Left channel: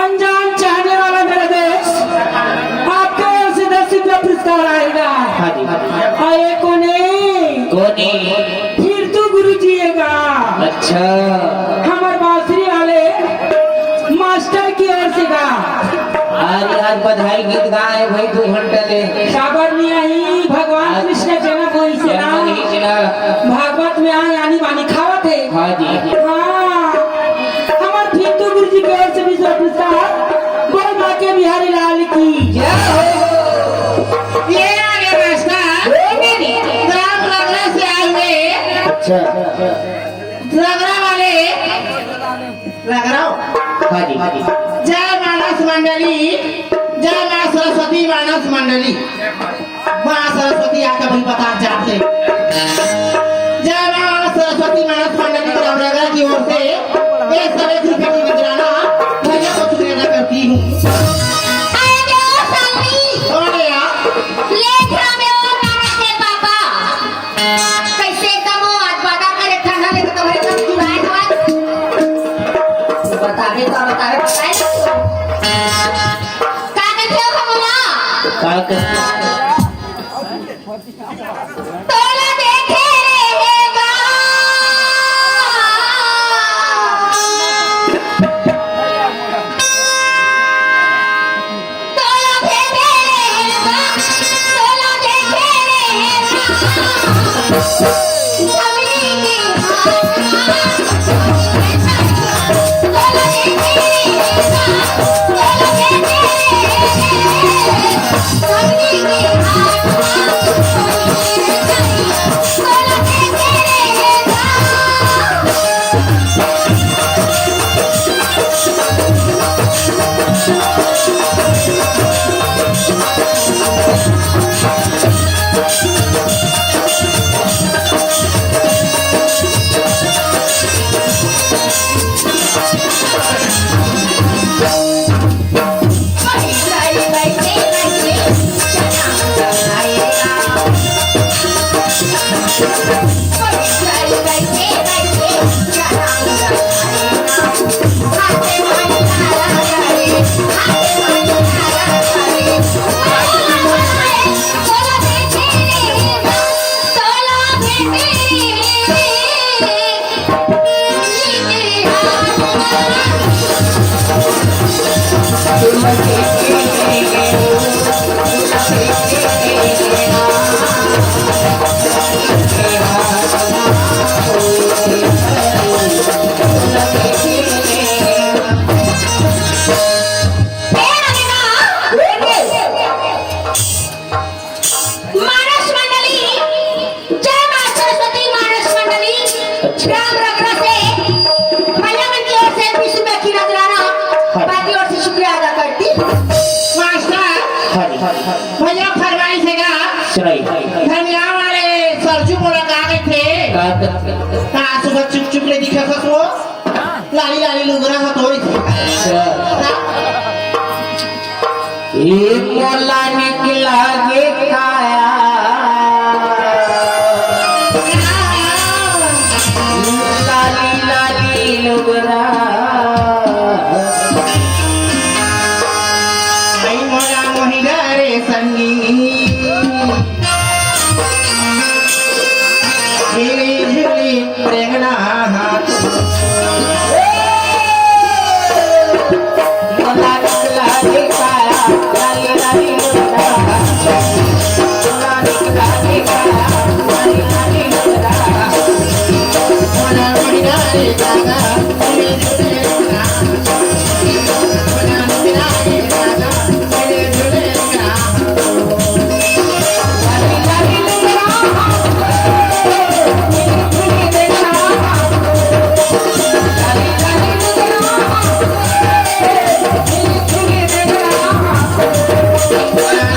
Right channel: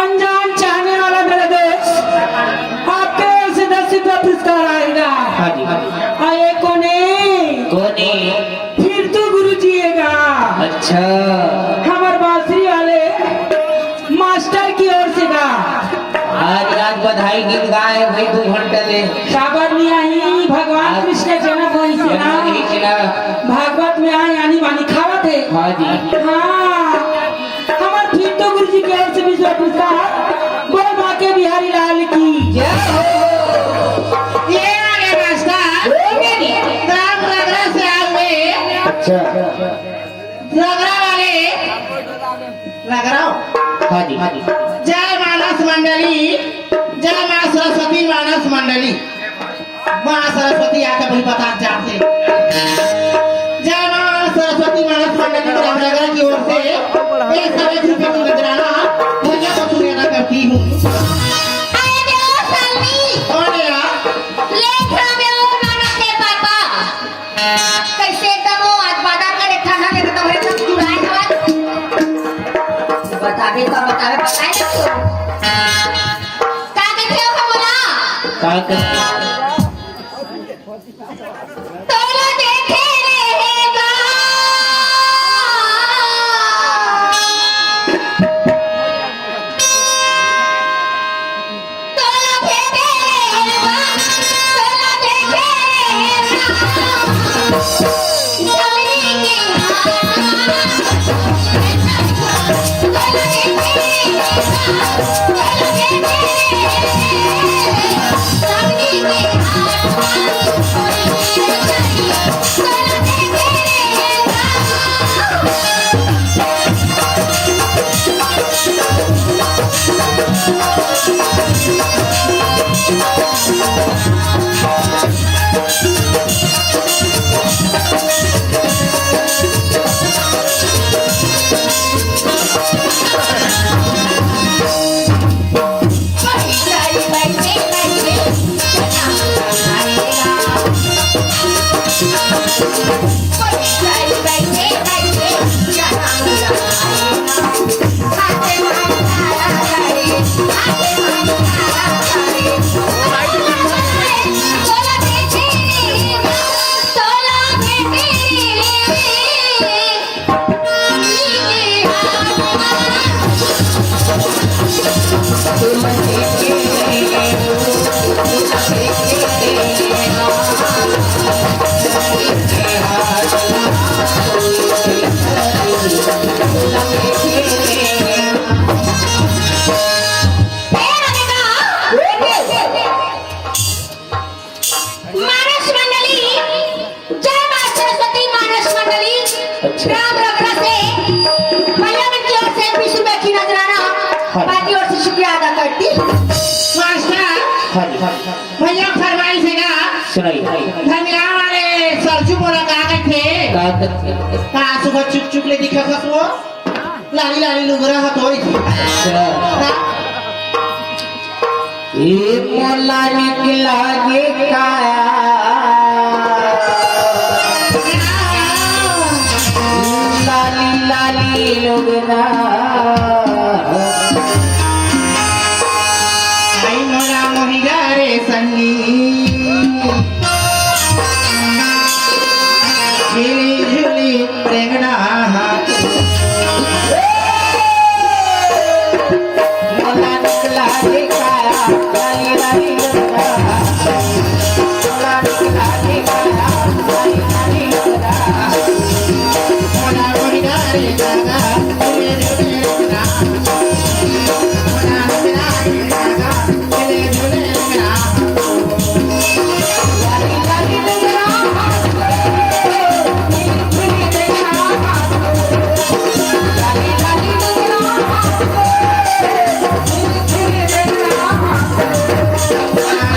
अनजान चाहने वाला मेरे दोस्त आपके ओर से 10 रुपया पुरस्कार आएगा। आए कोने कोने फिर तो गुरु जीएगा। अच्छा हमारे बांसुरी वाले मास्टर की ओर से गा। आज बधाई गीत गाए भाई 2 घंटे ले साबर में आई भगवान कृष्ण जनक वहीं से ना भागवत में आए आनी बानी खावत है। हाँ जी हाँ हमारे फिर तो गुरु जी की ओर से 20 पुरस्कार गौ माँ के बिहारी लाल की जय हो। ये आगे रास्ता राम नगरा से आए हुए अच्छा नगरा वाले नगराओ। हाँ जी जय मानस मंडली, जय माँ सरस्वती मानस मंडली। माँ सरस्वती आकर भी बता जाते। जय माँ सरस्वती मानस मंडली रामनगर की ओर से 1 रुपए की नजराना भैया को तुम्हें अदा करती हूँ। कौन है आप? भैया फरमाइश है धमिलान वाले सरजू बोला कहा थे सुबह चुप चुप ले दिखा सो लाली लाली लुगरा हथोड़ी थी। मोला निकला गे काया लाली लाली लुगरा आई मोरा मोहिरा रे संगी झिली झिली प्रेंगना हाथ मोला निकला गे काया लाली लाली लुगरा मोला निकला गे काया लाली लाली लुगरा मोरा मोहिरा रे जागा झिली झिली प्रेंगना मोरा मोहिरा रे जागा झिली झिली प्रेंगना लाली लाली लुगरा मोरा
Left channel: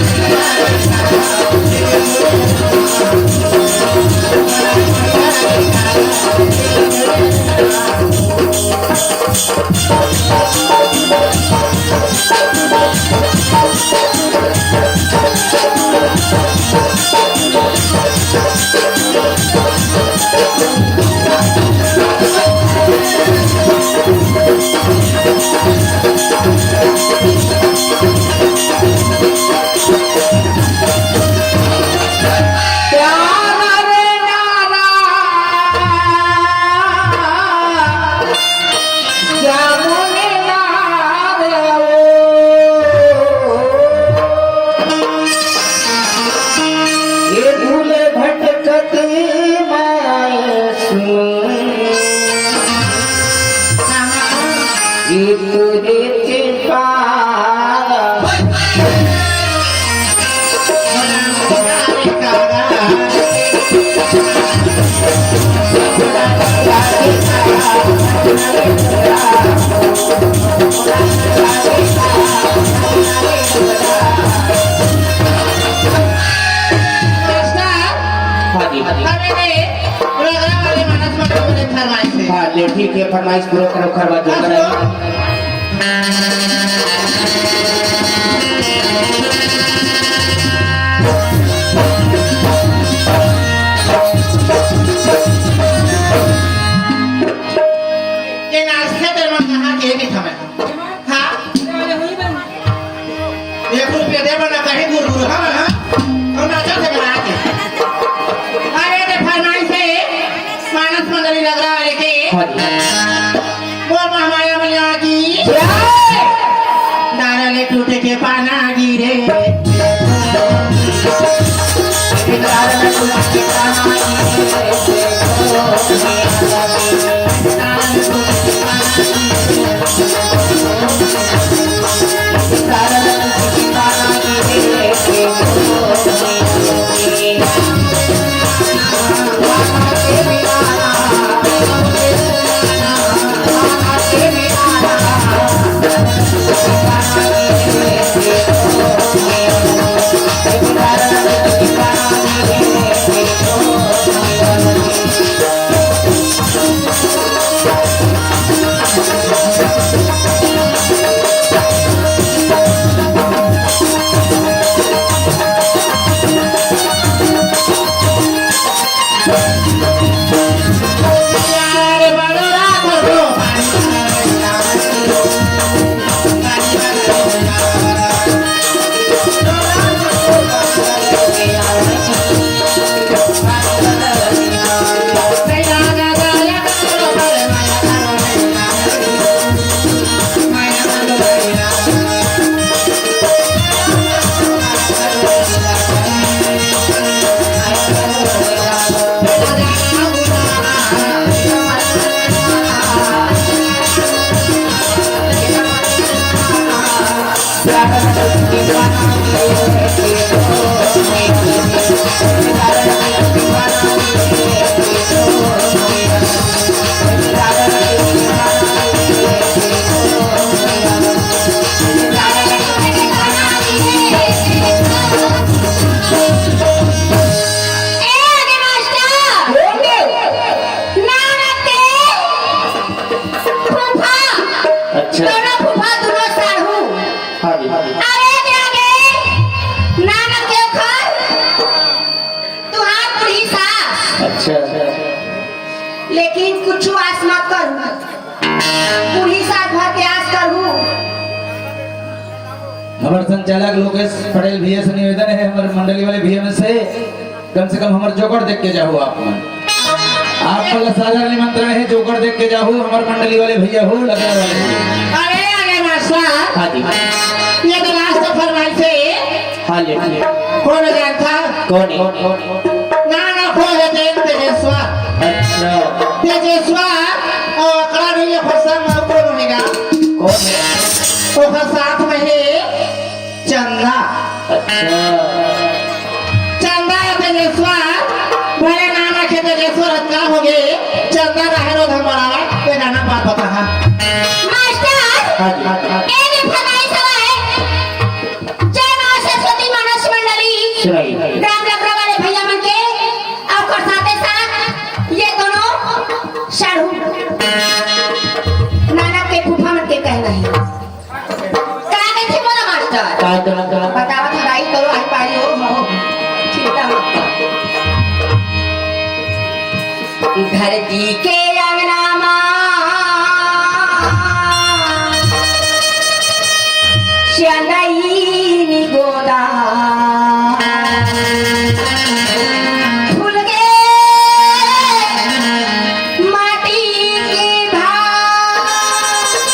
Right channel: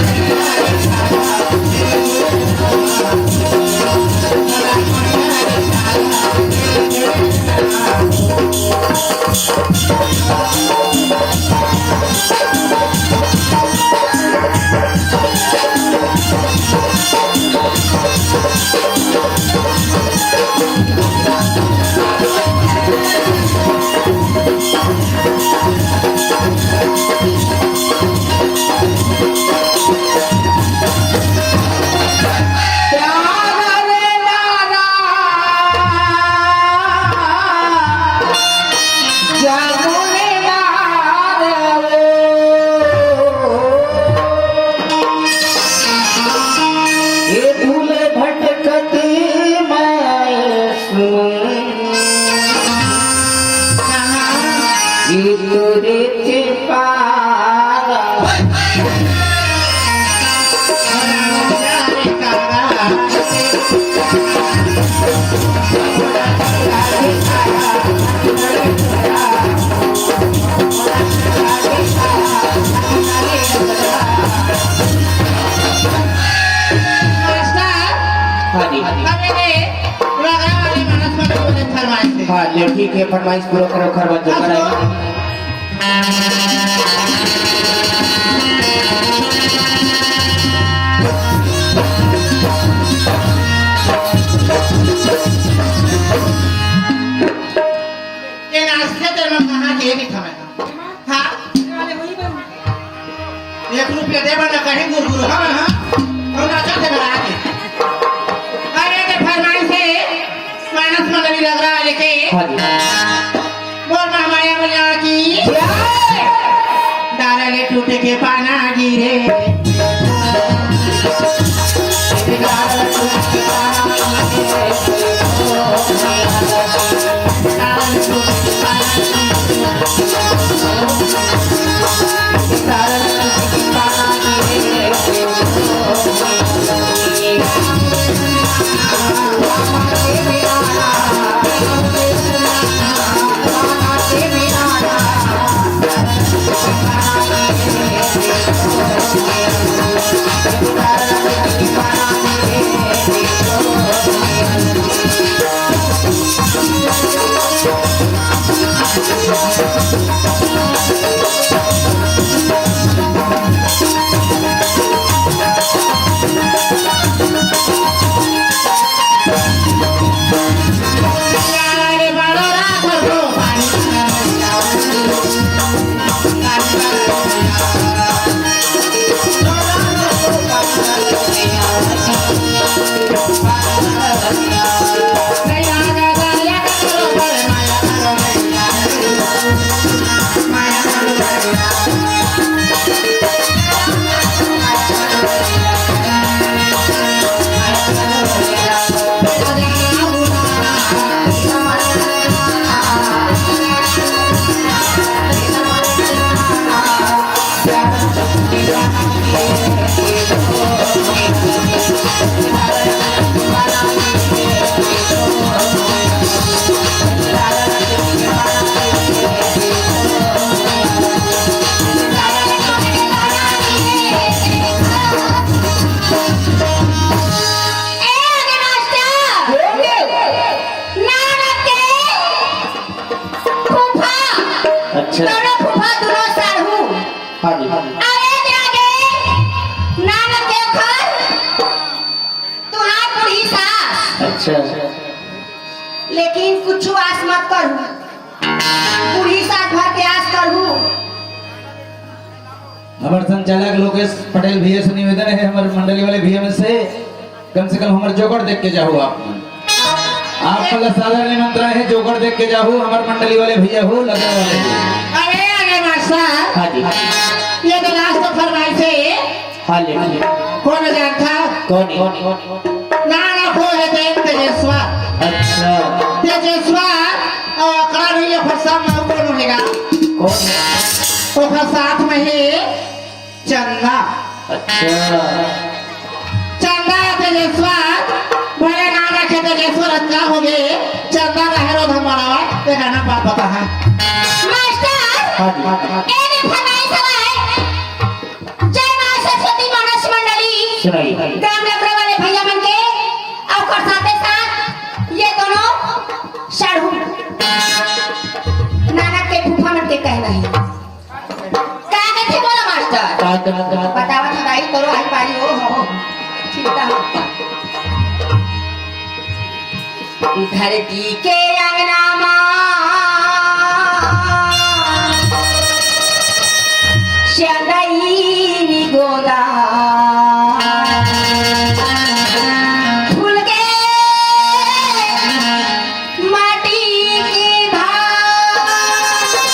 चलिए ठीक है, फरमाइश पूरा करो, खरवा जो कराएंगे। ये नाश्ते तेरे में कहाँ के नहीं था मैं हाँ वाले हुई बन 1 रुपया दे बना कहीं गुरु गुरु हाँ हाँ और नाचा थे बना के अरे ये फरमाइश है मानस मंडली लग रहा है लेके हाँ जी बोल महामाया मैया की डाला ले टूटे के पाना गिरे अच्छा दोनों फूफा दोनों साढ़ू हाँ जी हाँ जी अरे आगे नानक के घर तुहार पूरी सास अच्छा लेकिन कुछ आस मत करू पूरी सास भर के आस करू हमारे संचालक लोकेश पटेल भैया से निवेदन है हमारे मंडली वाले भैया में से कम हमारे जोकर देख के जाओ आप में आपका साधारण निमंत्रण है जोकर देख के जाओ हमारे मंडली वाले भैया हो लगा वाले अरे अरे मास्टर हाँ जी ये तो नाश्ता फरमाइश है हाँ जी कौन जानता कौन नाना को है तेजेश्वर अच्छा तेजेश्वर और कड़ा नहीं है फसा में कौन होगा कौन है वो साथ में है चंदा अच्छा चंदा या तेजेश्वर भले नाना के तेजेश्वर अच्छा हो गए चंदा रहेगा धर्मरावा ये गाना बात होता है मास्टर हाँ जी हाँ जी ए ने फनाई सवाए जय मां सरस्वती मानस मंडली सुनाइए राम लखनऊ वाले भैया मन के और साथ साथ ये दोनों साढ़ू नाना के फूफा मन के कहना है का कहते बोलो मास्टर का बतावा थोड़ाई करो आई पारी हो चिंता मत कर धरती के अंगना मां श्यालई गोदा फूल के माटी की धार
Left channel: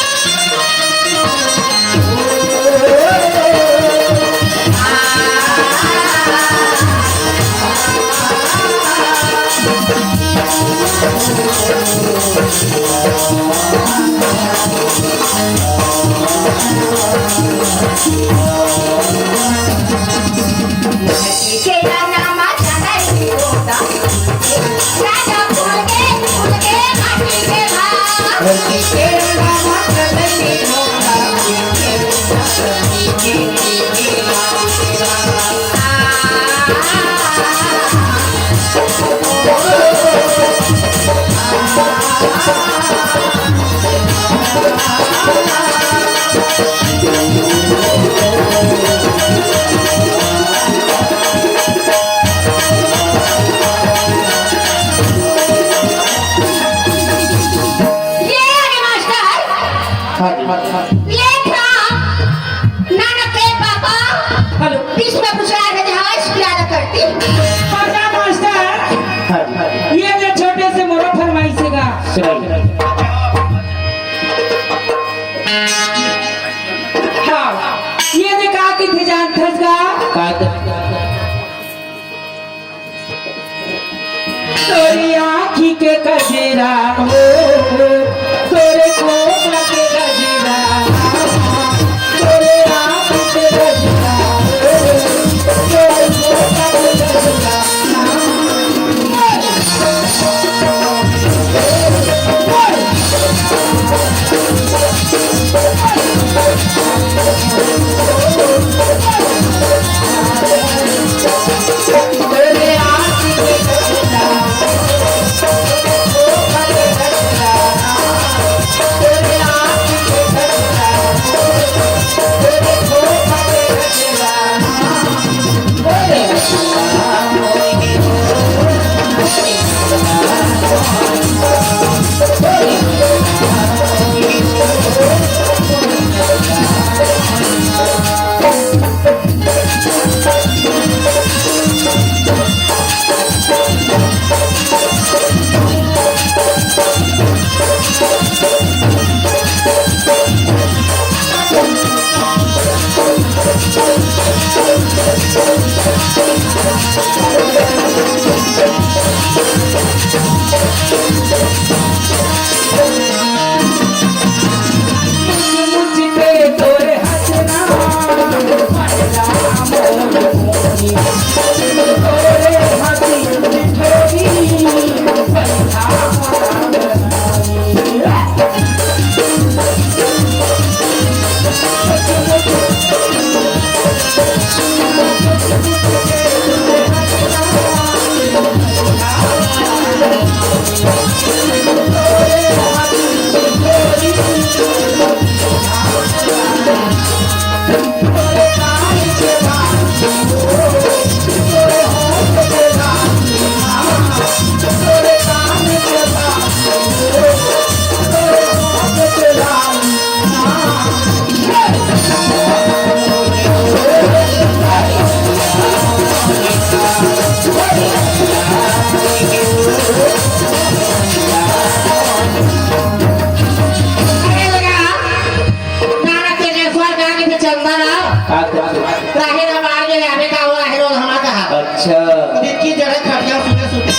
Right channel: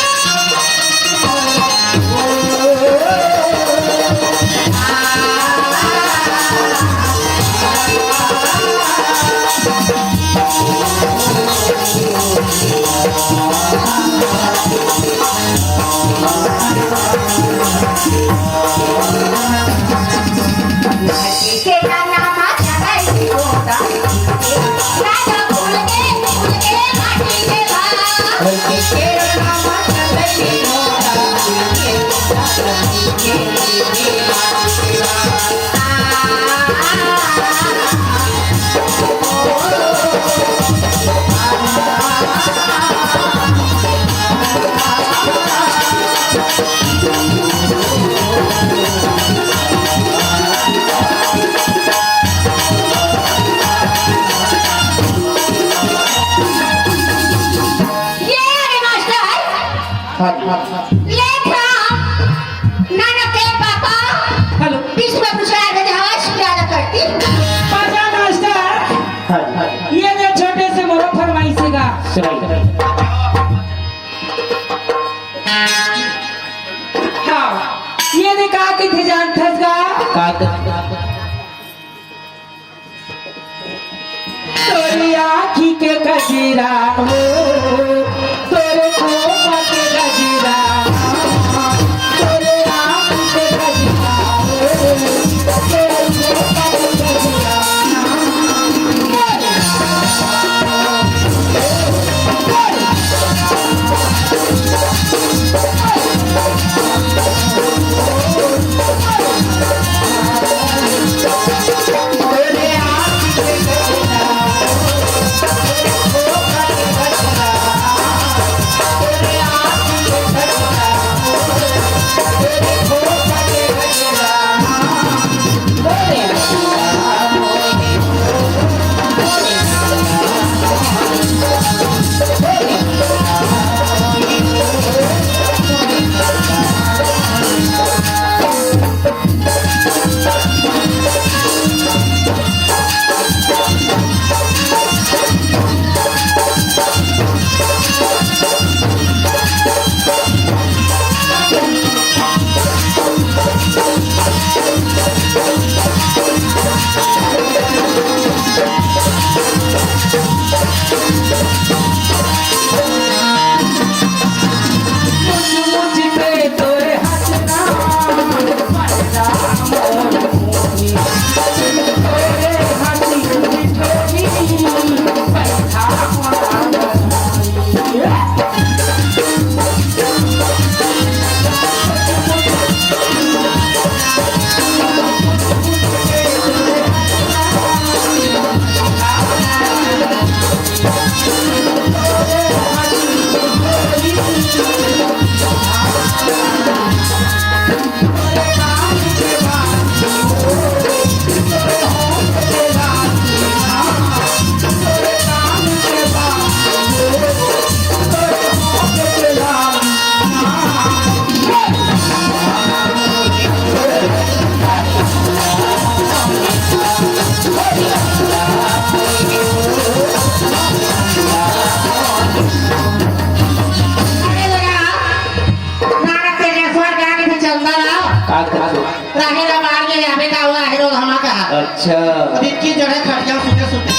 अच्छा अब इनकी जगह खटिया सुते सुते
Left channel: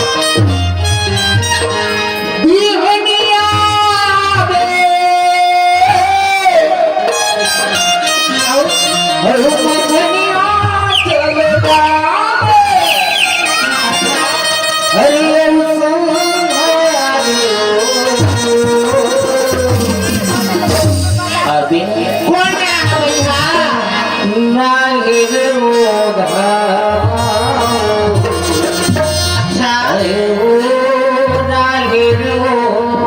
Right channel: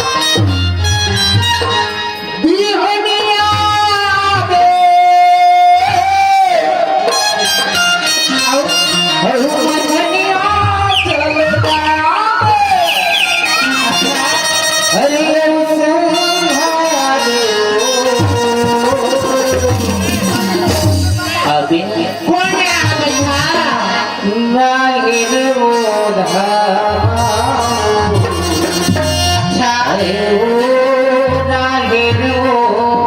बिहनिया बे आओ बिहनिया चलता हरे अभी कौन है भैया नागिर मोधारा नागिर मोधारा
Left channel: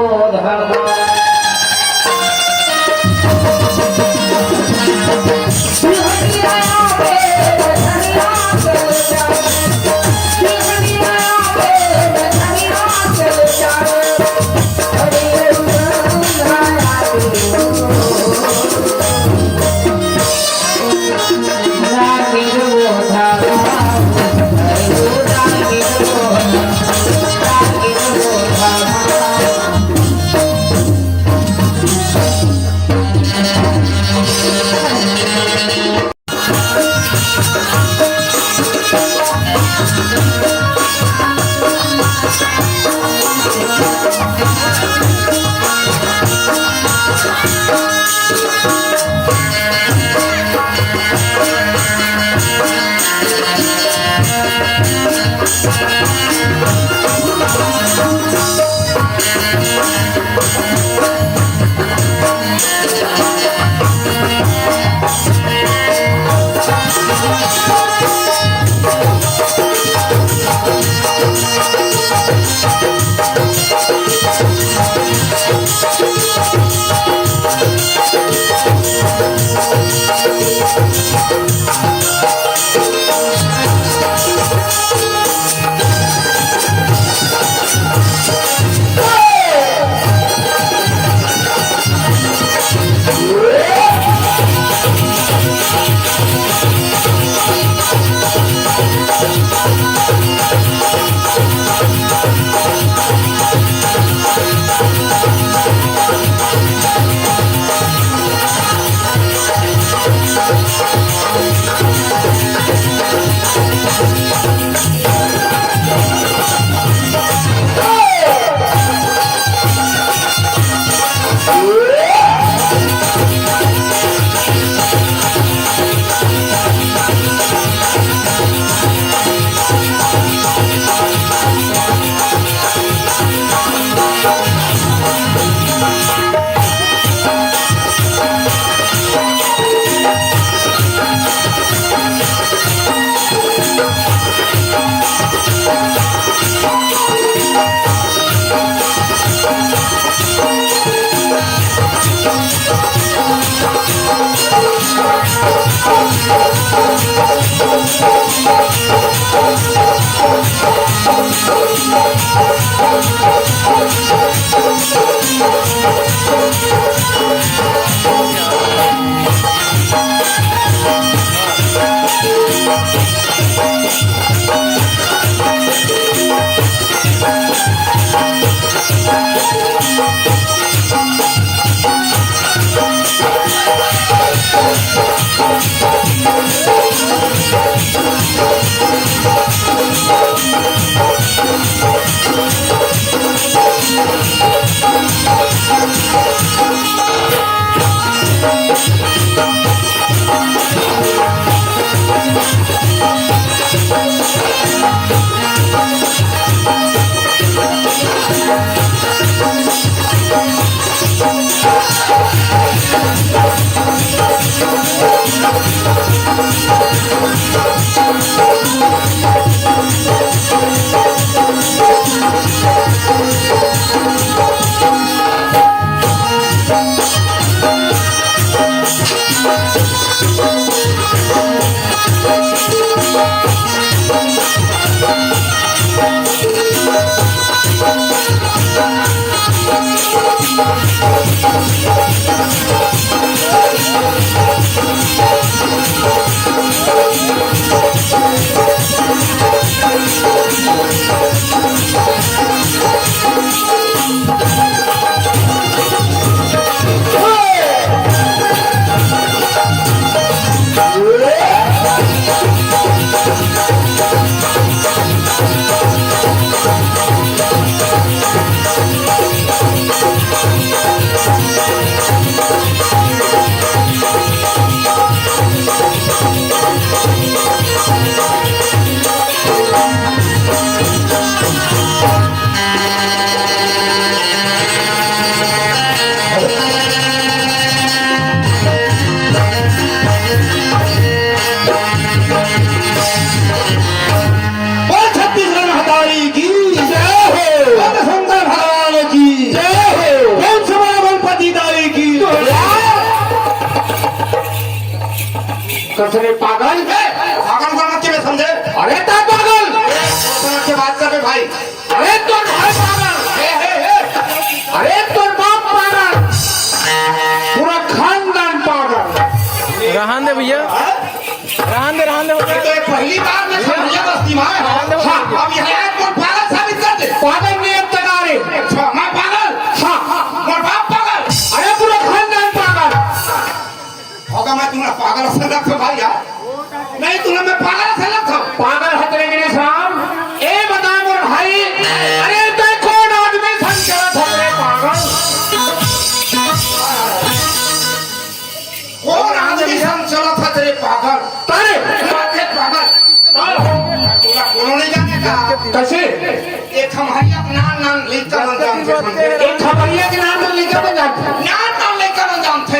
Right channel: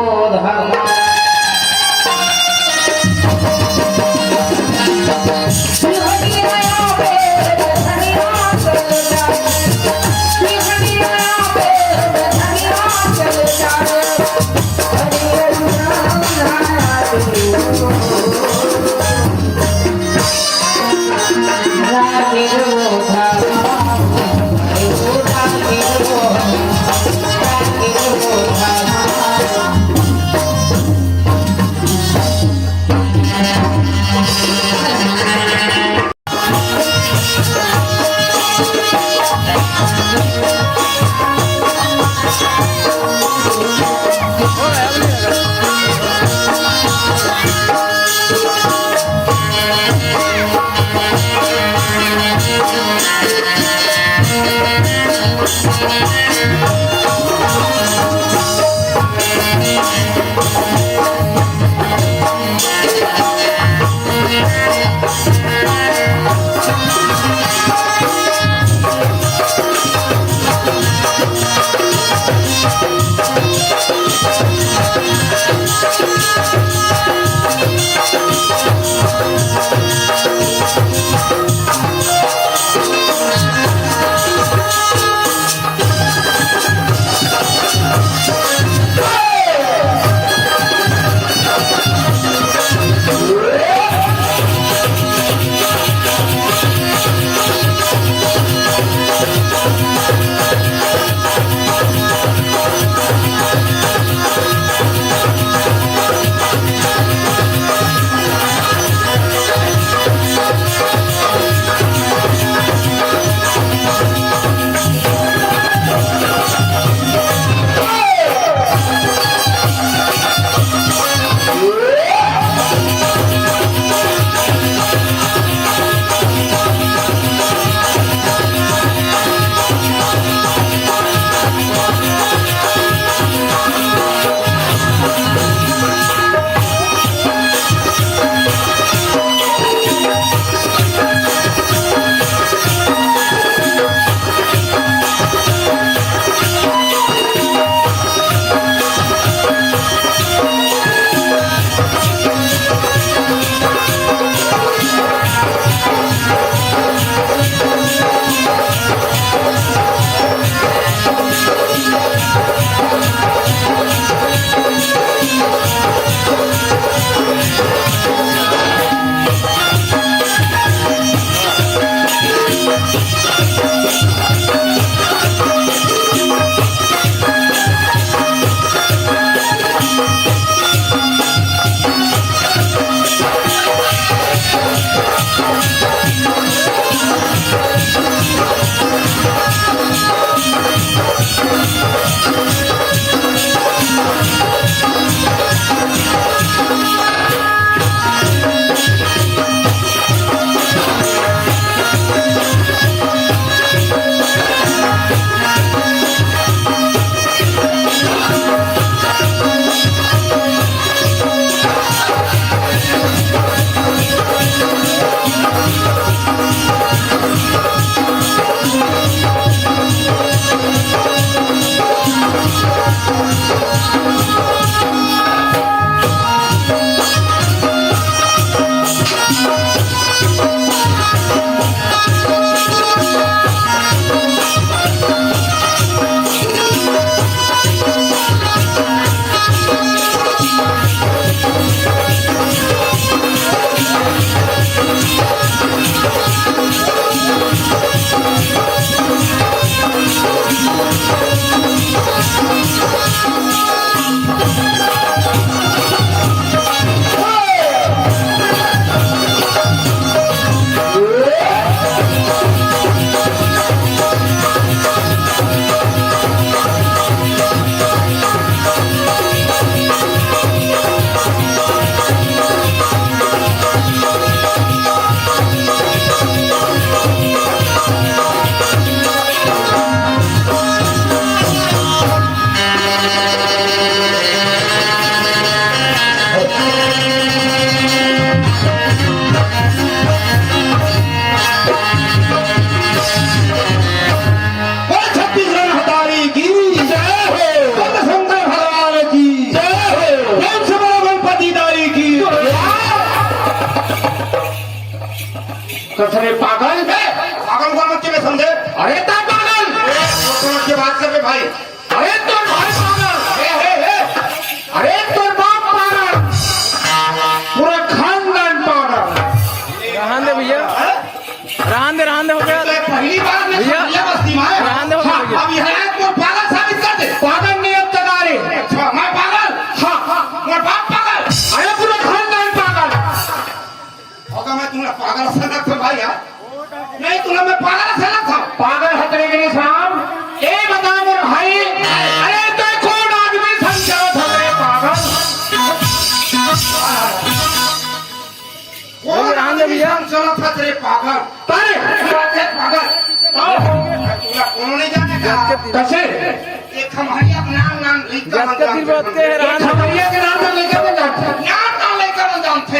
कसम पागल है, पागल को मत के समझे। अरे तो पागल से बात कर रहे भाई। अरे तो भाई पागल, अरे तो बाप पागल, पूरा खानदान पागल। रहन दे भैया, रहन दे ये तो एक पहली बार में समझा बस्ती में। अब यहाँ को पागल साबित कर दे। पागल नहीं अब तक आ रही। अच्छा मैं पागल, हाँ और बाप पागल। अरे पूरा खानदान पागल। होगा मैं तुम्हारा पागल से रख भाई यार। नहीं तुम्हें मैं पागल से रख पागल है तेरे गिरी साहब। ए बता मोर भाई, अरे तो कौन आदमी संचार था रे पागल? कौन आदमी चला था तेरे पागल? अरे पागल तुम्हारा कोनो नहीं जानते कैसे? एक हमारी नाम लेकर एक खबरिया के नाम पर लेकर बन जाते नाम लेकर जानते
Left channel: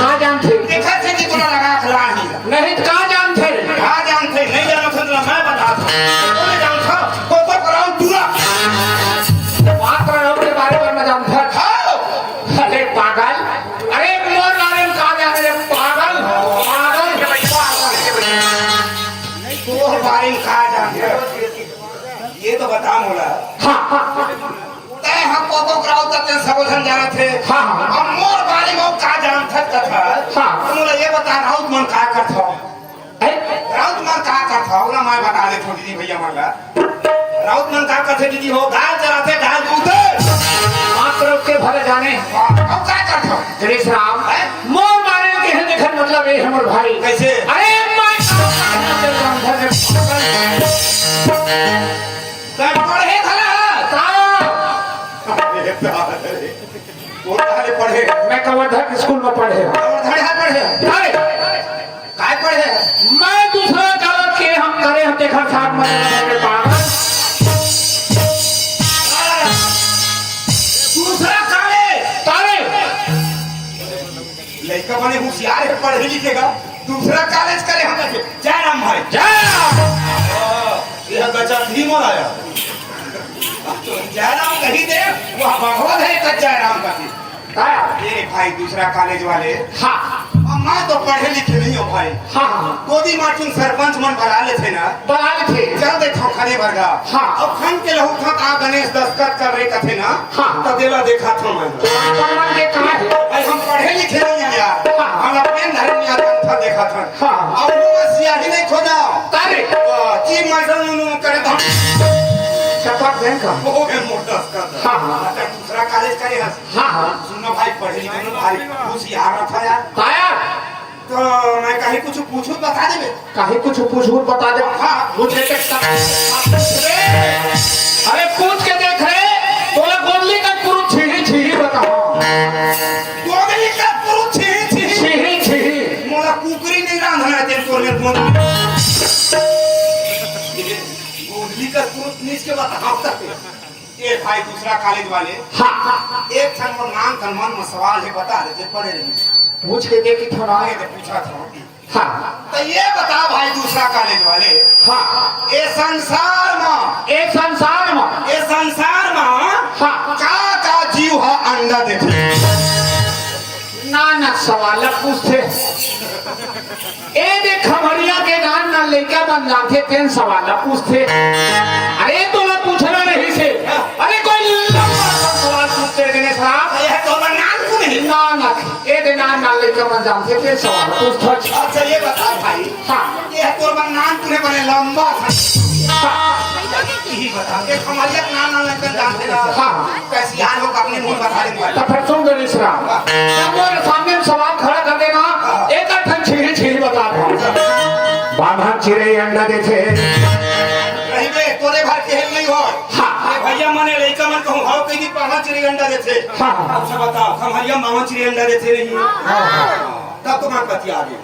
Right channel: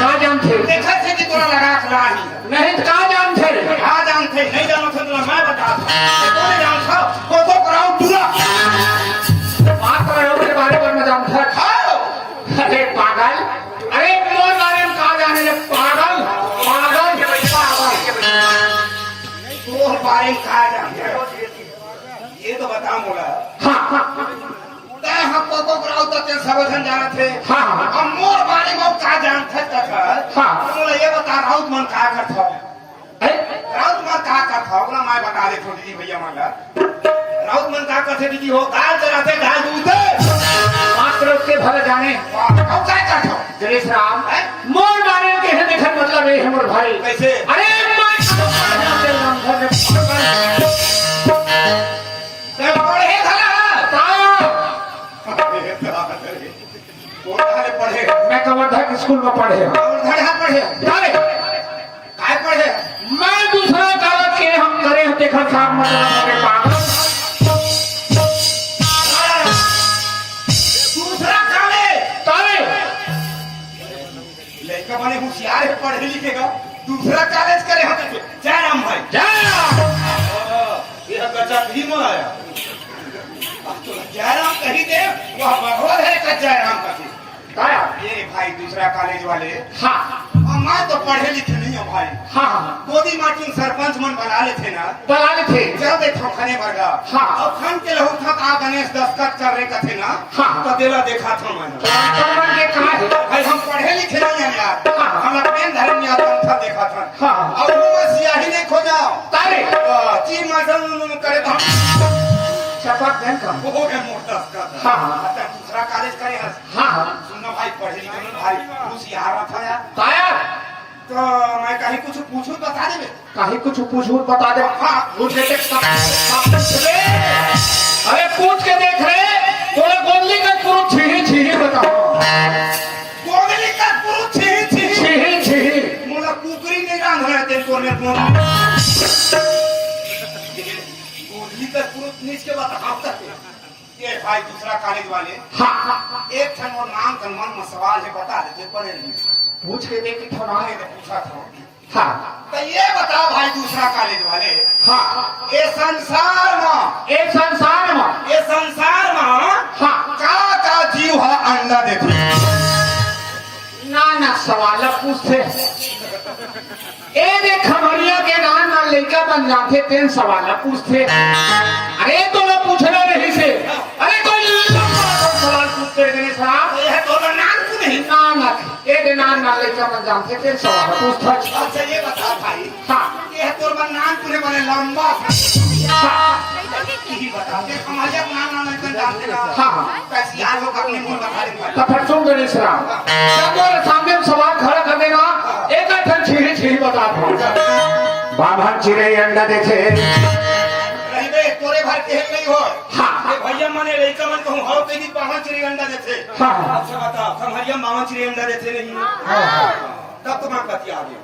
कहाँ जानते? देखा थे कि तोरा लगा खड़ा ही नहीं तो कहाँ जानते? कहाँ जानते नहीं जानो था तो मैं बताता हूँ जानता हूँ को कराऊं पूरा बात रहे के बारे में न जानते हैं। अरे पागल, अरे मोर नारायण कहाँ जाने रे पागल पागल पागल। तो बारे में कहा जानते ये तो बता मोला तय हम को कराऊं तक समझन जा रहे थे। हम मोर बारे में कहा जानता था मोला ये बता राउत मन कहा करता राउत मन कहा करता होगा मैं बता दे छोटी जी भैया मला राउत मन कहा करते दीदी हो गाय चराते गाय दूते मात्र के भले जाने अब क्या करता गणेश राम मोर बारे के है देखन मतलब है हमर भाई कैसे अरे मैं पढ़े भला पढ़े मैं कवर्धक स्कूल में पढ़े पढ़े काय पढ़े मैं दूसरा कागज के हम करे हम देखा छाट मारे पागल दूसरा काले तारे लड़का बने होशियार है पढ़े लिखेगा दूसरा कॉलेज करे हम जय राम भाई जय यह गजब ही मोल आया तो जय राम कही दे वह भगवान है का जय राम का ये भाई दूसरा कॉलेज वाले हाँ मैं तो पढ़े लिखे नहीं हूँ भाई हाँ गोदी मार्टिन सरपंच मन बना लेते ना बनाने थे जब देखो खड़े वर्गा हाँ। अब खन के लहू खत आ गणेश दस्तखत कर रहे कथे ना हाँ। तो दिला देखा था मैं परिवार के कहा है भाई हम पढ़े लिखे नहीं हैं यार हाँ। हम अपने धर्म याद था देखा था हाँ। और वो बस यही नहीं खोजा तारे चीज मसल करे था शपथ दें का वो है मोटा का हाँ। दूसरा कॉलेज करे हाँ सुनो भाई पढ़े लिखे नहीं भाई होशियार था यार ताया तो मैं कहीं कुछ पूछूं बता देवे कहीं कुछ पूछूं बता दे हाँ मुझे अरे पूछ के देख रहे बोला गोली का पूरा छीही छीही बताओ गोली का पूरा छीही छीही मोला कुकरी नहीं रंधना तेरे को में गोली का पूरा नीच के बताओ ये भाई दूसरा कॉलेज वाले हाँ एक ठन और नाम का मन में सवाल है बता दे पढ़े रही पूछ के देखी थोड़ा आगे तो पूछा था हाँ तो ये बता भाई दूसरा कॉलेज वाले हाँ ये संसार में एक संसार में ये संसार में हाँ का जीव है अंडा देते नानक सवाल पूछते ए देख खबरिया के नाम ना लेके बन जाते तेन सवाल पूछते अरे तो मैं पूछना नहीं से अरे कोई सवाल पूछते गणेश साहब ये तो नाम को नहीं नानक ए दे नाम ना लेके बन जाते तेन सवाल पूछते अच्छा ये बता भाई हाँ ये तो नाम तूने बने लंबा था हाँ यही बता एक हमारे एक नाम ना लेकर जानते ना हाँ कैसे यार लोग अपने मुंह बता देंगे भाई तो फिर सुन गणेश राम मेरे सामने सवाल खड़ा कर देना एक अठन छीड़ी छीड़ी बता दे बाबा चिड़ै अंडा देते रही बे तोरे घर के नहीं हो हाँ। ये भैया मने लइका मन कहूं हाउ कई दी पाहा चिड़ी अंडा देते हाँ। अच्छा बताओ हम हरिया मामा चिड़ी अंडा देते नहीं तब तुम्हारे पति आ गए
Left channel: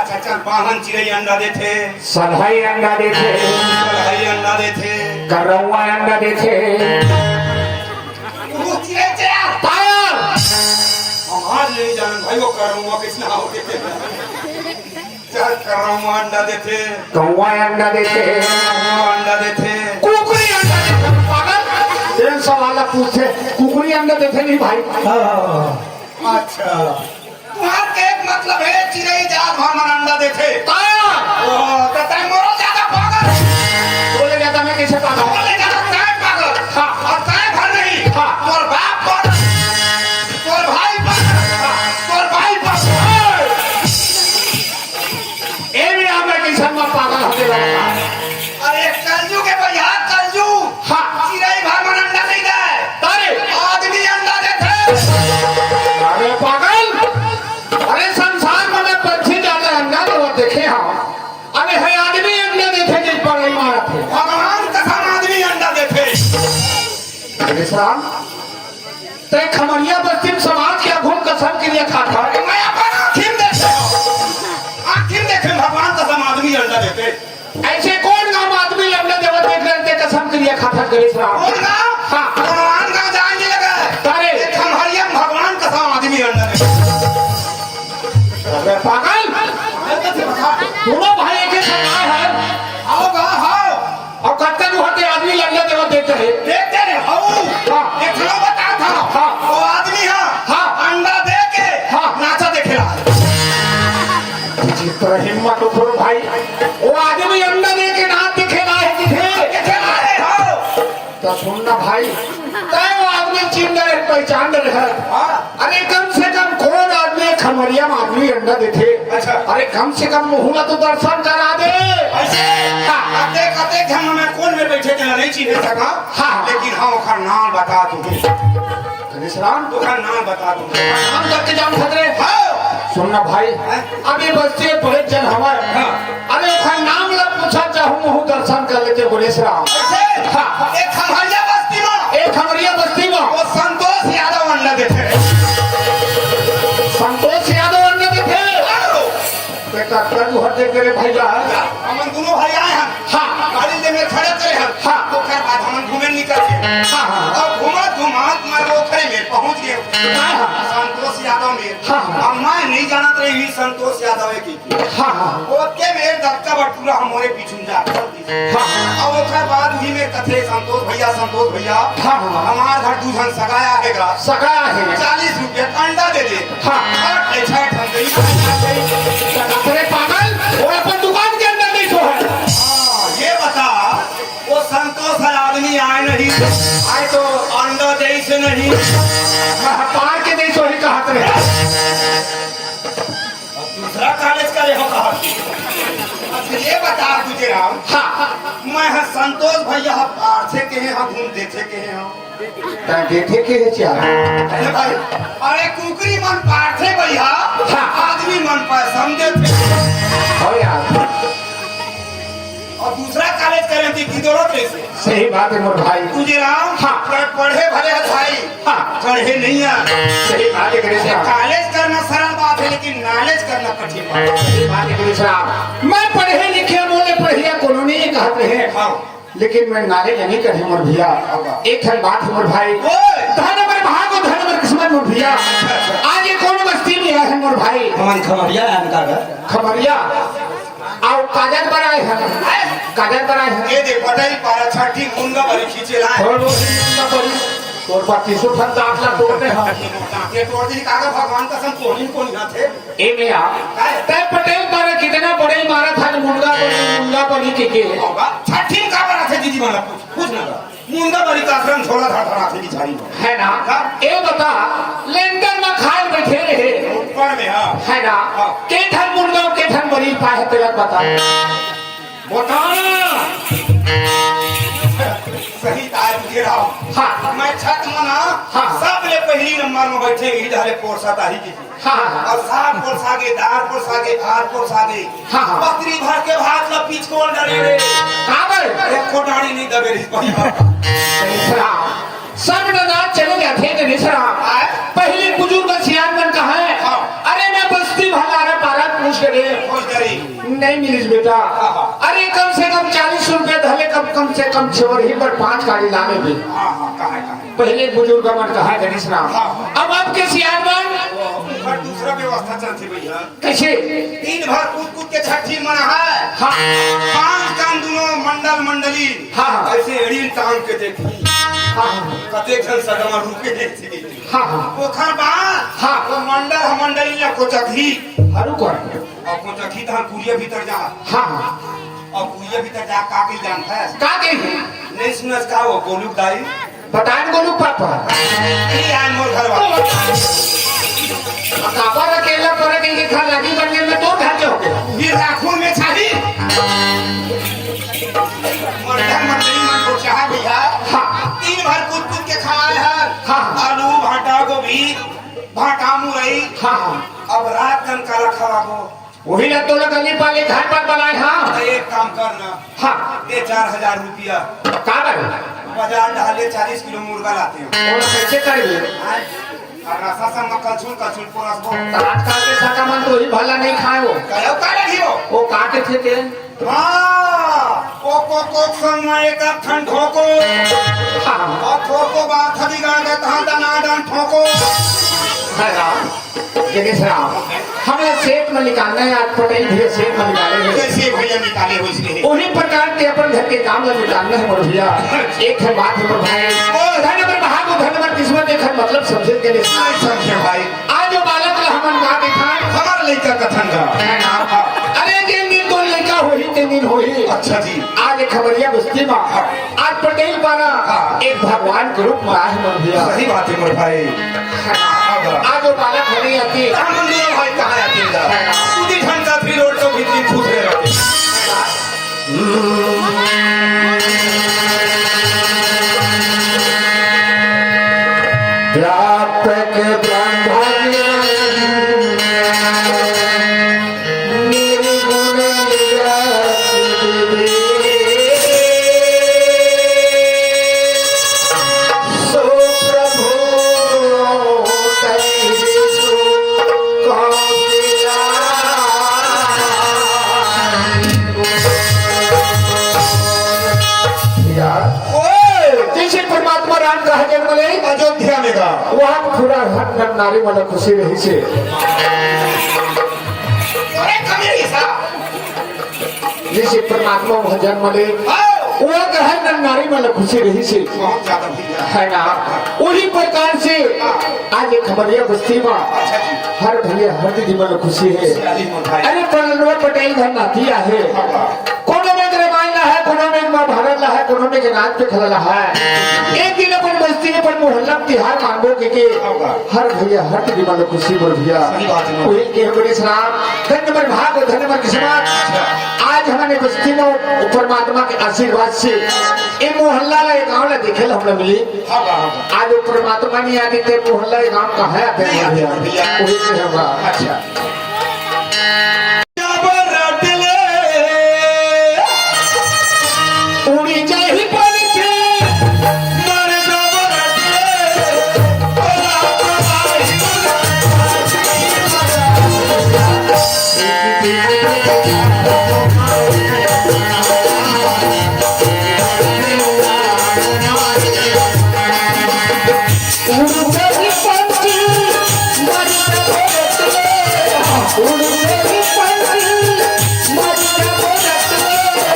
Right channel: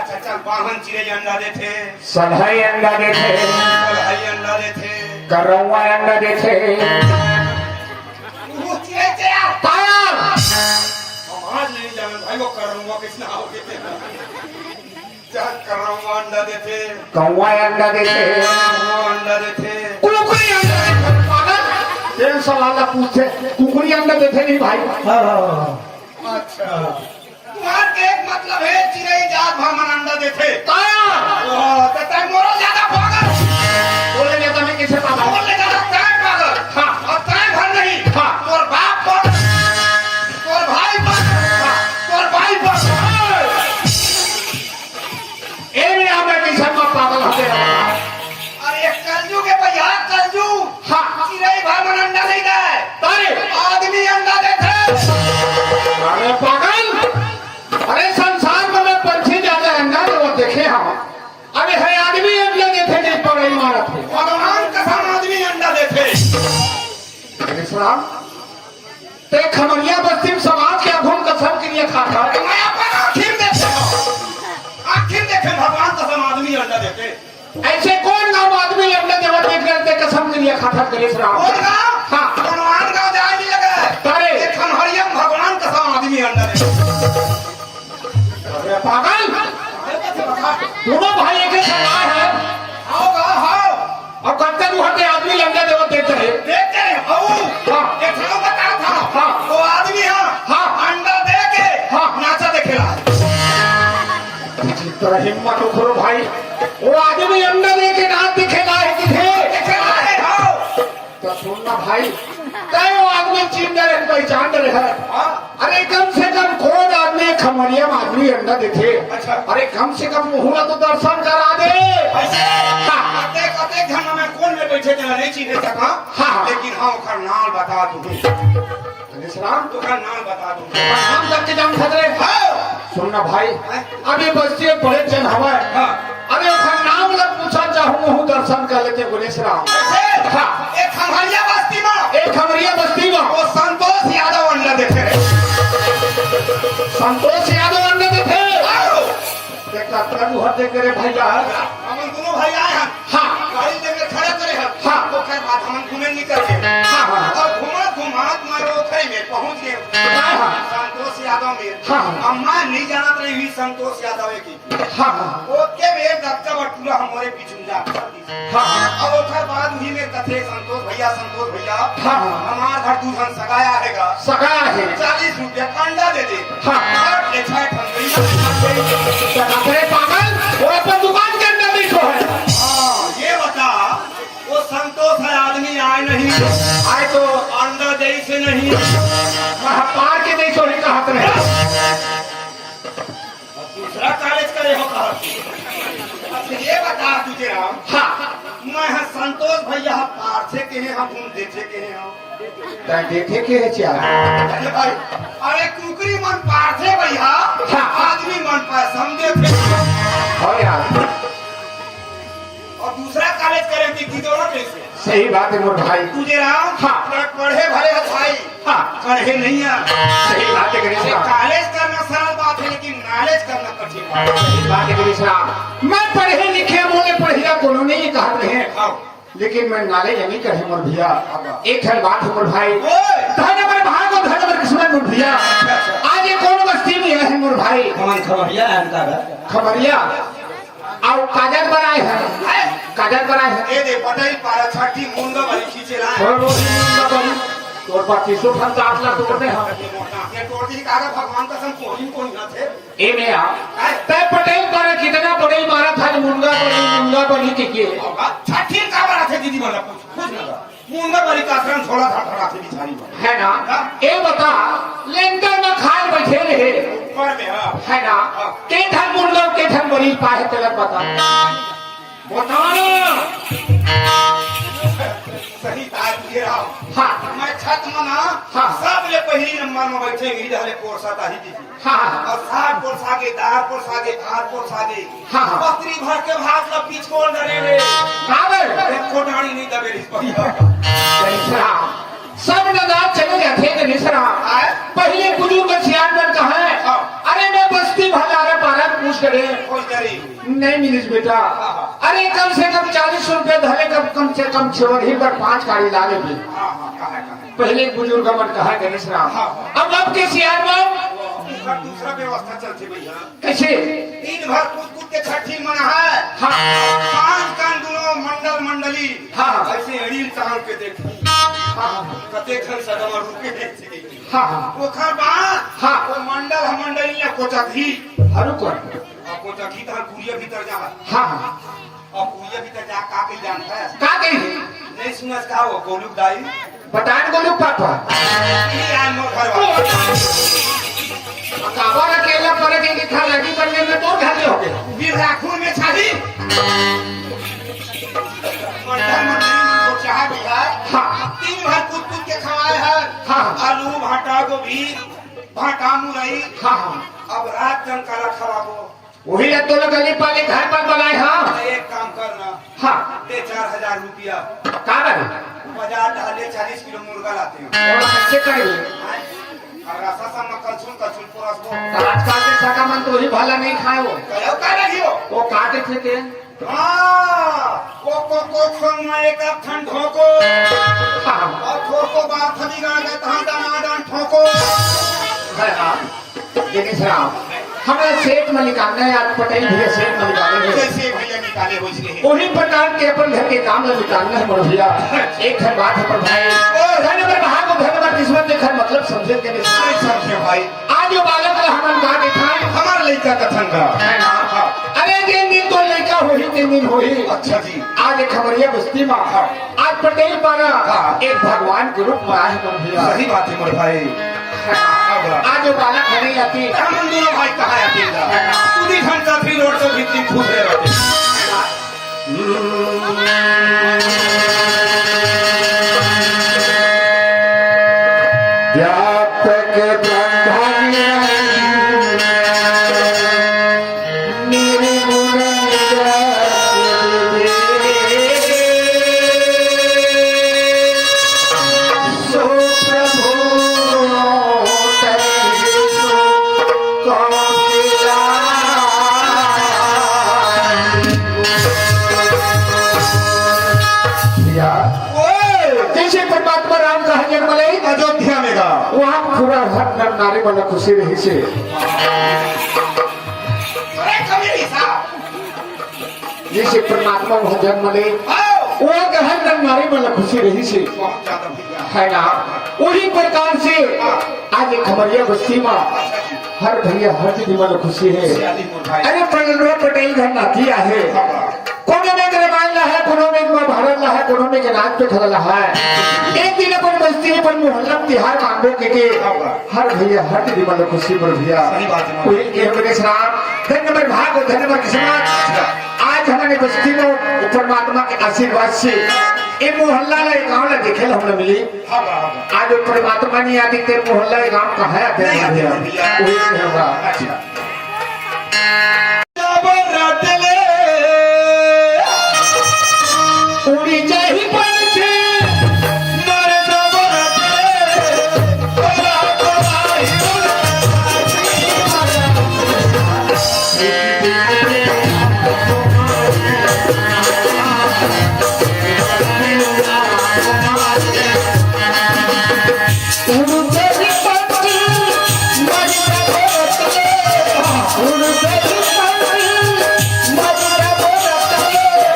अच्छा चल बाहन चिड़ी अंडा देते सधाई अंडा देते हरी अंडा देते करौआ अंडा देते वो चिड़ी चिड़ा ताया हम आज नहीं जानन भाई वो करूंगा किसने आओ देते चल करूंगा अंडा देते कौआ अंडा देते अंडा देते कुकुरी अंडा देते पागल तेन सवाल पूछे कुकुरी अंडा देते नहीं भाई अच्छा तुम्हारे के एक मतलब है चिड़ै जात भर मन अंडा देते ताया ओ तो तय मोरो ज्यादा पागल बोले जाता मैं कैसे पागल बोले ज्यादा तय पागल हाँ। और तय भर नहीं हाँ। तोर बाप पागल तोर भाई पागल तोर भाई पागल ए में हमें कैसे पागल होते लगा अरे कलजू के भैया कलजू हाँ। चिड़ै भर मन अंडा नहीं दे तारे आदमी अंडा देते अरे पागल अरे संसार में पंछी जाता अंडा दे वो देखे हम अरे है आदमी अंडा देते नहीं पागल मारा थे भगवान कसम आदमी अंडा देते गणेश राम ते खमरिया बस्ती में समाज के घूम कसम के लिए खाता है मैं अपन आखिर देखे भगवान कसम आदमी अंडा देते ऐसे कौन गाँव आदमी अंडा देवा देख करते कसम के लिए खाता गणेश राम कौन गाँव? हाँ भगवान गाँव जाएंगे लगे अरे एक हम हरियम भगवान कसम आदमी अंडा देते अरे पागल दोनों भाई एक ही सगाई है आओ गाँव आओ और कत्ते जो हटे आदमी अंडा देवा देते हैं देखते हैं आओ हाँ। ये खड़ो बता था हाँ। वो आदमी है हाँ। अंडा दे के हाँ। नाचा देखेला तेरा हिम्मत उठो भाई वो आदमी अंडा दे के नाच दिखेगा है दिखे देखेला है आओ तो सुनना भाई तय वो आदमी चिन्ह रहे पहचान रहे है हाँ। अरे कम से कम कौन आदमी खमरिया में आदमी अंडा देते अच्छा। अरे कम से कम मुहूर्त तो दर्शन करा दे ऐसे कते कते हम में कौन में बैठे के नहीं चिन्ह सका हाँ। लेकिन हाँ ओकर नाम बता दूंगी गणेश राम ओकर नाम बता दूंगी नाम करके जान खतरे सुनना भाई अभी बच्चे बड़े जन हमारे हाँ। अरे ओकर नाम लग पूछा चाहूँ मुहूँ दर्शन कर लेते गणेश राम ऐसे हाँ। एक खमरिया बस्ती में एक खमरिया बस्ती में वो संतोष यादव अंडा देते संतोष यादव अंडा देते देखा तू हटे करे भैया हमन दोनों भाई आए हैं हाँ। गाड़ी ले में खड़े करे हैं हाँ। ओकर बाद हमन घूमे निकल गए हाँ। और घूमत मैं वो खड़े में पहुंच गए हाँ। संतोष यादव में हाँ। अब मैं नहीं जानत रही संतोष यादव है की हाँ हाँ ओके में दक्का बटूरा हमारे पीछे जा हाँ। अब ओकर बाद वही में कथे संतोष भैया हाँ। हमार घर दूधन सगाया हैगा सगाया है 40 रुपये अंडा दे दे हाँ। हट ले छठ हम गई अरे पागल वो अपन दुकान के अंदर नहीं सो है ये बता वो संतोष है आदमी आए नहीं आए तो अंडा दे से नहीं पार के नहीं सो है कहत रहे दूसरा कॉलेज का यह कहा अच्छा ये बता तुझे राम मैं संतोष भैया पार्थे के हैं हम घूम देखे के हैं देखे के है क्या अरे भाई अरे कुकरी मन पार्थे भैया आदमी मन पर समझे हो यार और दूसरा कॉलेज करें थी किदोरा कैसे सही बात है मोर भाई तुझे राम पढ़े भरे है भाई पढ़े नहीं आ सही बात है गणेश राम कॉलेज करना सरल बात है लेकिन नॉलेज करना कठिन बात है सही बात है गणेश राम मैं पढ़े लिखे बोले पढ़िया कोनो नहीं कहते हैं लेकिन मैं नाले नहीं कहे मोर भैया एक है बात है मोर भाई ओए! धन पर भाग और धन पर किस्मत मोर भैया आज ये कौन बस्ती में आए हैं मोर भाई हमारे खबरिया इनका घर खबरिया आओ काजल पर आए हैं काजल पर आए हैं ये देख बताई पारा छठी मुंगा बड़ी खींचे लाए और वो मुंगा बड़ी तोर बाकी सुखम जात ला तोड़ने हां ये तोड़ दी कागा भगवान कसम कोनी थे ए मेरा ते पटेल मारा कितना बड़े मारा था मुंगा बड़ी के छठी का बड़ा थे दीदी वाला पूछ ना मुंगा बड़ी का आश्रम छोड़ा था बड़ा थे बिचारी है ना ए बता लेंटर में खाए बैठे रहे ऊपर में है ना के धन मुंगा के धन बड़ी पाए तेरा बता बता सही तार के रहा हाँ मैं छत में ना हाँ। सब ले पहली नंबर में बैठे इधर ले पोरसा ताही की हाँ और सारा पोरसागे दार पोरसागे भात पोरसागे हाँ, हाँ। पत्री भर के भात ला पीछ कोल डाले रे काबर एक कोटाड़ी नहीं दबे रे भैया सब नजर चले जाते थे निसरा पहले बुजुर्ग सियान में कहा है हाँ। अरे मैं बस्ती भंडारा पारा पूछ करे खोज करी नहीं मिलिस बेटा हाँ, हाँ। अरे कम से कम 40 रुपए धले कम से कम छोड़ ही पर 5 गाड़ी लाने पे हां हां कहा पहले बुजुर्ग मन कहा गणेश राम हाँ। अब के सियान में पर दूसरा व्यवस्था चलती भैया कैसे दिन भर कूद के छठी मना है हाँ 5 कान दोनों मंडली हाँ। ऐसे रील टांग के देखी हाँ कते घन सगमा रुके देखी हाँ पोखर बा हाँ। वो मंडली या कोचखी हरु को और कोचखी तो कुरिया भीतर जा हाँ और कुरिया भीतर जा का के जानता है का के नहीं सुनस का वो गोलू दाई बता गोलू पापा ये आए मोर घर वाला काबर अकेला पड़े के खा लगी करने में तो घर हो गया ये राखून में छाड़ी मर्दन मंडली मन को चाह भैया हाँ। दिन भर कूद के खाए है हाँ। आलू भाटा गोभी भाटा मुरई हाँ अब रात कन का खवाबो वही तो लोग गली पाले घर पर बनाए हाँ तो एक काम करना हाँ दे 4000 रुपया काबर बाजार डाले 40 किलो मुर्गा लाते हैं और कैसे करेंगे और रसा सा में कलछुल परसबो आजकल के सकामन तो ही भला नहीं खाए वो कहो का रहियो वो काटे थे के हां को संग में एक ठंडो को हाँ और ठोको बात थी गान का तहां दनादन ठोको है ना गणेश राम हमें सेठ में निकालना है आज पटेल भी सेठ में निकालेंगे कैसे भैया निकाले हो इसलिए उन्हीं प्रकार के अपन घर के काम में निकालना है मेरे भैया एक है बात है भाई धन पर भाग और धन पर किस्मत देखा मतलब समझे के नहीं समझे भाई आज जो बालक ला हमन का के था हमार लड़का कथन जा है ना अरे जे नींद तो लड़का होही ते नींद होही अच्छा जी आज खबरिया बस्ती में आज पटेल पारा एक भगवान के रूप में आए हैं मेरे भैया सही बात है मेरे भाई आज जो बालक होनी आती हम दोनों भाई कहां आते हैं खुदी घंटा फिर रोड पर भीतर खुश रहे व्यापक कैसे परमात्मा राम का जन्म ले अयोध्या में गा वहाँ पूरा हक में नारी वाला खुशी रही से अरे कमेरी साहब जैसे परमात्मा वहाँ जन्म ले आओ वहाँ का हर नर नारी वाला खुशी रही से बहुत ज्यादा भैया है ना उसी प्रकार से आज एक खबरिया बस्ती में हर भैया हर दीदी वाला खुशी है अरे प्रणव पटेल घर नातिया है कोनो में रामायण है कोनो में महाभारत है कोनो में नाच पे खड़ा है एक दिन अपन बस्ती पर मोहल्ला तिहार कांडो के हर भैया हर दीदी वाला खुशी बोल भैया कोई के मेरे साथ धन्यवाद भाग धन्यवाद किस्मत आज हमारे बस्ती में परमात्मा के आशीर्वाद से ये मोहल्ला ला गाँव ला देखे हमने मिली आज वो परमात्मा नहीं आती तेरे मोहल्ला गाँव कहाँ है अपने भैया वही नहीं होगा अच्छा उड़ी जाही पंछी उड़ते पंछी मर जाओ उड़ते पंछी मर जाओ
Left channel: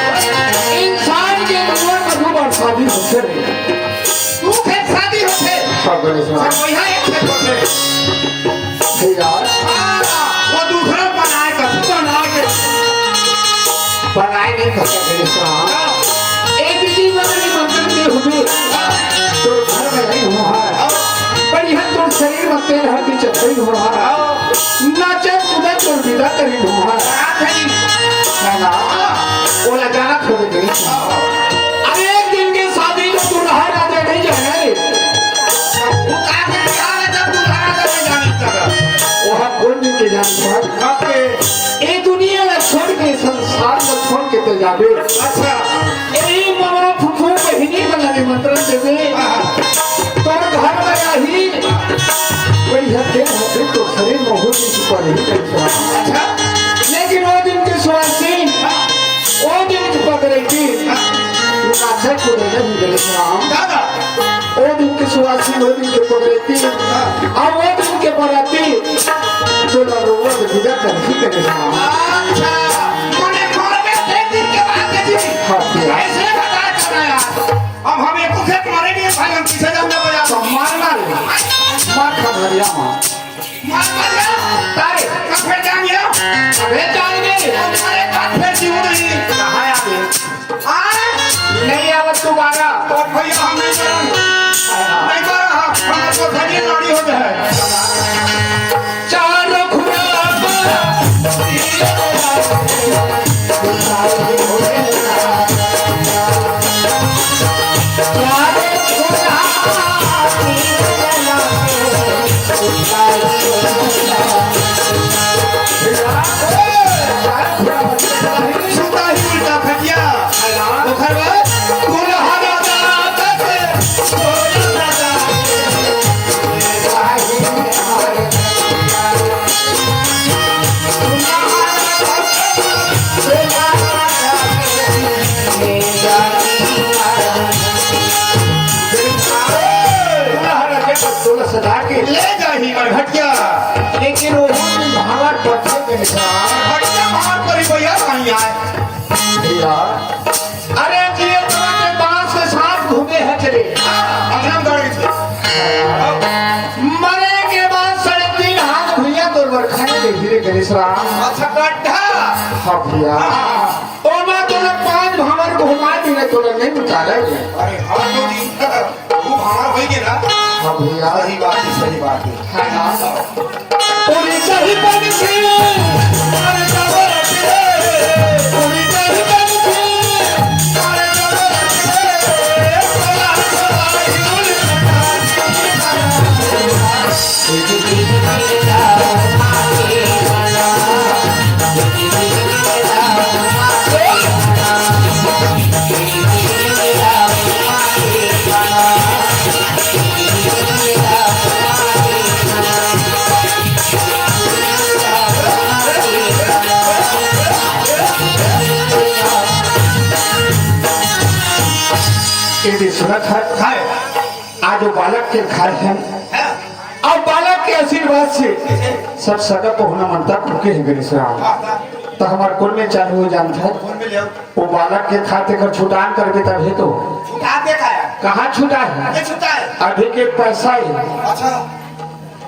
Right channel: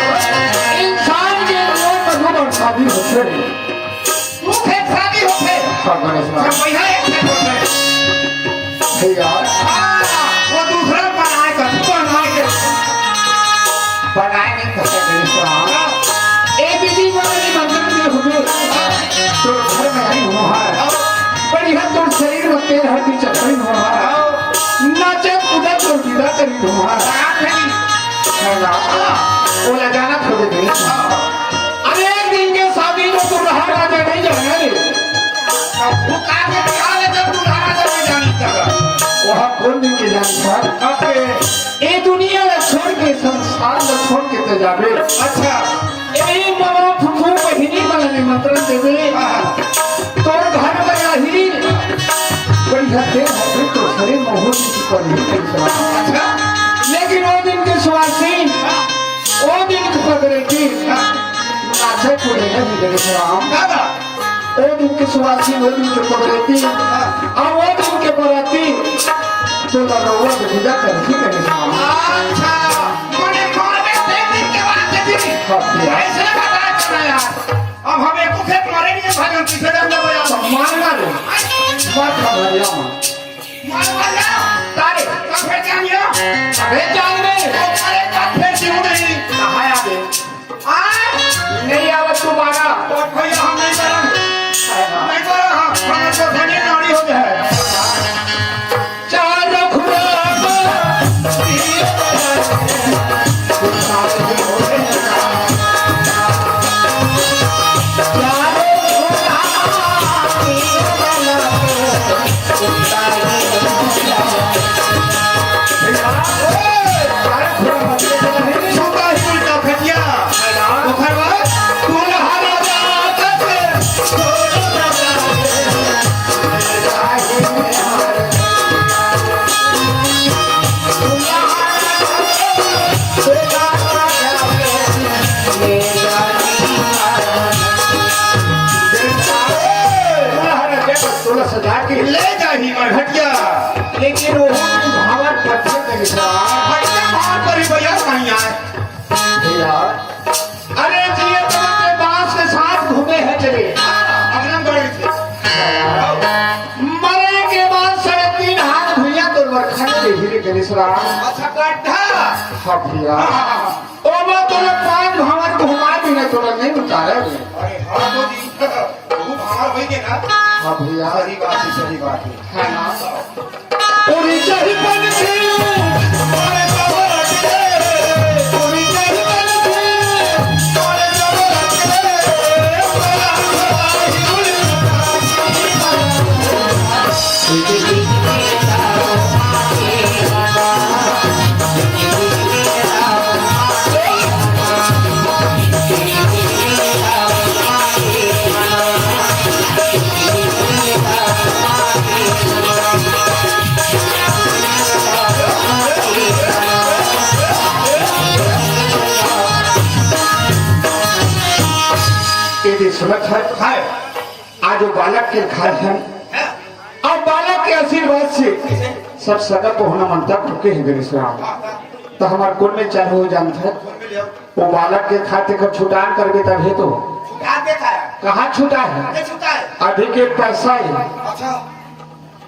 इंसान के मन में शादी होते तू खेत शादी होते सब भैया एक खेत होते वो दूसरा बनाए का बनाए नहीं करता एक दीदी बने मंदिर में हुए तो घर में नहीं हुआ पर यह तो शरीर में तेल हड्डी चक्री हुआ नाचे खुदा तो विदा करी हुआ वो ले जाना खोज गई अरे एक दिन के शादी में तू रहा राजे नहीं जाना रे तू काहे निकाले जब तू धारा कर में जानी तक वहाँ कौन दिन के जानी था ये दुनिया में छोड़ के संसार में छोड़ के तो जावे अच्छा ये मोरा फुफू के ही नहीं बनाने मंत्र देवे तो घर में रही बड़ी हद तो शरीर में हो चुका नहीं अच्छा लेकिन वो दिन की सुहासी वो दिन की पकड़े की अच्छा को नहीं मिले राम दादा वो दिन की सुहासी वो दिन के पकड़ती अब वो दिन के पराती तो वो विदा करती करे राम अच्छा तूने मारे एक दिन के बाद देखी ऐसे बताया करना यार अब हम एक खेत मरेंगे भागम किसे दम दे बोला मारना रे मार खा मारिया मार तारे कब फिर जानिए अबे जान रे अरे कब फिर क्यों नहीं कहाया दे नहीं आवत तुम्हारा तो भैया हम नहीं करो हमारे को धनी नाड़ी हो जाए चार खुराबा सुबह ही उल्टा फटिया तो खरवा दुल्हा सजा के ले जाही और हटिया लेकिन वो भावा कैसे देखा हटिया मार परी भैया कहीं आए भैया अरे जी ये तुम्हारे दांत के साथ घूमे है चले अगला गाड़ी से मरे के बाद 3.5 हाथ भैया तो बरखा के धीरे धीरे सराम अच्छा गड्ढा हाँ भैया ओ मैं तुम्हें 5 भवन घुमा दी ना तुम्हें नहीं बताया अरे हाँ तो जी तू हमारा होई के ना हाँ भैया सही बात है हाँ हाँ उड़ी चढ़ी बन के अरे कबर के उड़ी चढ़ी बन के अरे कबर ये सुनत है आज वो बालक के घर है अब बालक के आशीर्वाद से सब सगा को होना मनता भूखे हैं मेरे साहब तो हमार कुल में चाहे हो जान था कौन में ले वो बालक के खाते का छुटान कर देता है तो छुटा देखा है कहाँ छूटा है ये छुटा है अभी के पैसा है अच्छा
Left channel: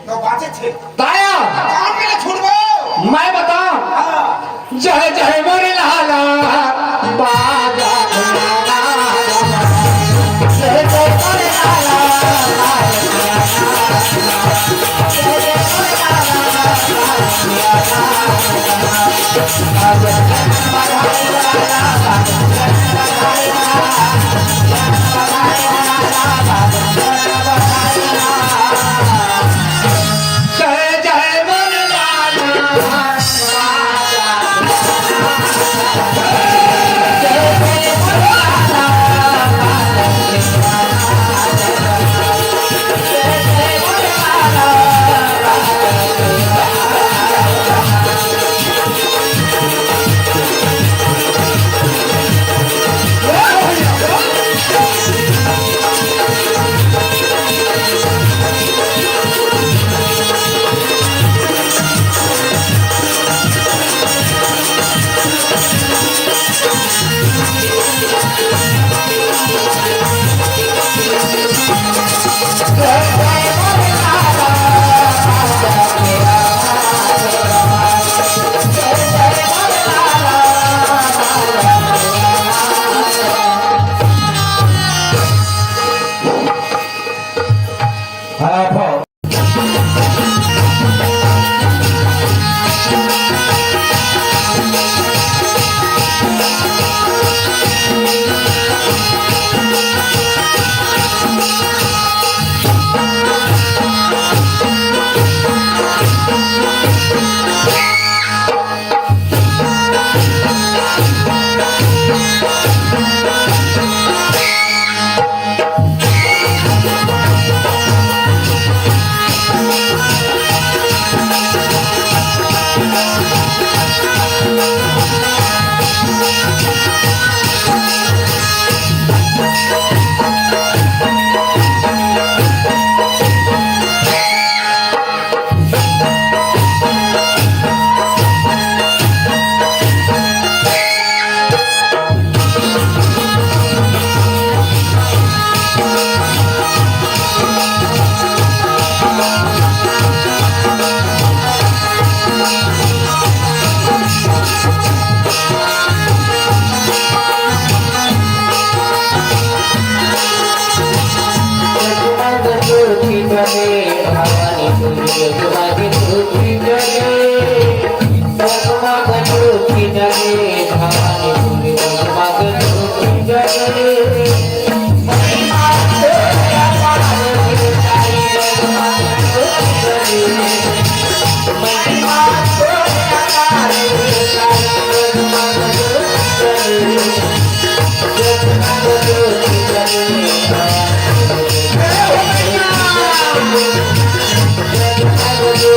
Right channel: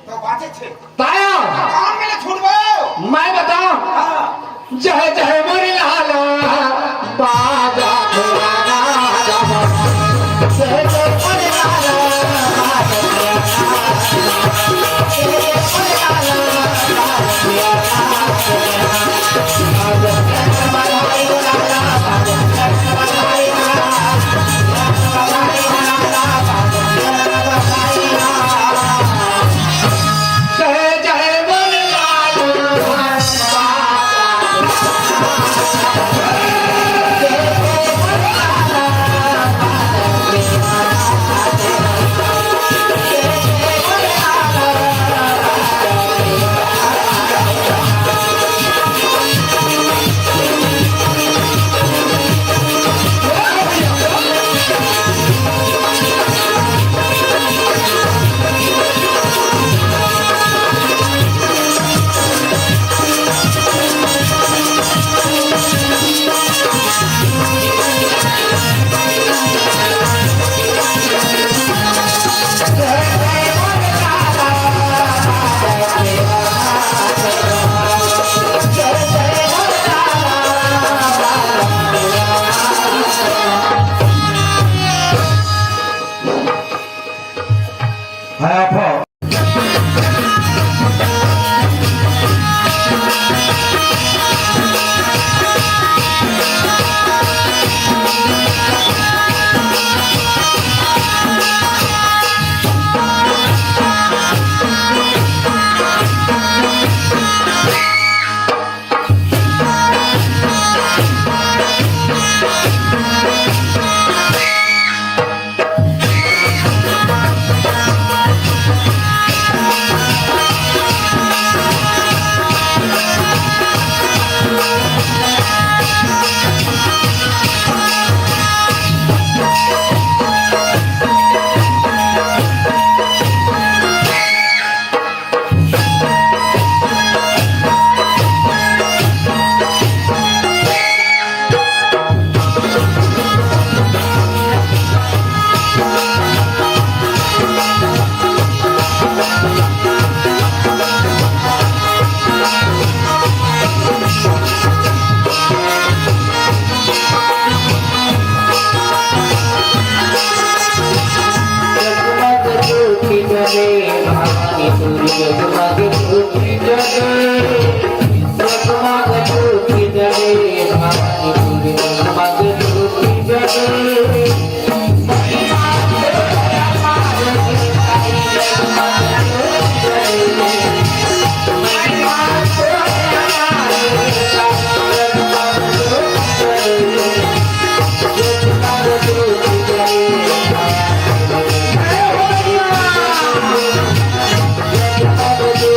तो बाचे थे ताया कौन मिले छूट गो मैं बताऊं हां जय जय मोरे लाला बाजा खिलाना जय जय मोरे लाला जय जय मोरे लाला Thank you.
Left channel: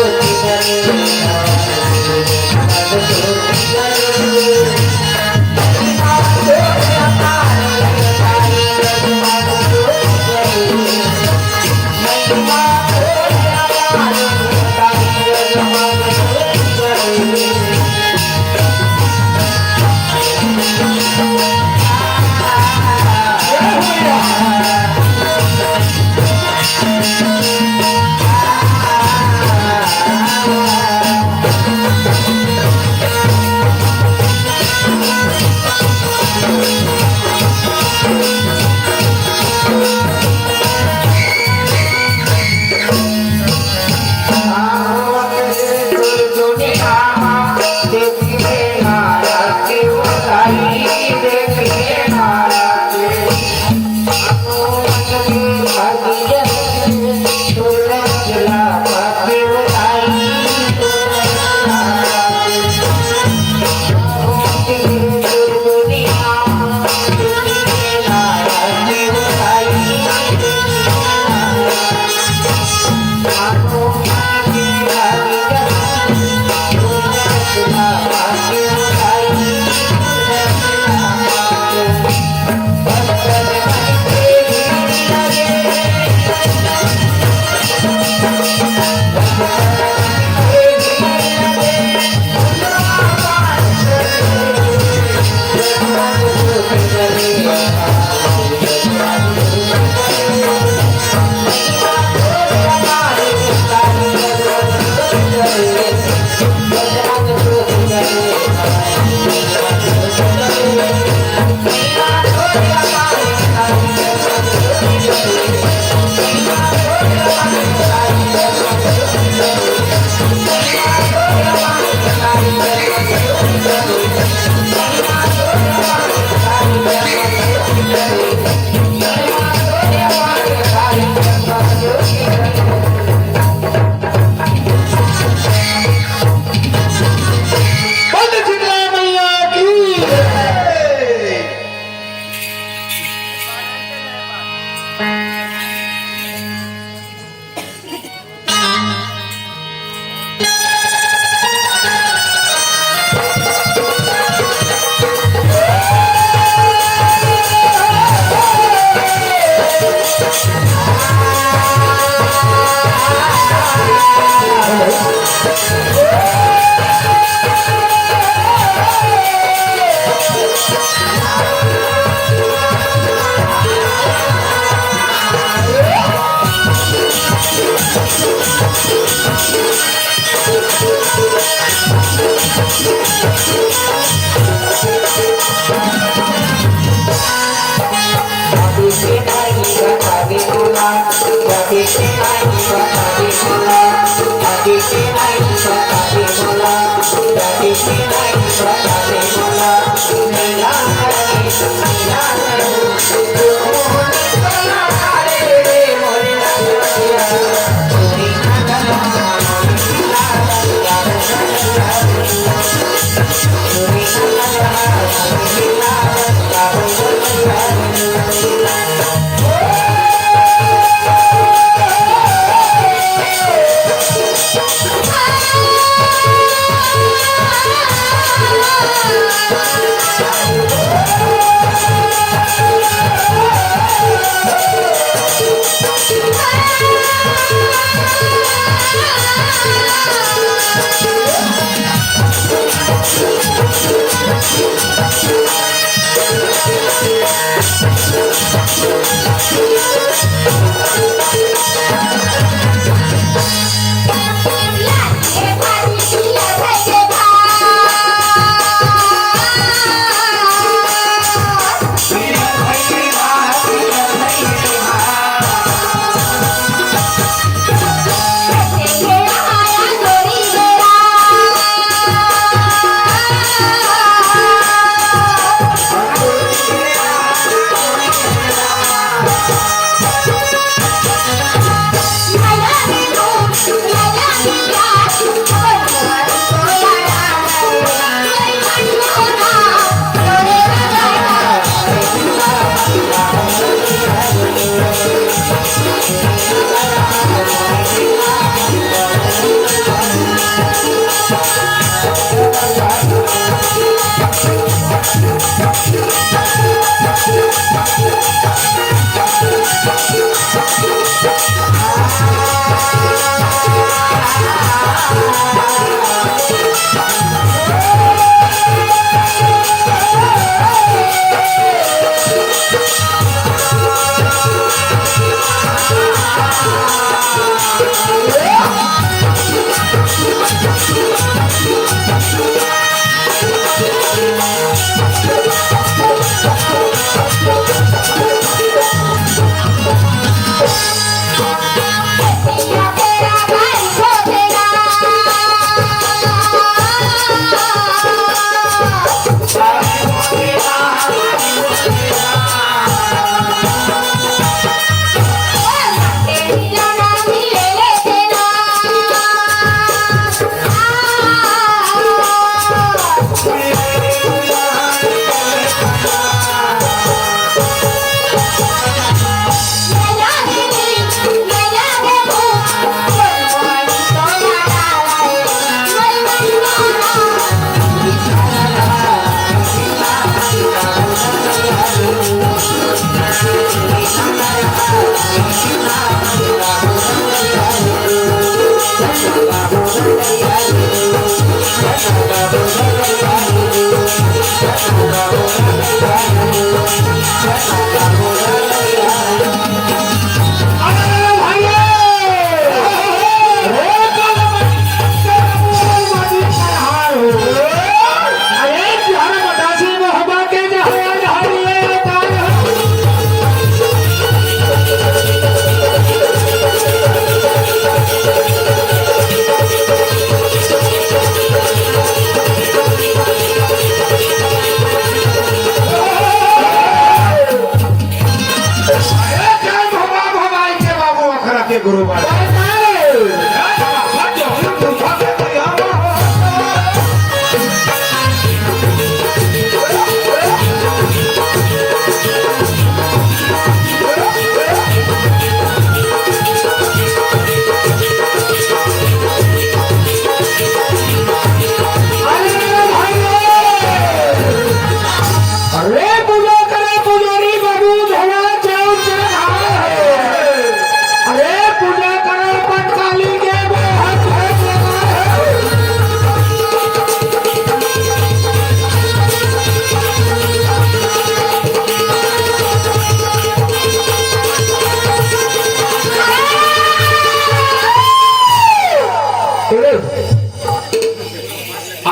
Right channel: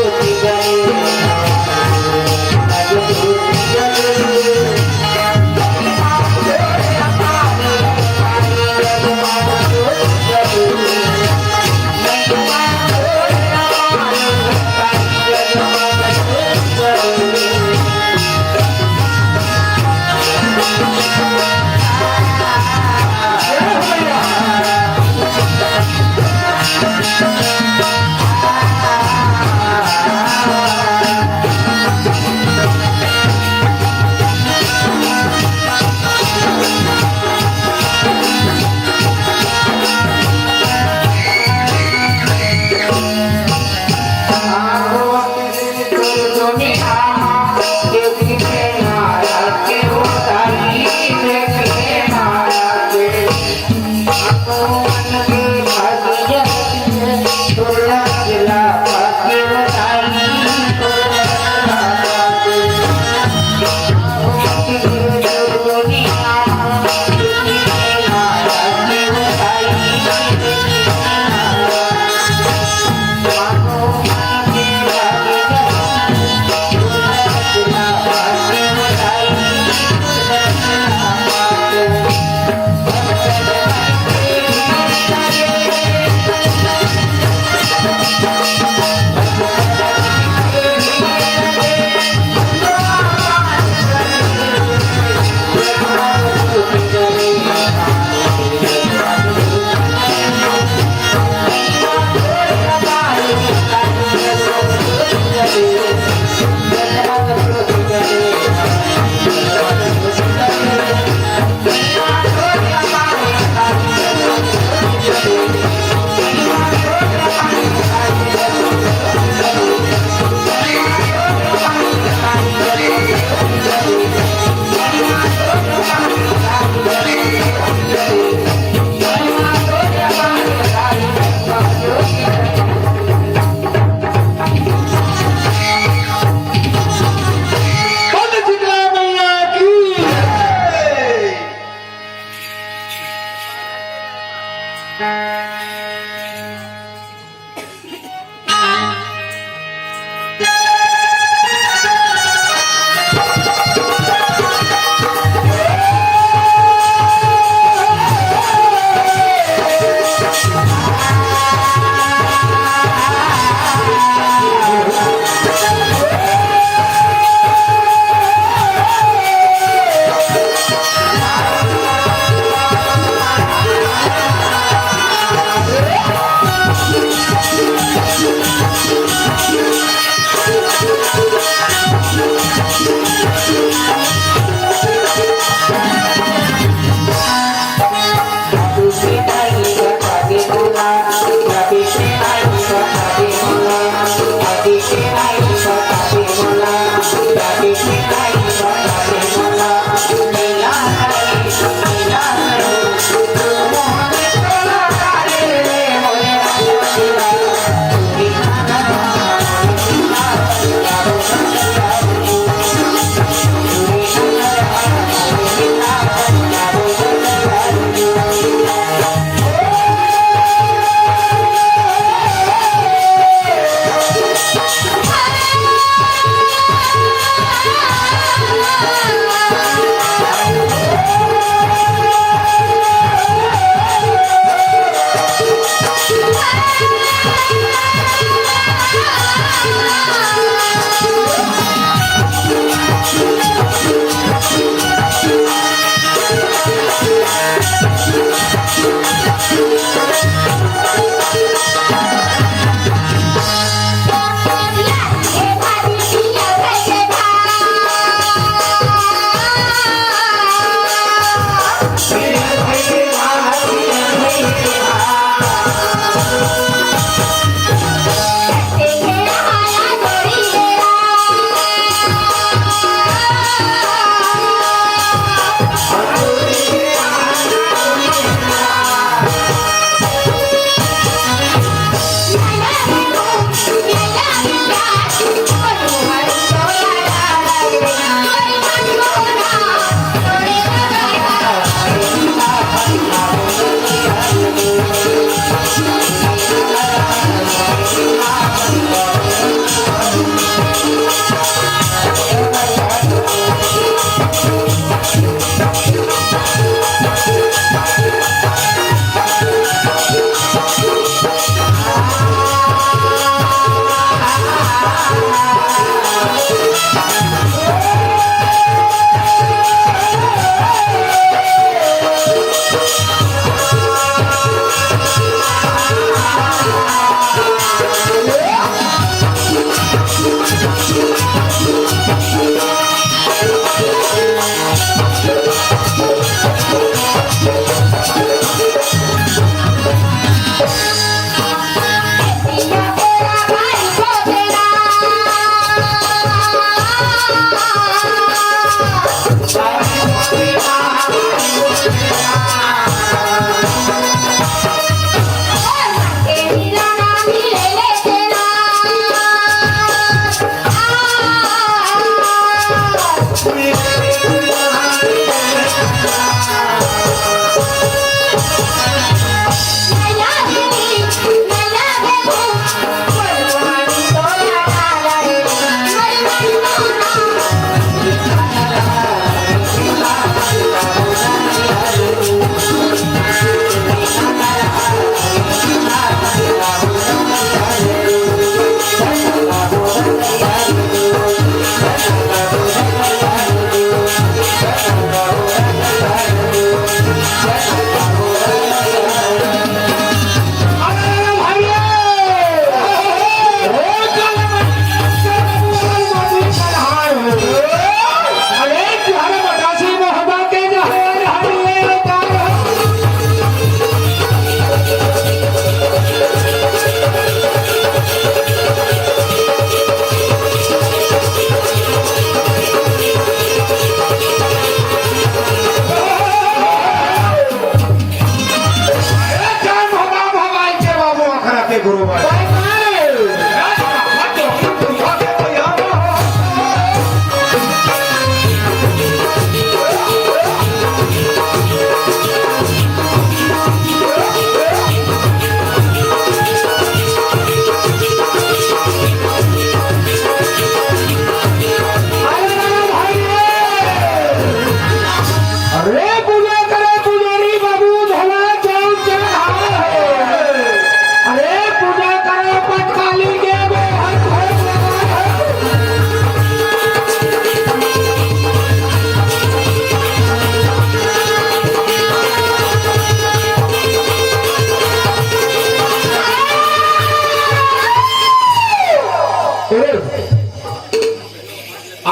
गुरु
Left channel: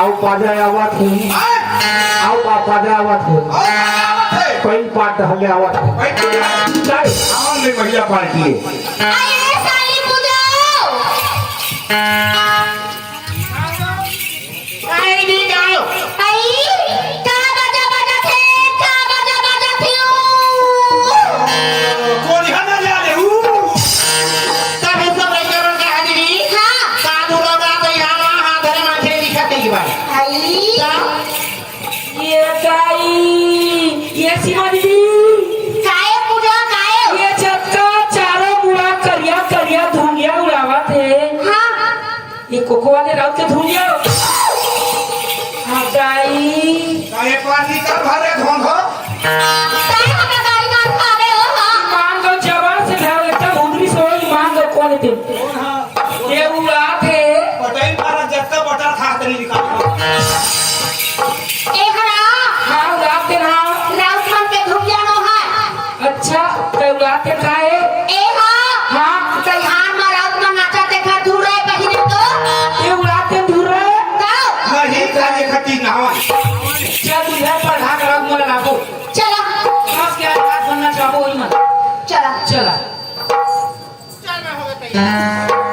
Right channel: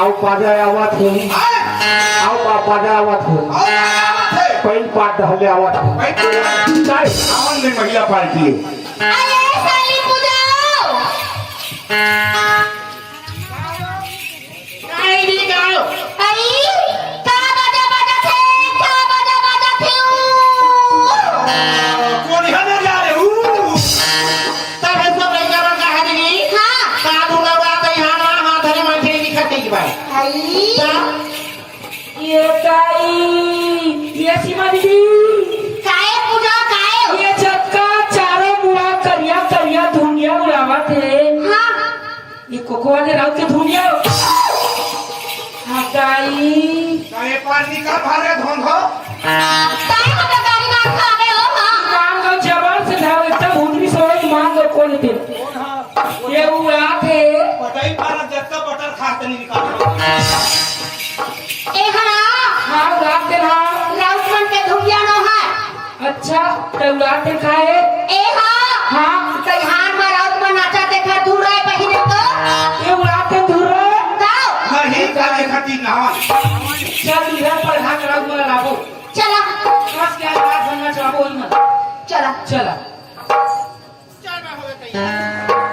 आओ पाजा आवाज हो आओ पाजा आवाज हो कोई बात हमें आवाज हो आवाम में महिला पार्टी ये सीमा दीदी काय पूजा काय ये छत का चारों मुड़ा करिया करिया धुनिया उड़ावा थे हाँ ये कोको वाले राउत के धुनिया गाई काय पार्टी का भरे घोंघो काय हटा गाड़ी मान खावे हो हाँ मान को जबर से ध्यान रखता भूमरी समझ मान को कौन थे ये उड़ा थे पटाई पारा जब का बटर खा तनी निकाल अच्छा कौलाते खाए ए हाँ कहार में रात में नाचा देखा दूर है बहिने तो ये उड़ाते दूर है मैं ही खाने खटी नहवा चल इधर पर ढाक रात में लाबो चला बस क्या रात में नाचाबो ही मत चला चला चल मैं हो गई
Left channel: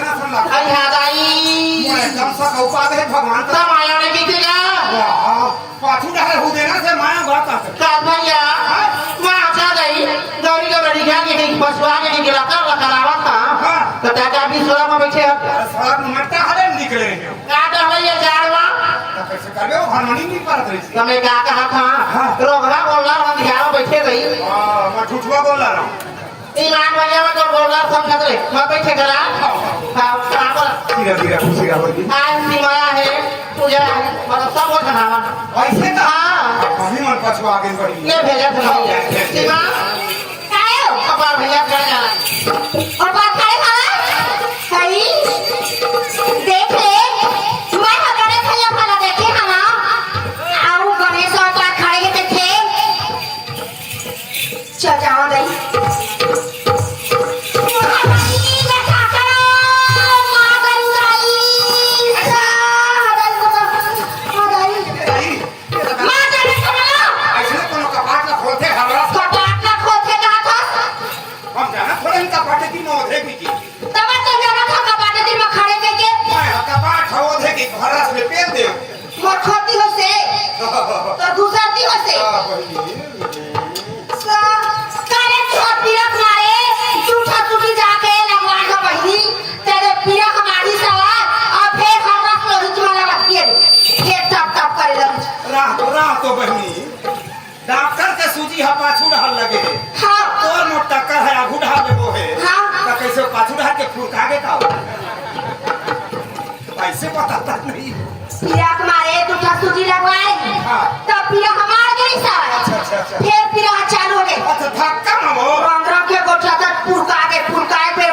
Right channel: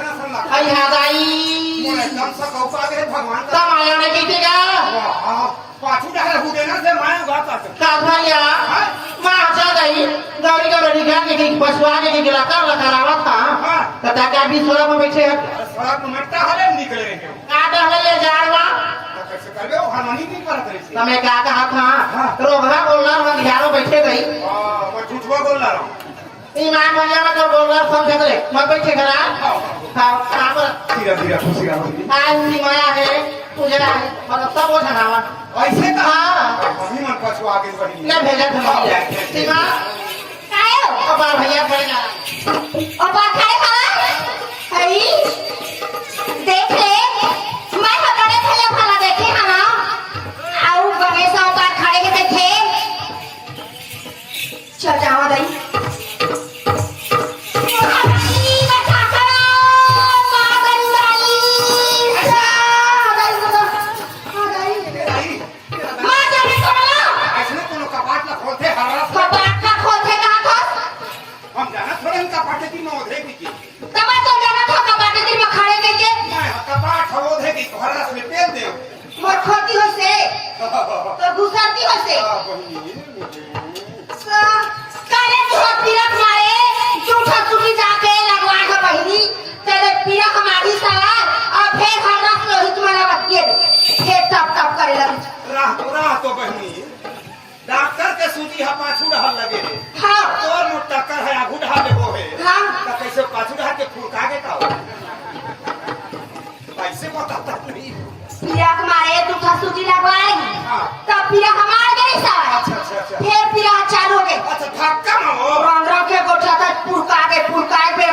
ऐसा ना सन लगा आई याद आई मोर एकदम सा कौपा के भगवान का तब आया ने की तेरा वाह पाछू डहरे हु देना से माया गा का हाथ भरिया मां चल गई गाड़ी का लड़ी खा के पछुआ के निकला कर लगावा था हां तो दादा भी सोला में बैठे अरे साला मट्टा हरे निकले रहे का डर ये जानवा कैसे करबे वो हारमोनी नहीं पारत रही थी तुम्हें क्या कहा था रोगा बोलना हम ग्यारह बैठे गई मैं ठुठुआ बोल रहा हूं ईमान भैया में तो बोलना समझ रहे मैं बैठे करा धीरे धीरे खुशी आवती आज निमाया है पूजा है मतलब सब बोल रहा ऐसे का हाँ मम्मी मन पछुआ आगे बढ़ी ले भेजा था सीमा काहे हो अपना भैया क्या जाना और बात करे खाना सही देख ले मैं हकने खाया खाना देखे है ना आओ गणेश और बात खाए के देखे चल जाओ गई ऐसे कोनो कपाट ला खोलते हमरा हम जाना थोड़े इनका पाटे की मौधे की मैं कपाट होधे की भरा से पेल दे राह तो बहनी डॉक्टर के सूजी हा पाछू रहल लगे तोर मोट टक्कर है आगू ढाल ले वो है तो कैसे पाछू ढाल के फुरका के का कैसे बताता नहीं हाँ। अच्छा चालू हो गए अच्छा धक्का मारो 15 के गोटा तक पुरका पे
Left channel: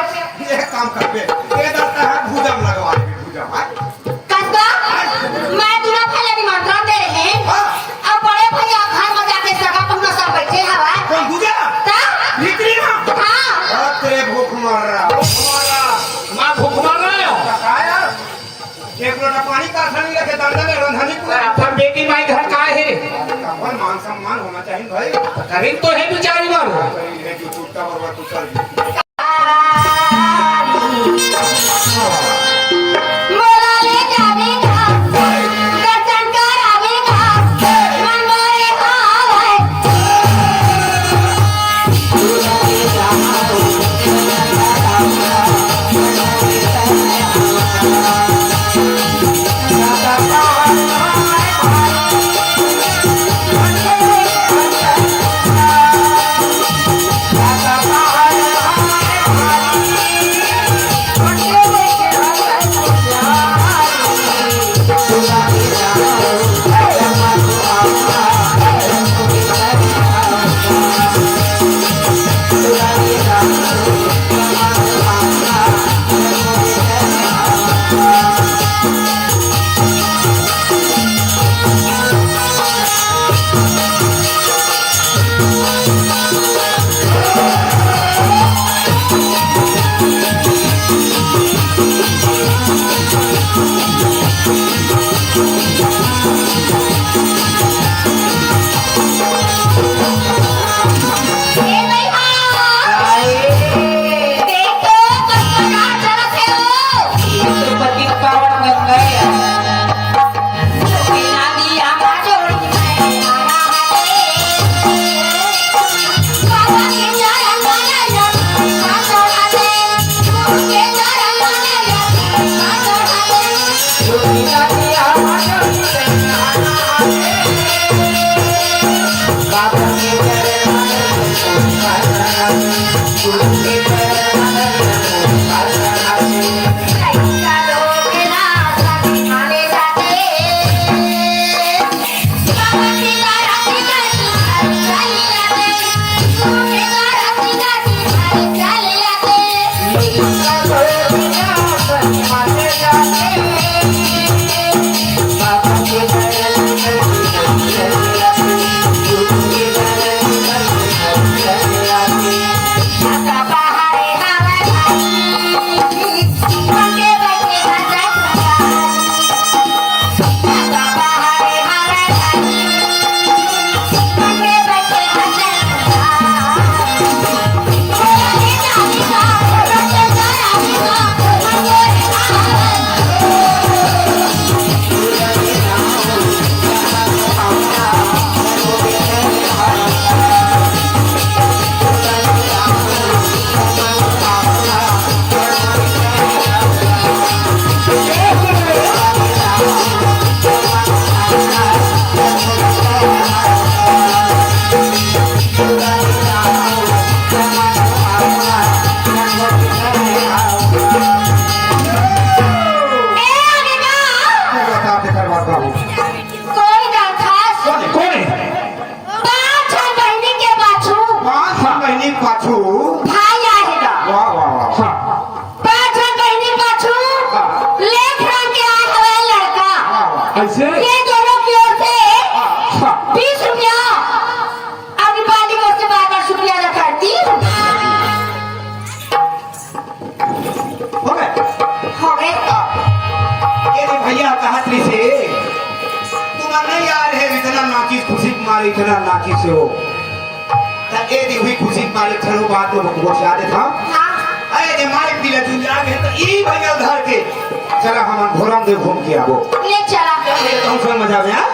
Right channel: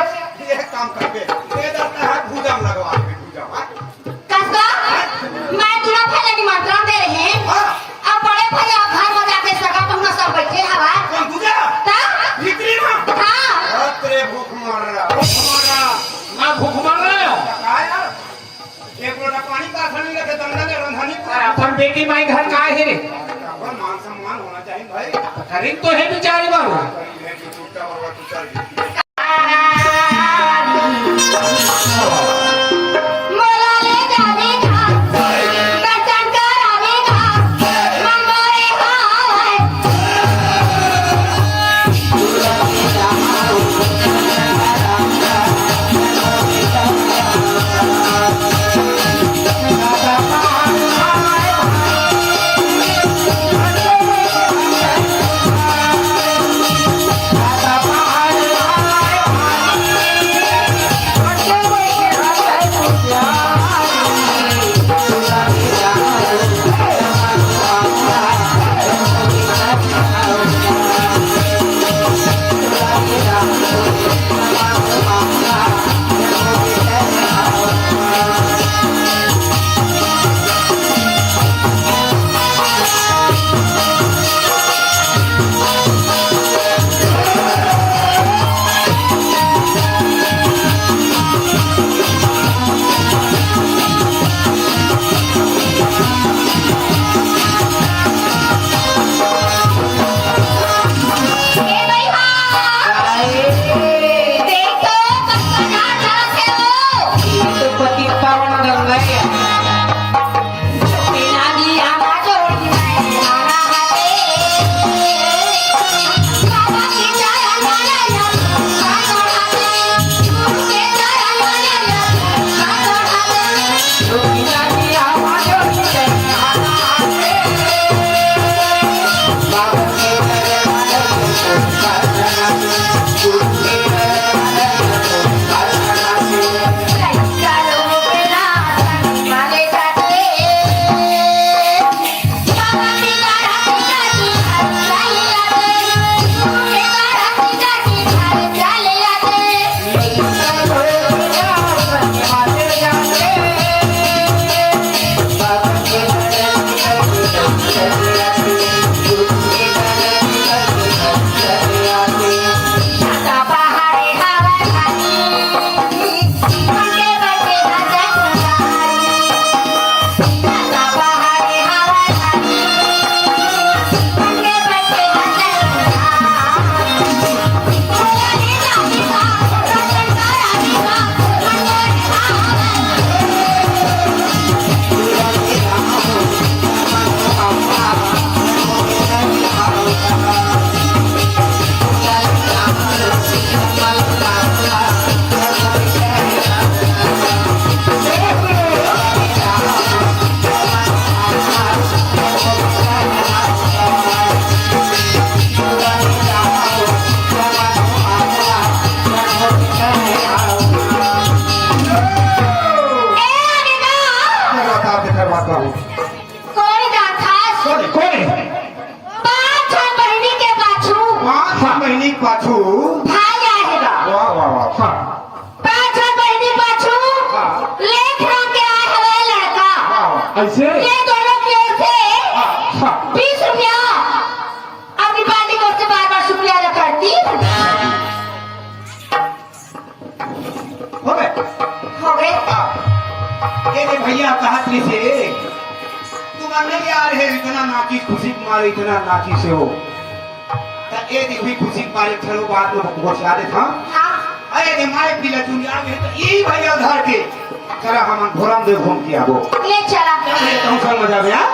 ये काम कर पे ये दरता है भुजम लगवा दे भुजम कसना मैं दूल्हा पहले निमंत्रण दे रही हाँ। अब बड़े भैया घर में जाके सगा पहुंचा सब बैठे हैं भाई कोई गुजरा हाँ? निकली ना हाँ अरे तेरे भूख मर रहा मैं भूख मर रहा बताया एक लोटा पानी का थाली रखे दंडा में रंधनी पूरा पर बेटी माई घर का है पर मान सम्मान होना चाहिए भाई अरे तो है बेचारी बाबू है जो टूटा हुआ तू कर मोला ले जाने का गर्दन का आवेगा मन मोरे हाय Bye. पाछू भाई आएगा वाह वाह वाह हाँ, पांच बहनी पाछू लेख राम के आए हुए लड़का वाह, वाह। ऐसे ये दोनों की ओर से हाँ, 20 रुपया अभी वाली की ओर से 12 रुपया रखती हो गए हो गए ये रे भैया कहत रही से तुम नहीं यार है इतना नाची खुशी मारे इतना नाची से हो ता ए दी हुई खुशी मारे ठरो बात तो बहुत याद था हाँ अरे रे मारे पीला तुम जागे तो ई भैया घर के चला हम घोरम दे घूम के आबो ले चला तुम संग मजा में हां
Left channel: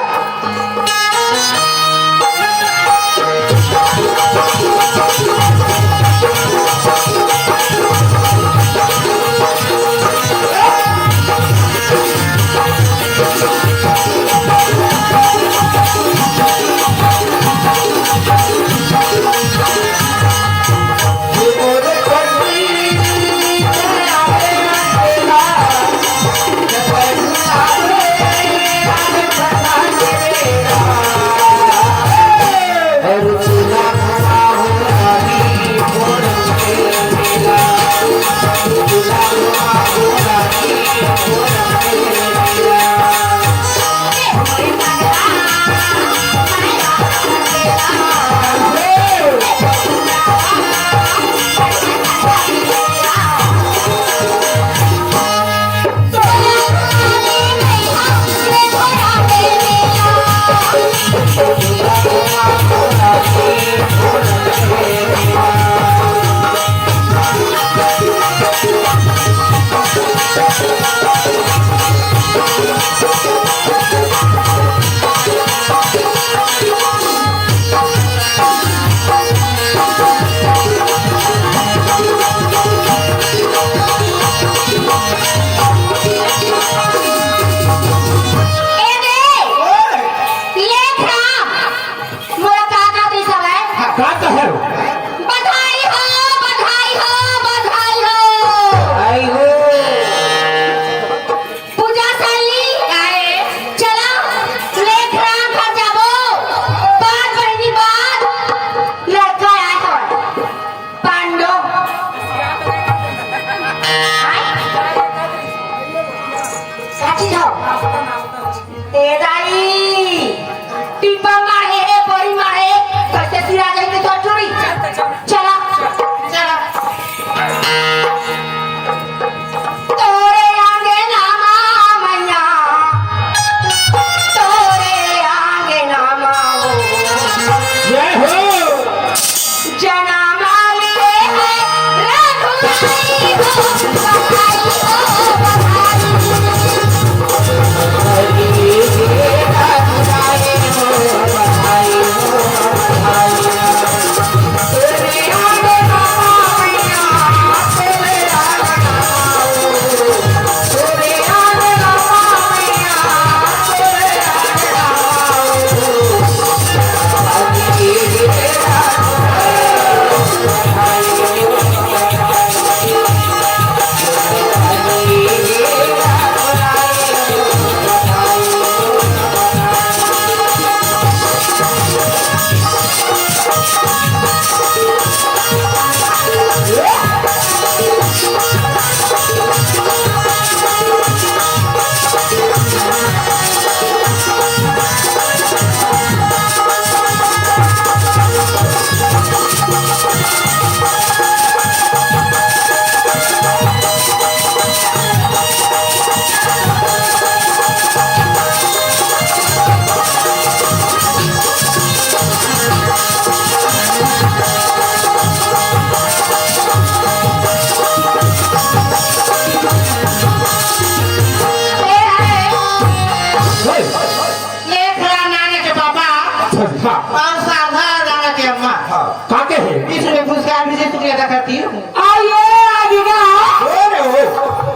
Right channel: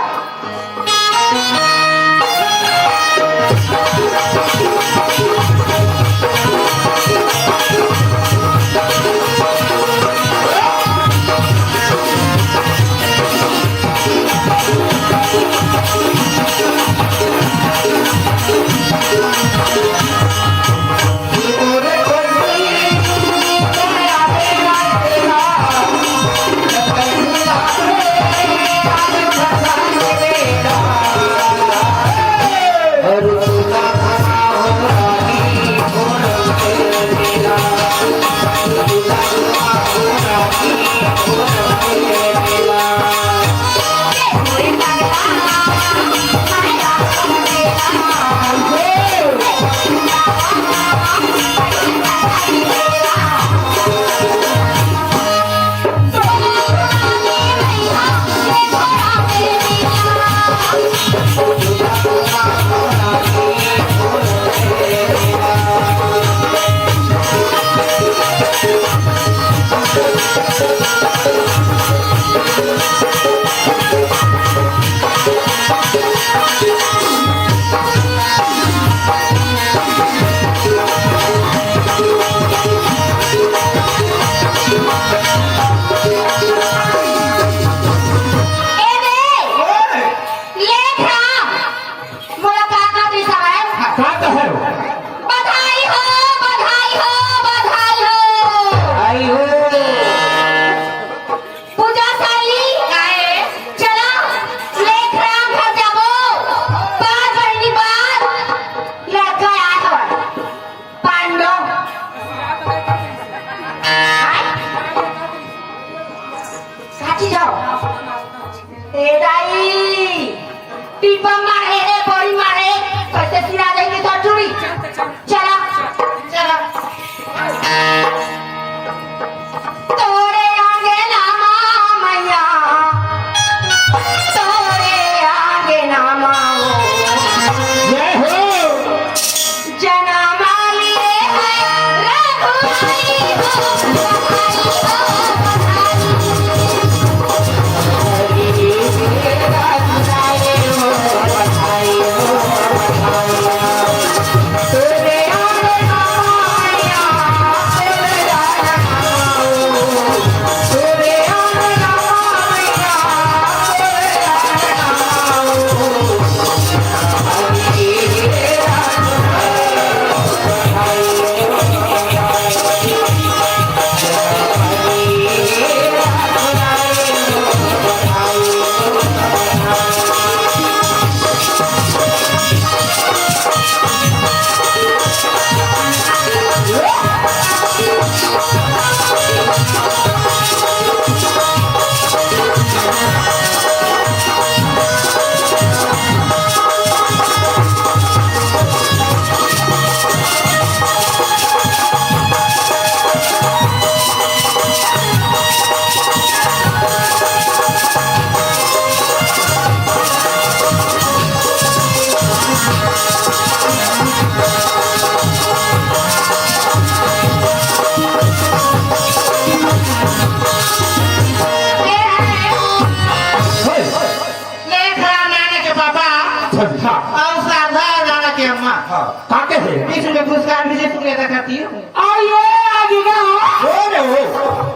काके है इसमें पुरस्कार भी तुमने अदा करती है आइए आगे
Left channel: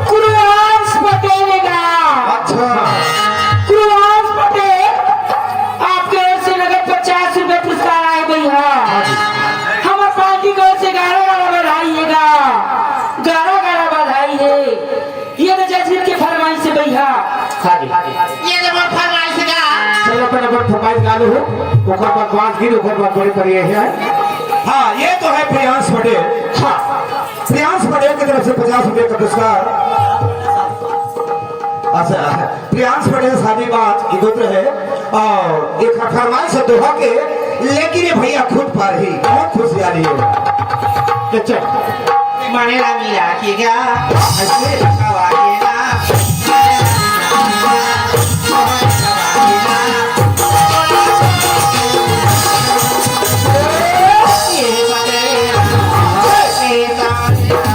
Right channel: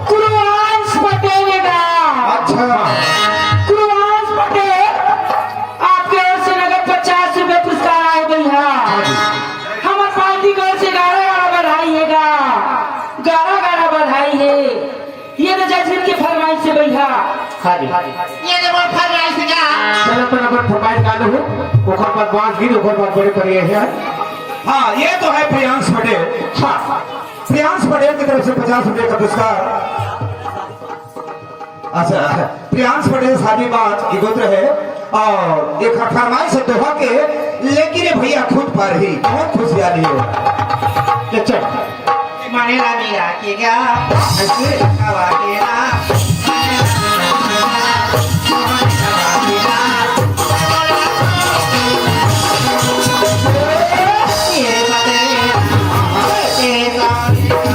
कुरियांश बटेगा अच्छा कुरियांश पटेल आपके ओर से लगे 50 रुपए पुरस्कार आए भैया हमें पार्टी की ओर से 11 बधाइएगा 11 बधाई है ये तो जजवीर के फरमाइश से भैया ये जब फरमाइश का चल अपन अपन फरमाइश गालो हो ओकर बाद बांस गिर ओकर बाद बड़े पड़े है हाँ ये तो है प्रियांश पटेल। हाँ, प्रियांश पटेल की तरफ से 50 रुपए का पुरस्कार। अच्छा, प्रियांश पटेल शादीबाज एक गोत्र है और एक फरमाइश है दोहा के, लेकिन ये भैया खुद पर ही बहुत खुशहाली हो। अच्छा, मनेला मिला के गा ऐसे गवाकेला ये बातें ये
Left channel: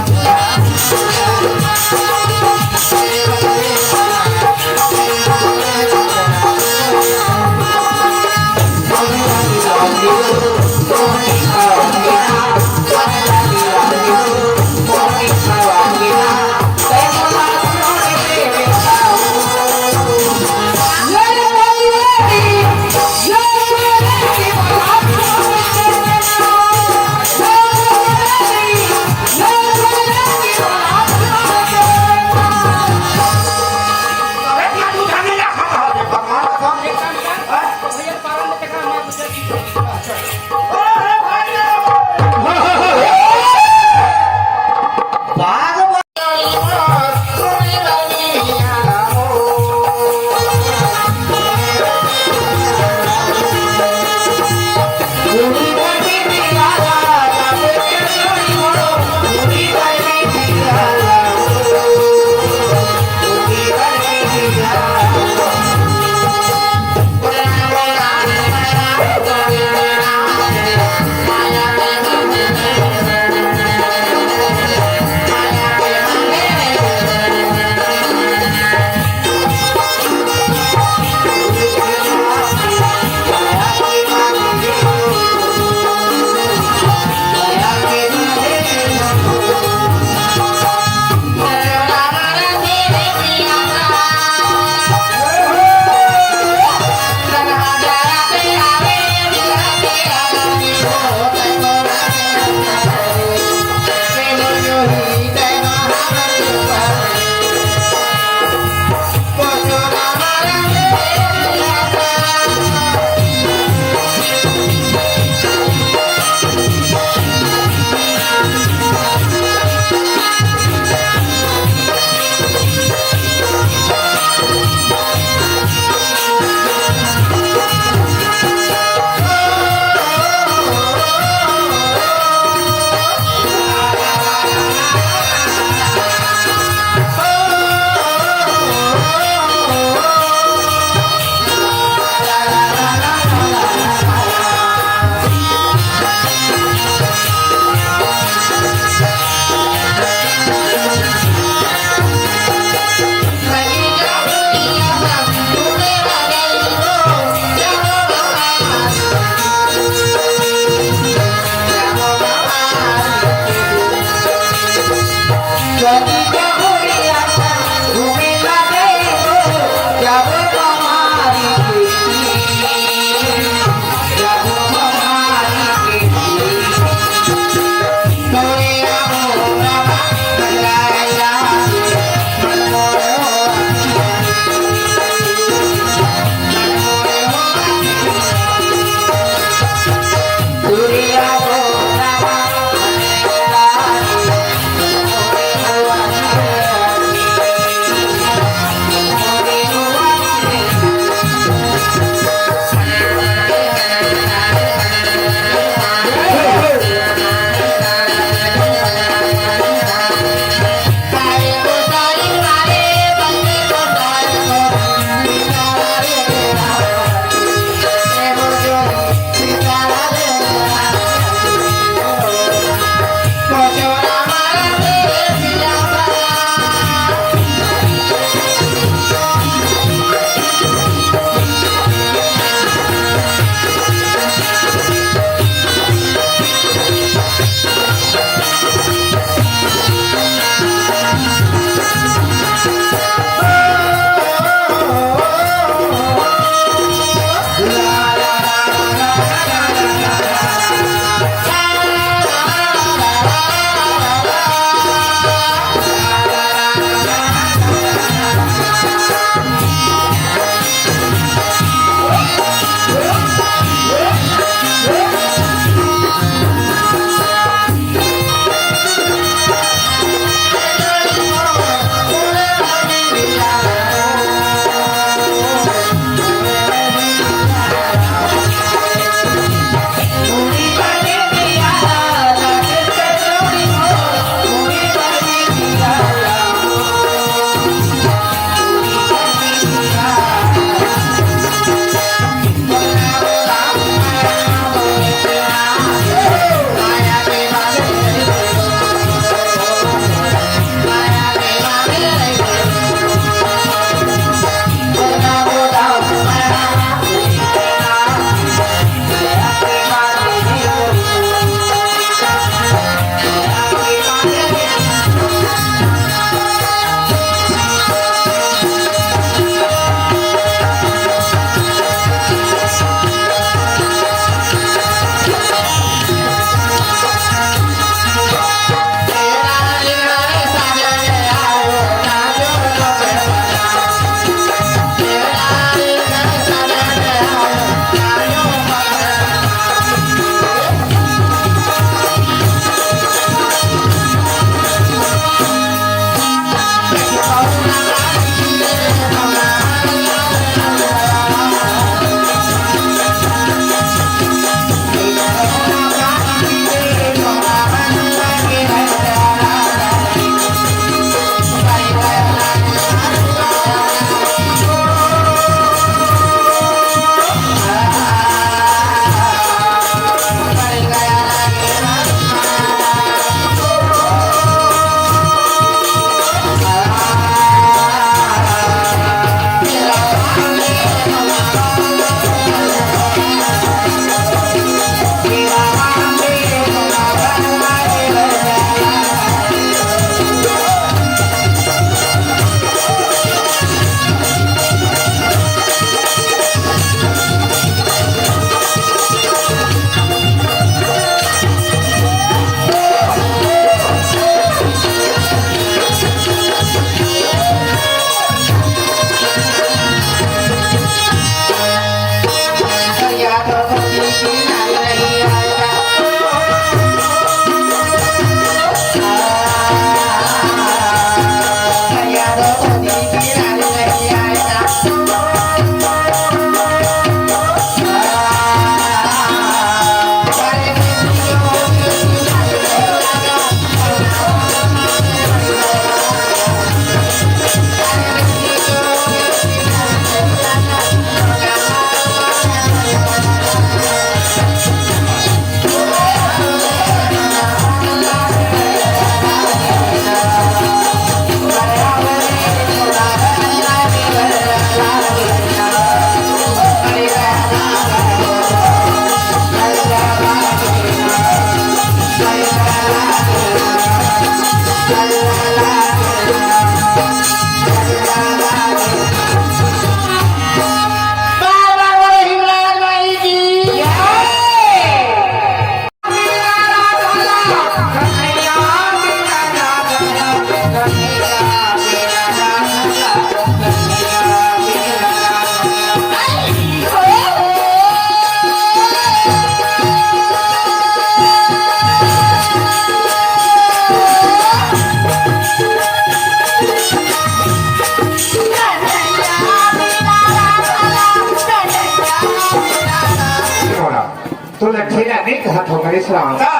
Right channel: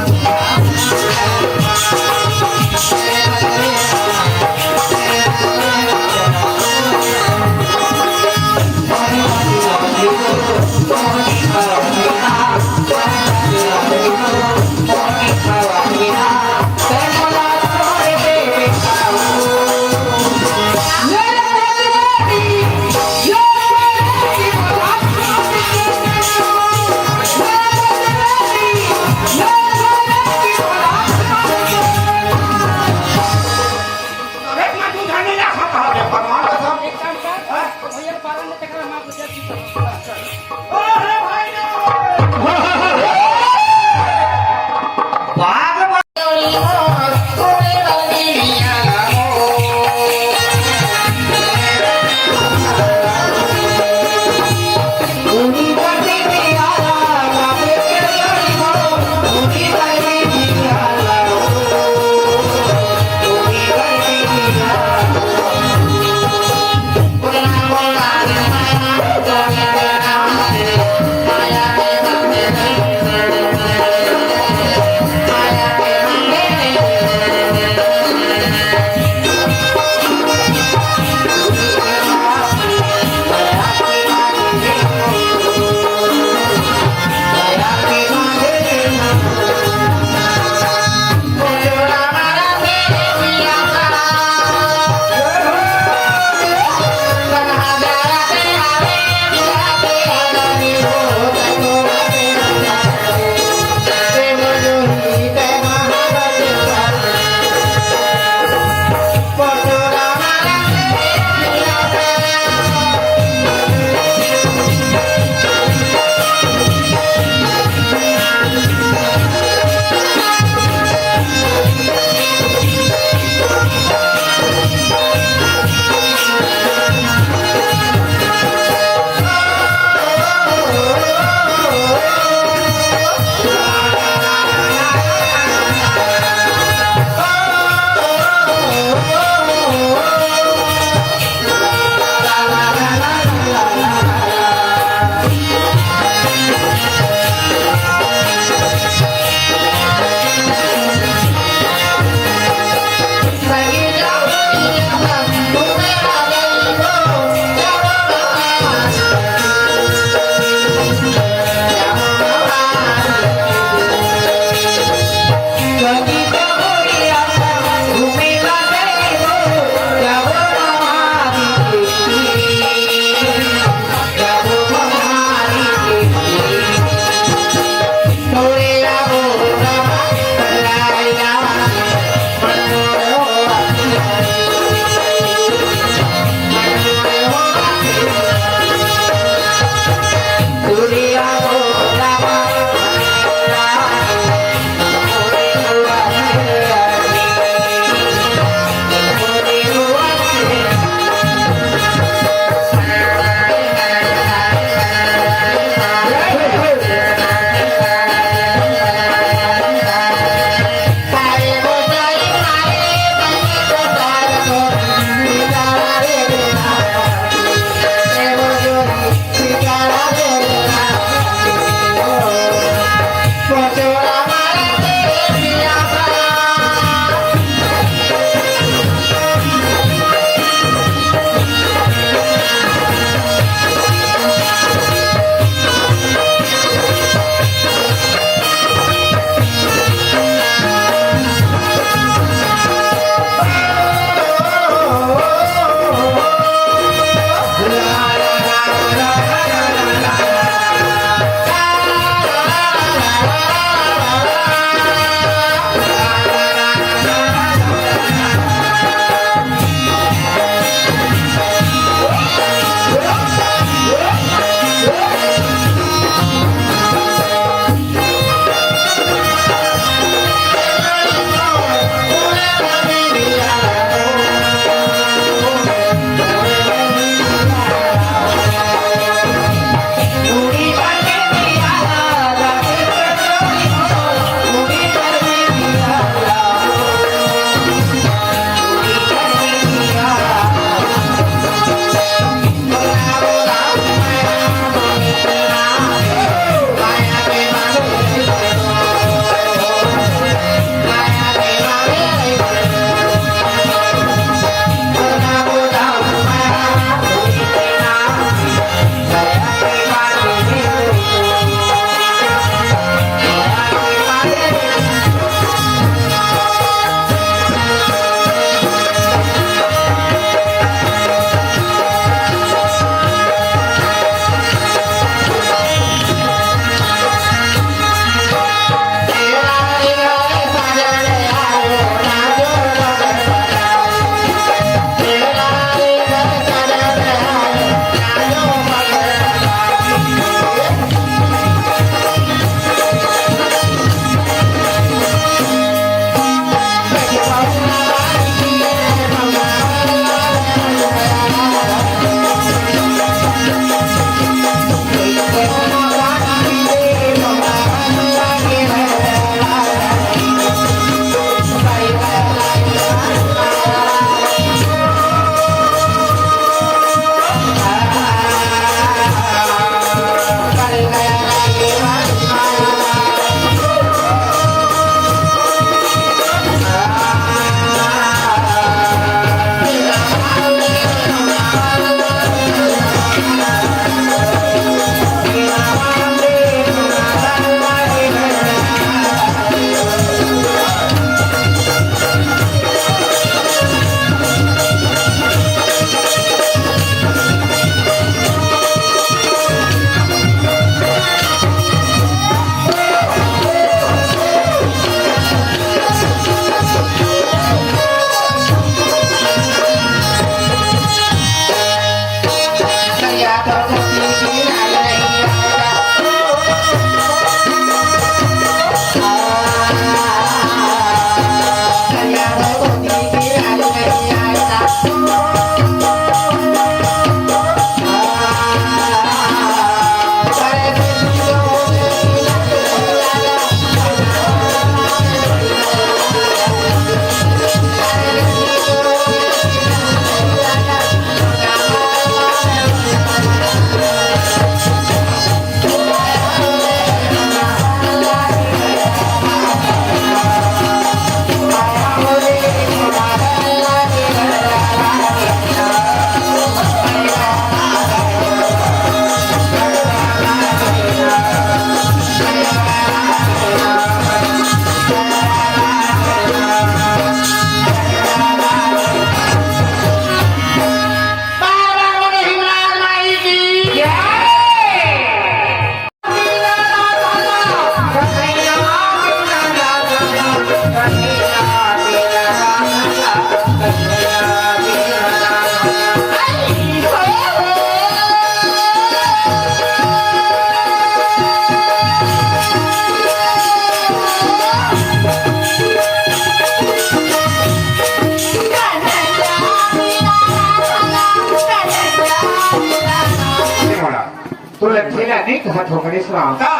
घाट हो गणेश राम का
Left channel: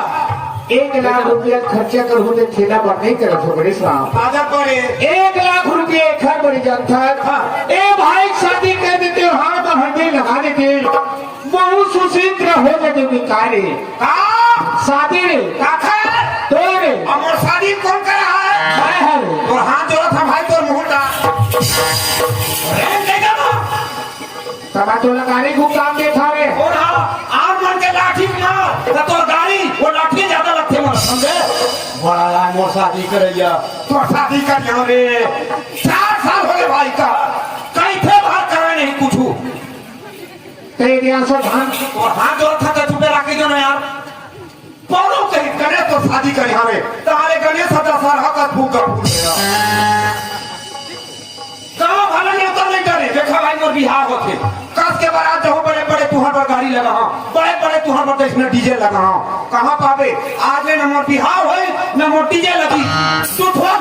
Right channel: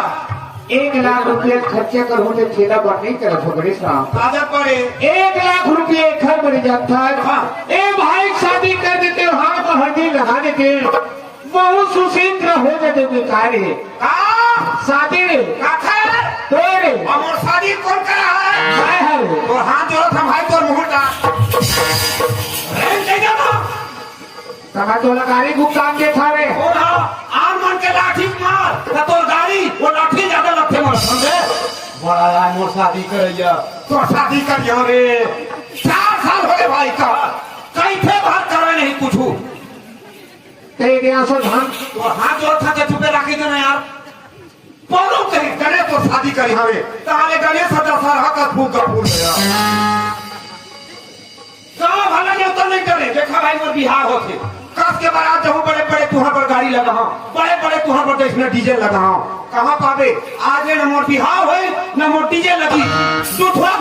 1 लाख रुपया खर्चा करूँ मैं ठेला पर नहीं करत हो गणेश राम बाजार पर है 1 लाख रुपये घर बन जाता ए भाई शादी कर देते हो हाथ में हंडी लगा देते बहुत सुशील हो जाते बेकार है शादी रे काका तोरे और शादी कौन करा है मैं हरे और हाथ जोड़ा था भाई तो मुहूर्त अरे नहीं तो तना तो लगारी भुगतान के थाने आम मन के लाठी मार तो गाड़ी वो लाठी ज्यादा लगते मार समझे बड़ा यार मोर शादी करैया तो शादी कर यहाँ रे 4 साल हो गए भाई का कहीं थे बात करा नहीं कुछ तेरे यहाँ से धान और हाथ जोड़ा था तो चुपे रखी जो ना यार पौनों करी करे तो शादी कर यहाँ रे तारे गले सदा सर हक फूल का फूल गया कहाँ भले में तो नहीं करे देखा भाई मोर बिहार होते कस के बारात जाऊँ बड़े बड़े तुहर पर गाड़ी लगा हूँ बड़े बड़े तुहर पर इसमें डीजे लगा हूँ कहाँ पावे आज में न मोर बिहार हुए न मोर डीजे लगी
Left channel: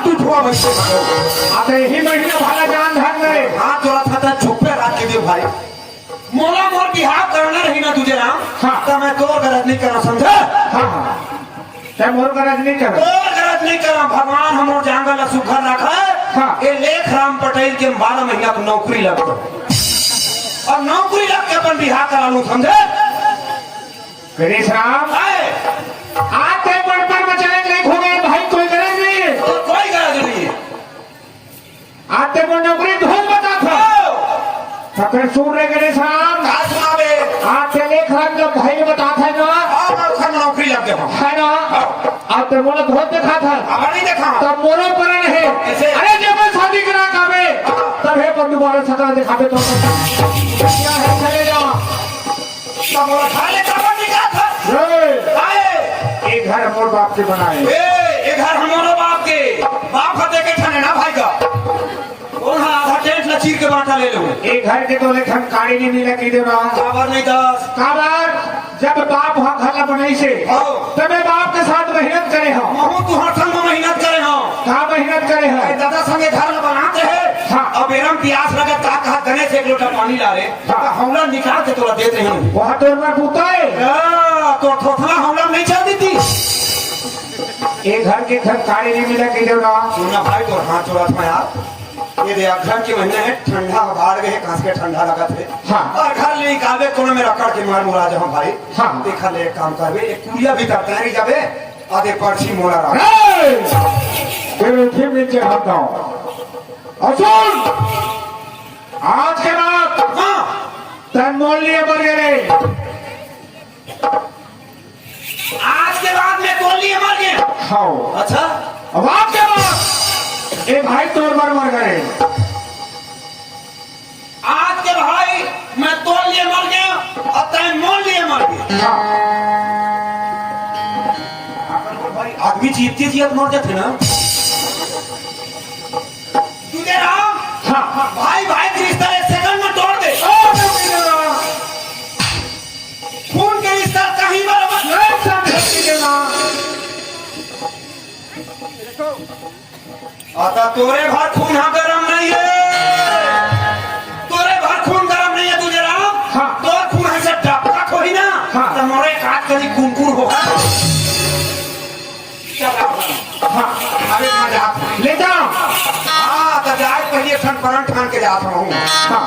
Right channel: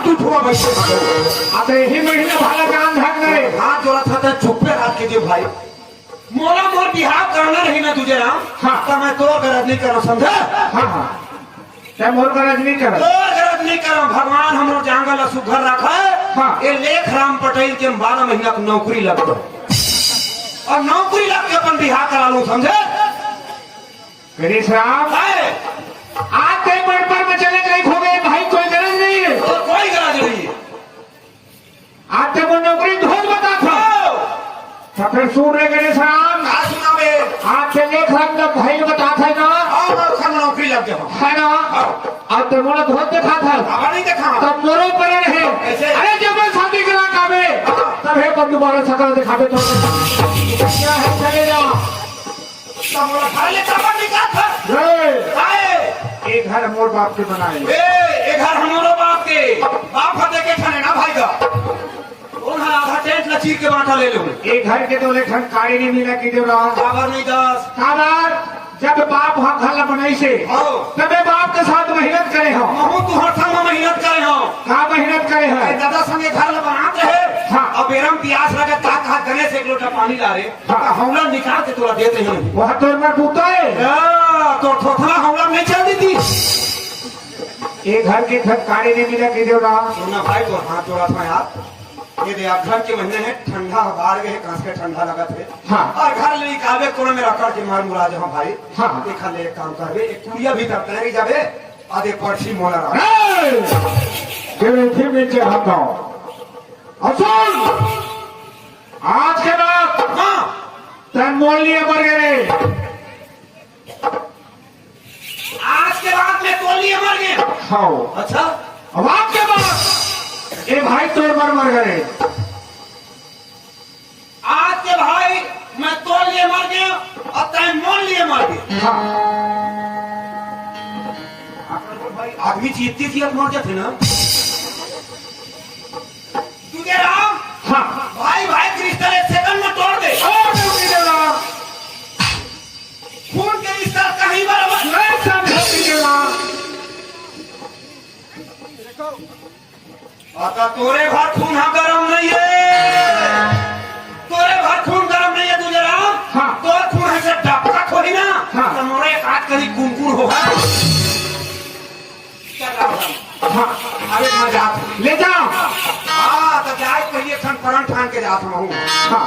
टूठुआ वैसे अब यही महीने भला काम धन करे हाथ जोड़ा था तो चुप्पे रात के दिन भाई मोला मोर बिहार करना रही ना तुझे हाँ तो मैं तो गरज नहीं करा समझे क्या मोर गरज नहीं करे और गरज नहीं करा भगवान हम लोग जंगल सुखर रखा है हाँ। ये लेख राम पटेल के 12 महीना की नौकरी लग गई और नौकरी लग के अपन बिहार करा लूं समझे गणेश राम आए आज के मन पर मचले कहीं खो गए भाई कोई गरज नहीं है तो कोई गरज नहीं है आज तो वो नौकरी ढूंढ बताई था सफर सुन रहे गणेश राम कहा सुनावे आज के लेख राम जब भाई बता था ना और खर नौकरी लग गया है ना आज तो वो धोत देखा था अब नहीं देखा तब मोरे पर नहीं ऐसे? अरे जब मैं शादी करा काबे तब है पर दोबारा सकल दिखावे तो क्या है चले जाओ तब वो घर ले चावल निकाल था रे आए एक घर मोर बाप के बनाए ए घर हमारो बाप के बाप हटे के ठने ना भाई का कौन है आधा टेंट न चीर के बांटा ले लो एक घर के तो लेखन काड़ी नहीं मिला की देवा खबर नहीं दस काबर जब बाप हम घर बनाई से हो तब बाप के साथ मेहनत करे हो महू तू हर संग में मेहनत करे हो कहा मेहनत करे अरे है दादा संगे घर में बनाते हैं हाँ। अब बेरम प्यास लगे का कहा गणेश 1 लोटा पानी ला रे हमला निकाल के तोरा देते हैं वह तो मैं पूछता है तो थोथला हमला नहीं चल देती एक घर के घर काड़ी नहीं मिला की देवा सुना भाई तो हाथ जोड़ा था यार ये दे घर के महीने में ठंडा बाढ़ गए कांस के ठंडा लगा थे हाँ। और घर ले निकाले कोने में रखड़ के मार मुरा जहाँ भाई हाँ। देखा ले एक काम करवे एक कुड़िया भी करता है जबे आधे पर्ची मुड़ा रहा फिर नीचे हटाओ असूल आज के बाद हाँ तन मोल लिए मर गए आज के बाद में कोली मर गए खाओ अच्छा अब आज के बाद ए भाई तोड़ मर गए आज के भाई मैं तोड़ लिए मर गया और तय मोल लिए मर गया हाँ। भाई आदमी जीतती थी मर गए थे ना तुझे राम हाँ। भाई भाई के रिश्ता 1 सेकंड में तोड़ दे खून के रिश्ता कहीं बराबर आता तोरे भर खून हाँ गरम नहीं है तोरे भर खून गरम नहीं है तुझे राम हाँ। तोर खून ऐसे डबका खोही ना हाँ। तो मोरे काट करी कुनकुर हो अरे मजा ले जा हाँ तो जाए पहले ठन ठान के जाता हूँ हाँ।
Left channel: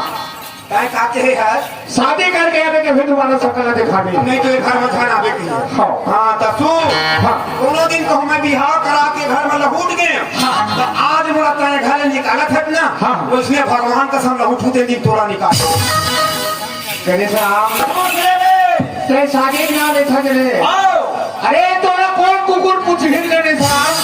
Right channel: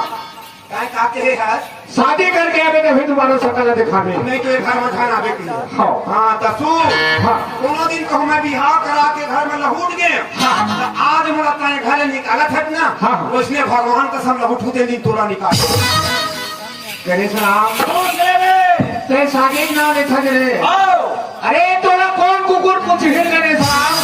काय काटे है शादी करके आवे तो फिर दोबारा सकल दिखावे नहीं तो ये घर में खाना बेटी हाँ। हाँ तो तू हाँ। दोनों दिन को मैं बिहार करा के घर में लहूट गए हाँ। तो आज मेरा तय घर निकाला था ना हाँ। उसने भगवान का सब लहूट होते नहीं तोड़ा निकाल गणेश राम ते शादी में ना देखा जरे अरे तोरा कौन कुकुर पूछ हिल गणेश राम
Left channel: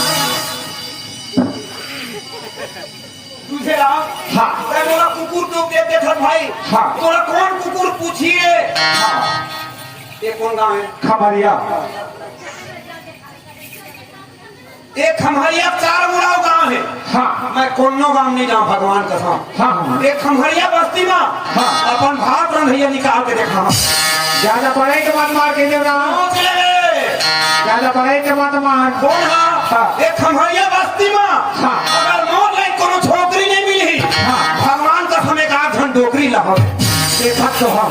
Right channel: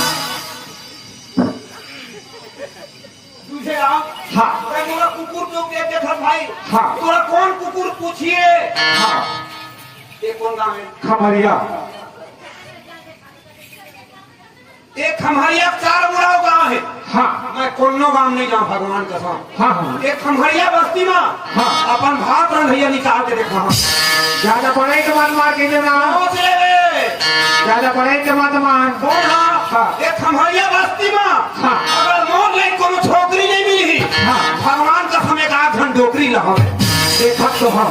तुझे राम हाँ। मैं बोला कुकुर तो दे देखा भाई हाँ। तोरा कौन कुकुर पूछिए ये कौन गाँव है खमरिया एक खमहरिया 4 बुढ़ाओ गाँव है हाँ। मैं कोनो गाँव नहीं जाऊँ भगवान कसम हाँ हाँ एक खमहरिया बस्ती में हाँ। अपन भात रंधैया निकाल के देखा ज्यादा पढ़े के बाद मार के देना पहुंच ले ज्यादा पढ़े के बाद मार बोला हाँ। एक खमहरिया बस्ती में हाँ। अगर मोर लाइक कोनो छोकरी नहीं मिली हाँ। भगवान कसम एक 8 घंटे डोकरी लगाओ देखा तो हाँ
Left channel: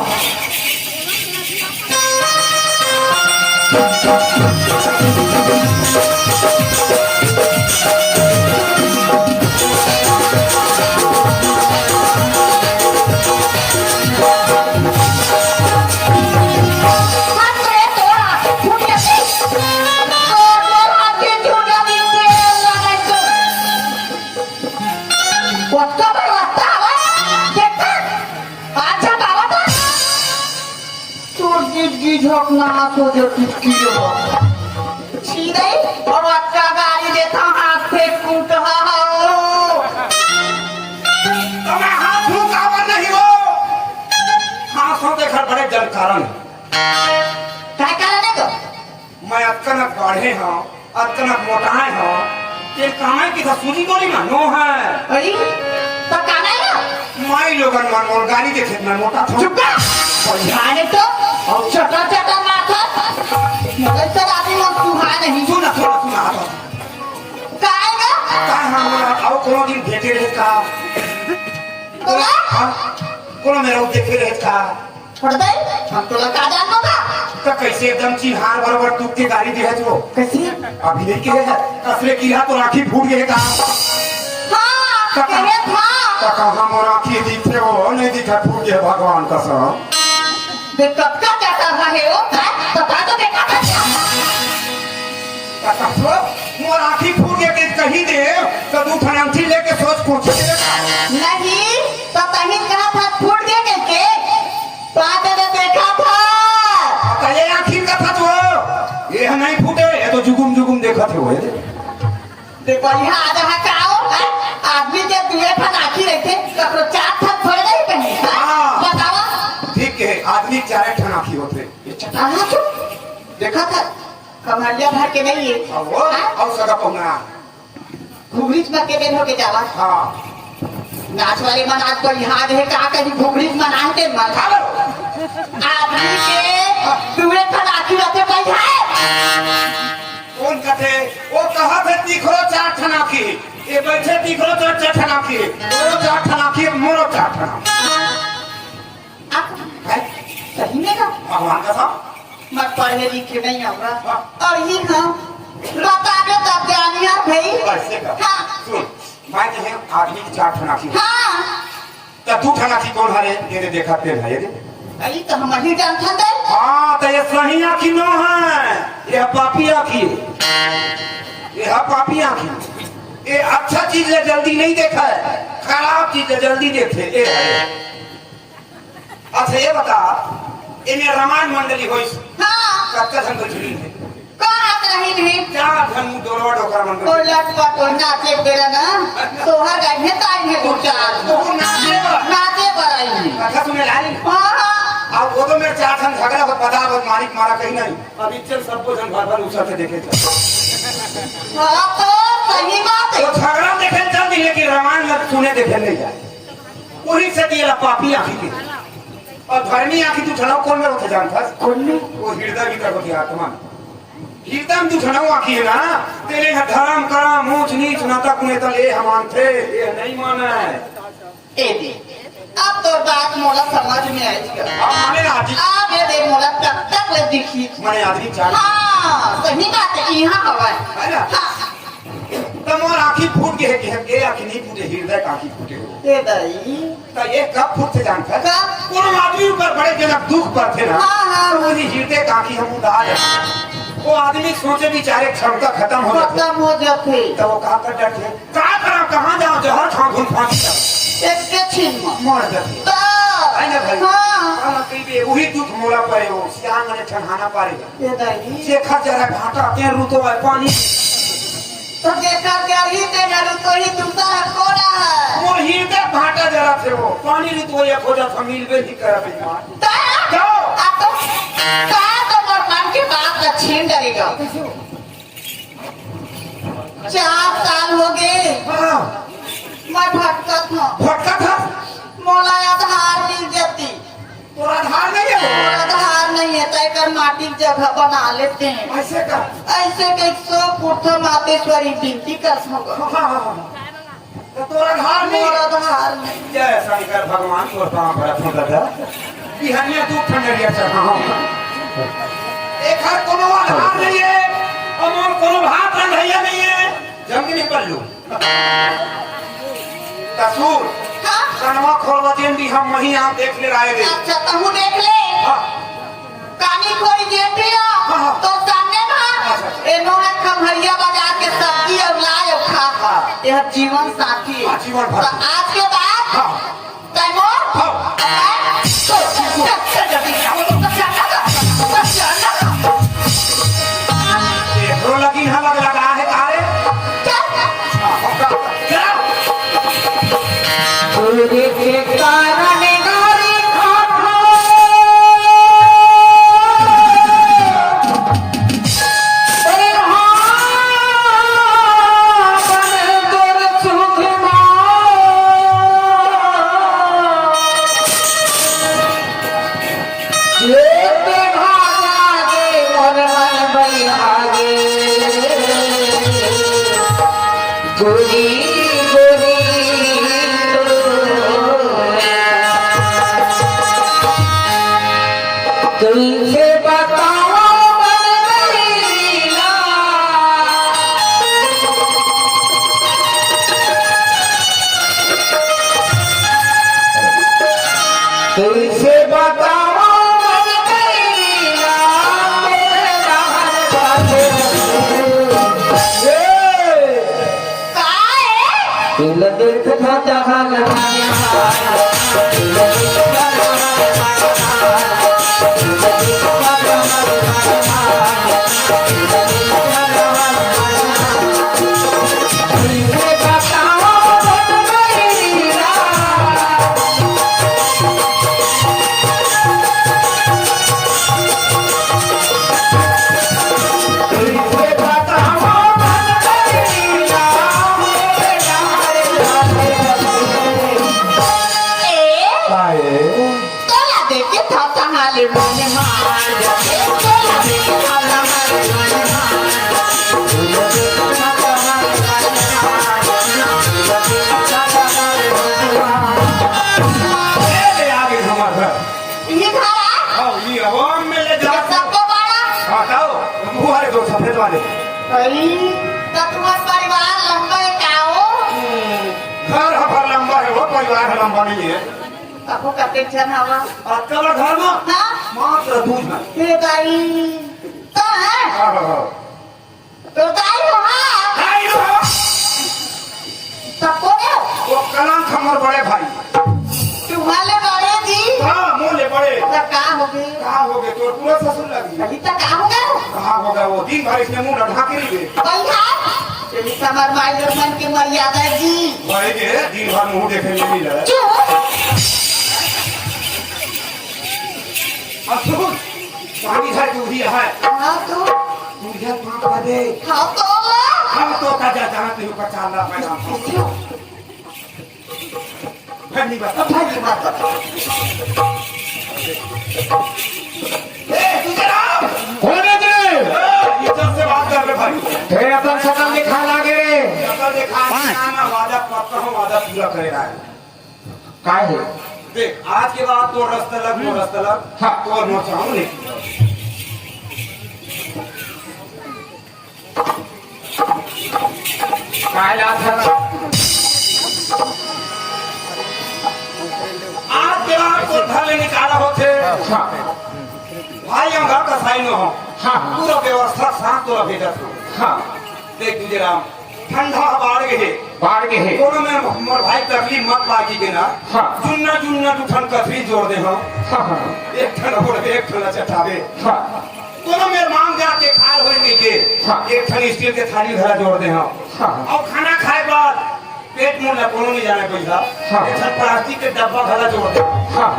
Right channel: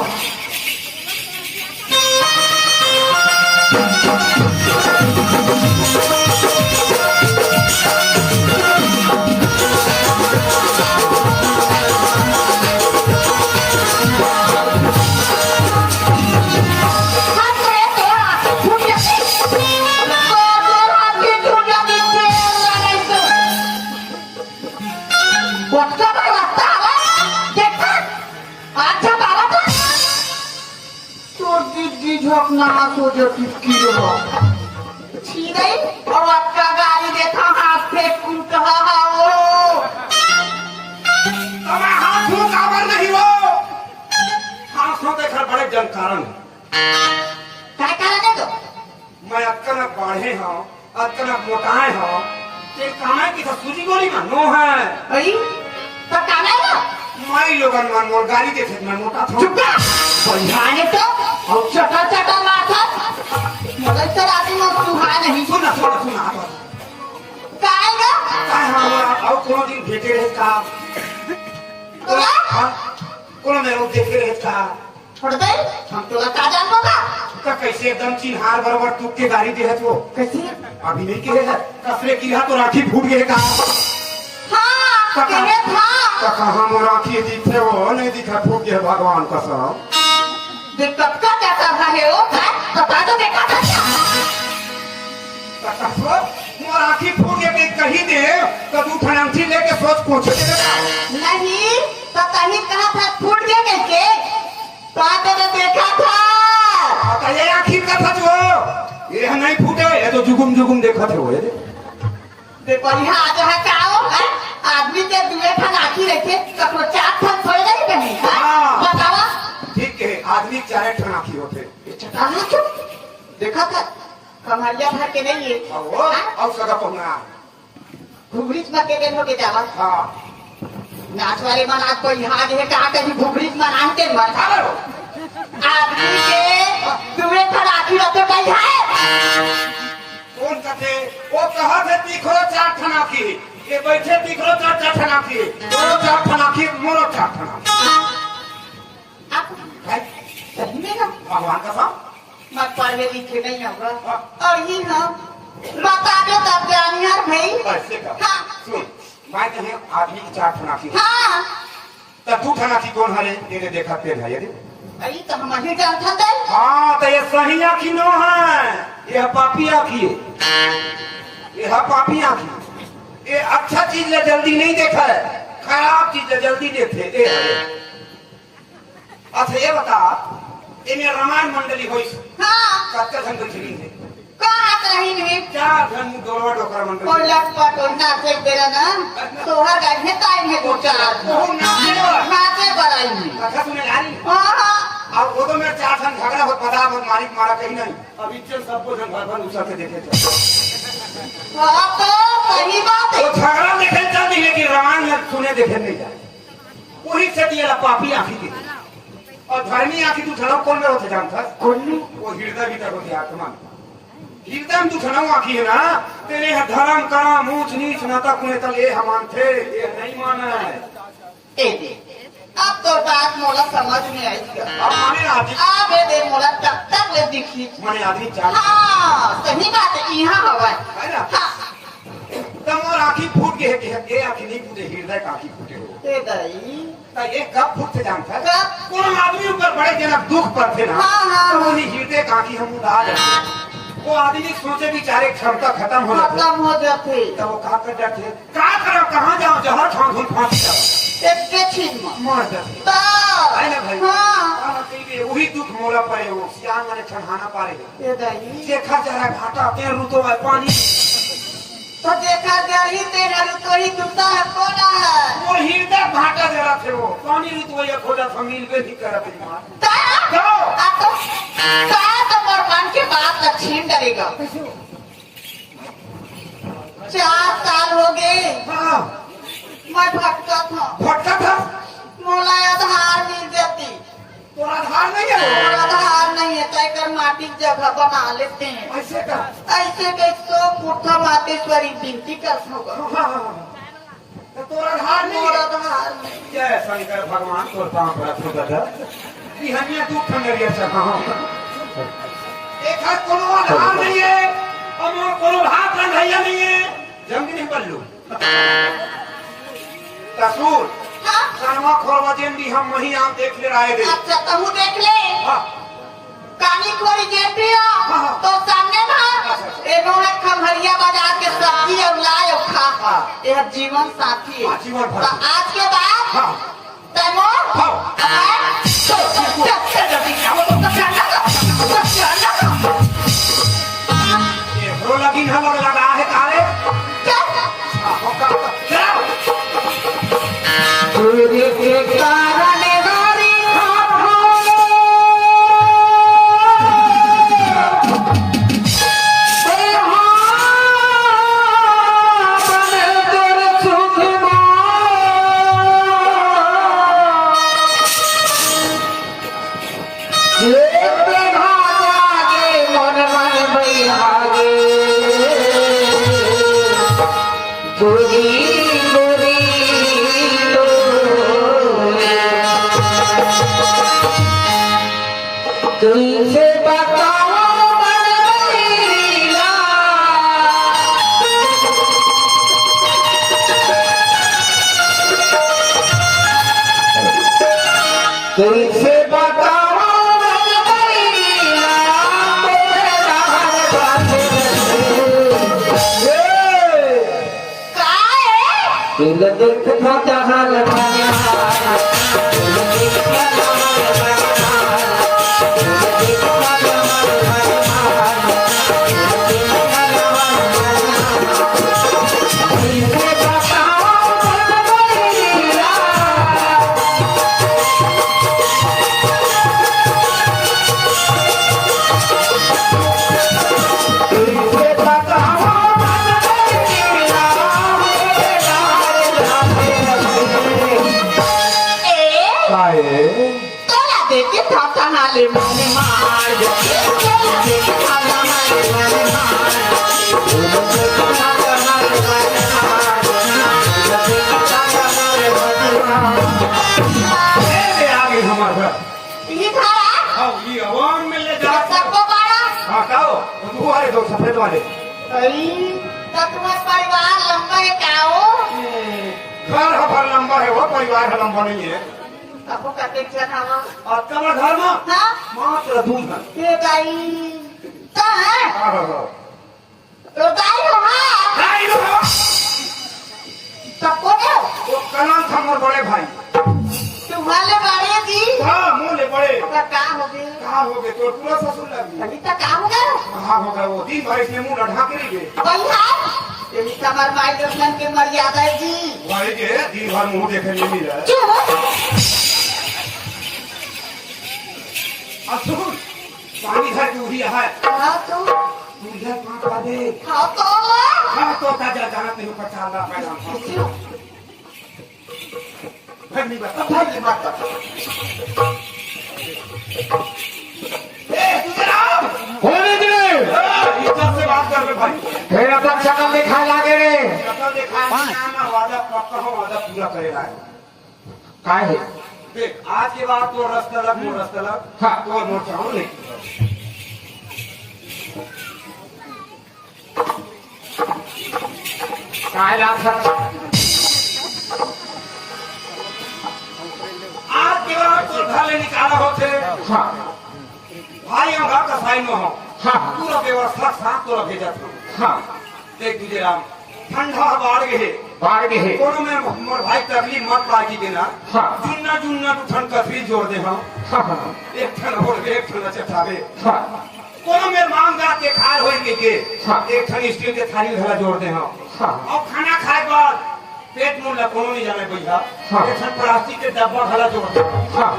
अबे हाथ फूल काबर नहीं हो हाथों के घर बड़े जन कारण काय कारण है तो मैं अचानक बाढ़े हूँ अचानक मोटाए हूँ तेरे कमाई की तो सूजी गोली मानो है अरे पर काम है माई लोगन मन मोर गाड़ी देखे मैं मोटा था चुप कर समझाने तो और चटर चटर माथा मगर सर आदमी में सुहा नहीं सुना थोड़ा सुना आता काएगा कहाँ हम आओ कोनो दिन देखे रहे था बोला कोनो मेरा देखे रहे था पड़ता है हम तो लगा जान होगा तो कैसे एकदम चिन्हार बराबर तू के गाड़ी दी है तो कैसे अभी नहीं किए है असले की है तो राखी फूट गए का हाँ कहने था तो कहाँ मोर राखी दिखे वो नहीं दिखा फूट गए भगवान का सब दिक्कत का क्या कर रहा है वो बता दो बेटा का क्या मोर राखी फूट गए कि कहीं दे तो तू फनांसी लेके सोच पूछ नहीं तो कहीं कहा था फूट गया कैसे बात ने देखा था ये आखिर का था तो ये नहीं फूटे ये तो जुगुम जुगुम देखा थे वो देखो यहाँ आ रहा कराओ आदमी के दुए फन आखी रखे कपड़े चार फन थोड़े नहीं बने बताओ ठीक है आदमी चाहे ठनाखी होते ये चटा देखा था कमालिया घर के नहीं है हाँ वो और सगा पहुना घुघरीच में के दिन होके जावा हाँ नाच वाले मन आज कोई यहाँ रहे कहा कहीं घुघरीच में आनते मन आदमी के दुए फन आखी रखे पैसा है कौन कथे वो कहा थे दिखरो चार ठनाखी ये बैठे दिखरो चार ठनाखी वो चार ठनाखी मोरो चार ठनाखी सही में ना भगवान का सब मैं पढ़े लिखे नहीं होगा और ही हाँ बता दो तब जानिया भाई ऐसे का हाँ सुन मैं कहे आदमी की चार ठनाखी हाँ तो तू ठनाखी कौन हरे ये देखा पे है ये अरे तो हम नहीं जानते थे हाँ तो ये सही आखी नो है ये पापी आखी ये पापी आखी ये अच्छा चीज है जल्दी नहीं देखा है खराब चीज है जल्दी देखे ये है अच्छा ये बता इन्हें रामायण मंडली हुई हाँ कच्चा संग झिली है कहाँ रही नहीं क्या धन डोरवा डोकर मंडली कोई लटका कोई नाचे बेरा ना सोहर गए ताई है दो चार वो नाचे बराई नहीं अच्छा तुम्हें लानी हाँ अब वो तो मेरे चार धन झगड़ा को पता है मालिक मारा कहीं नहीं अभी चल सबको धन भगवान उछल के देखे हाँ तो सही बात है वो झगड़ा देखे चल नहीं है कि रामायण में सुने देखे नहीं जाए वही से दिया पापी आखी के और धर्मी आखी तू छड़ाव कौन में होता जानता कौन में वो हृदय भीतर होती आत्मा हृदय में तू छड़ाव आखी है ना तेरे धर्म करम ऊंच नीच नाता कुनेता ले हमान थे ये नहीं माना है अब तो बात मोला समझ में आई अब माने आदमी अब ये देख मोला तब तक ले दिखी माने आदमी चाल हाँ सही बात है यहाँ हवा है ना हाँ तब और आखी फूट गए कि ये आखी नहीं फूटे हृदय का आखी फूटे हो ए दाई तो ये कब फूटते जानता है कब? कोई आदमी ऊपर बड़े जनक दुख पर थे ना हाँ, हाँ। तो वही हृदय का आखी हम उड़ा जाते वो आदमी सोचे बेचारे क्षमता खत्म हो जाती खत्म हो जाते तब वो कहा कर डरते कहाँ करो कहाँ जाओ जहर खाओ घूम फांसी एक के छीन मर जाते तो है ना भाई हाँ काला कई बे वही दुख मोला पड़े हो श्याम ने ठंडाना पारेगा ए दाई शेखर जरा घाटा के रुतो है पानी तो देखा गया तेरा तो ही दूसरा कौन है मोर हृदय घाटा जरा थे वो पानी रुतो एक हो जाता मिल बे ही करा की बात का छीन डरेगा 4 साल हो गए हाँ मैं भटका था भटका था मोला आधार मिल जाती तोरा आधार नहीं है मोला आधार नहीं है तय कर माटी की जगह बना लेते हैं ऐसे का ऐसे के 100 फुट मातेश्वरी बिनती कर सको तो तोरा आधार नहीं मोला है आधार नहीं जय शंकर भगवान तोर तमा बड़ा फोन लगा कि हनिया दूध ठंडरिया से हाँ एक हाथ कोनो आधार नहीं है और मोर कोनो हाथ रंधैया नहीं है जंग नहीं पल्लू कसूर हाँ सनमा खोलवा जेंडी हम वहीं आप देख ले रहे थे अच्छा तो हूँ देख ले हाँ कानी खोरी जेठ हाँ। तो सामने ना अच्छा अच्छा इन्होंने खमहरिया बाजार के सब्जी और लाए और खा यह जीवन साथी है। जीवन तो साथी। आज के बाद हाँ। तैमूर हाँ। रो लगी है लगा है कारे पूरे के कारण गारी खाना गोरी गोरी तुमसे बताओ मन गईला तुमसे बताओ मन गईला मेरा हर बात तुल देख खाता लगाया तोला देखे था हाले माने मार तोला देखे था हाले माने आगे हमारे ये धारा आओ ये आवाम में ले जा सबका बाड़ा बताओ तुम्हारे दो सफेद वाले अरे तुम्हारा परिवार लंबा है काओ घर हमारा लंबा है वो परिवार लंबा नहीं है आपको कते जन हवा और कबर घर में हाँ मात्र दूध है ये दाई कहाँ हाँ तो दाई हाँ सबको दे वो कलंक हमारे बड़े भाई तुम्हारे बड़े जी हाँ मोले बड़े तो कहाँ हो गए कहाँ हो गए तो पूरा ससुर लगी अभी तक कहाँ हो गए कहाँ होगा वो दिन भर इसने मुंह ढाके रही गए वही यही समर माई दर्शन की मर्यादा जी भाई के दिन भर मुंह देखे नहीं मिल रहा अब सुन पानी घर दूधी है हाँ तो दूधिया कहाँ पर दे हाँ तो हाँ तो ताजा जाना तेरे ऊपर 4 लाख पैदा भाई नहीं बता भाई नहीं बता तू जरा होने दे इज्जत से बात कर ले भाई फिर अपन शकल दिखा लागे रे कल देखा मैं वादा पक्का हूँ वादा पूरा करेगा काय है देख आज के बाद तो रास्ता लग हाँ। तो और मोर्चा हूँ नहीं काय लाग था आज के बाद तो घर ले निकाला होते भाई हम घर का साइन हो हाँ। पूरा व्यवस्था साथ तो भेजा था हाँ देख तुझे राम ठंडा बाढ़ गए बाढ़ के है दोनों में मोर भाई तकलीफ मत पाकी देना हाँ। जुन्ना जुन्ना टूठन कथरी जोड़ दे हो हाँ हाँ एक ठन हो एक ठन चटावे हाँ दोनों में मांग जा के खाल हो के हाँ। एक ठन स्टील के थाली धरा जोड़ दे हो हाँ। और खाना खाए बाद पेट मुंह ला कोनो नहीं जाने पैसा हाँ। एक ठन प्लास्टिक के डब्बा भरा जोड़ दे हाँ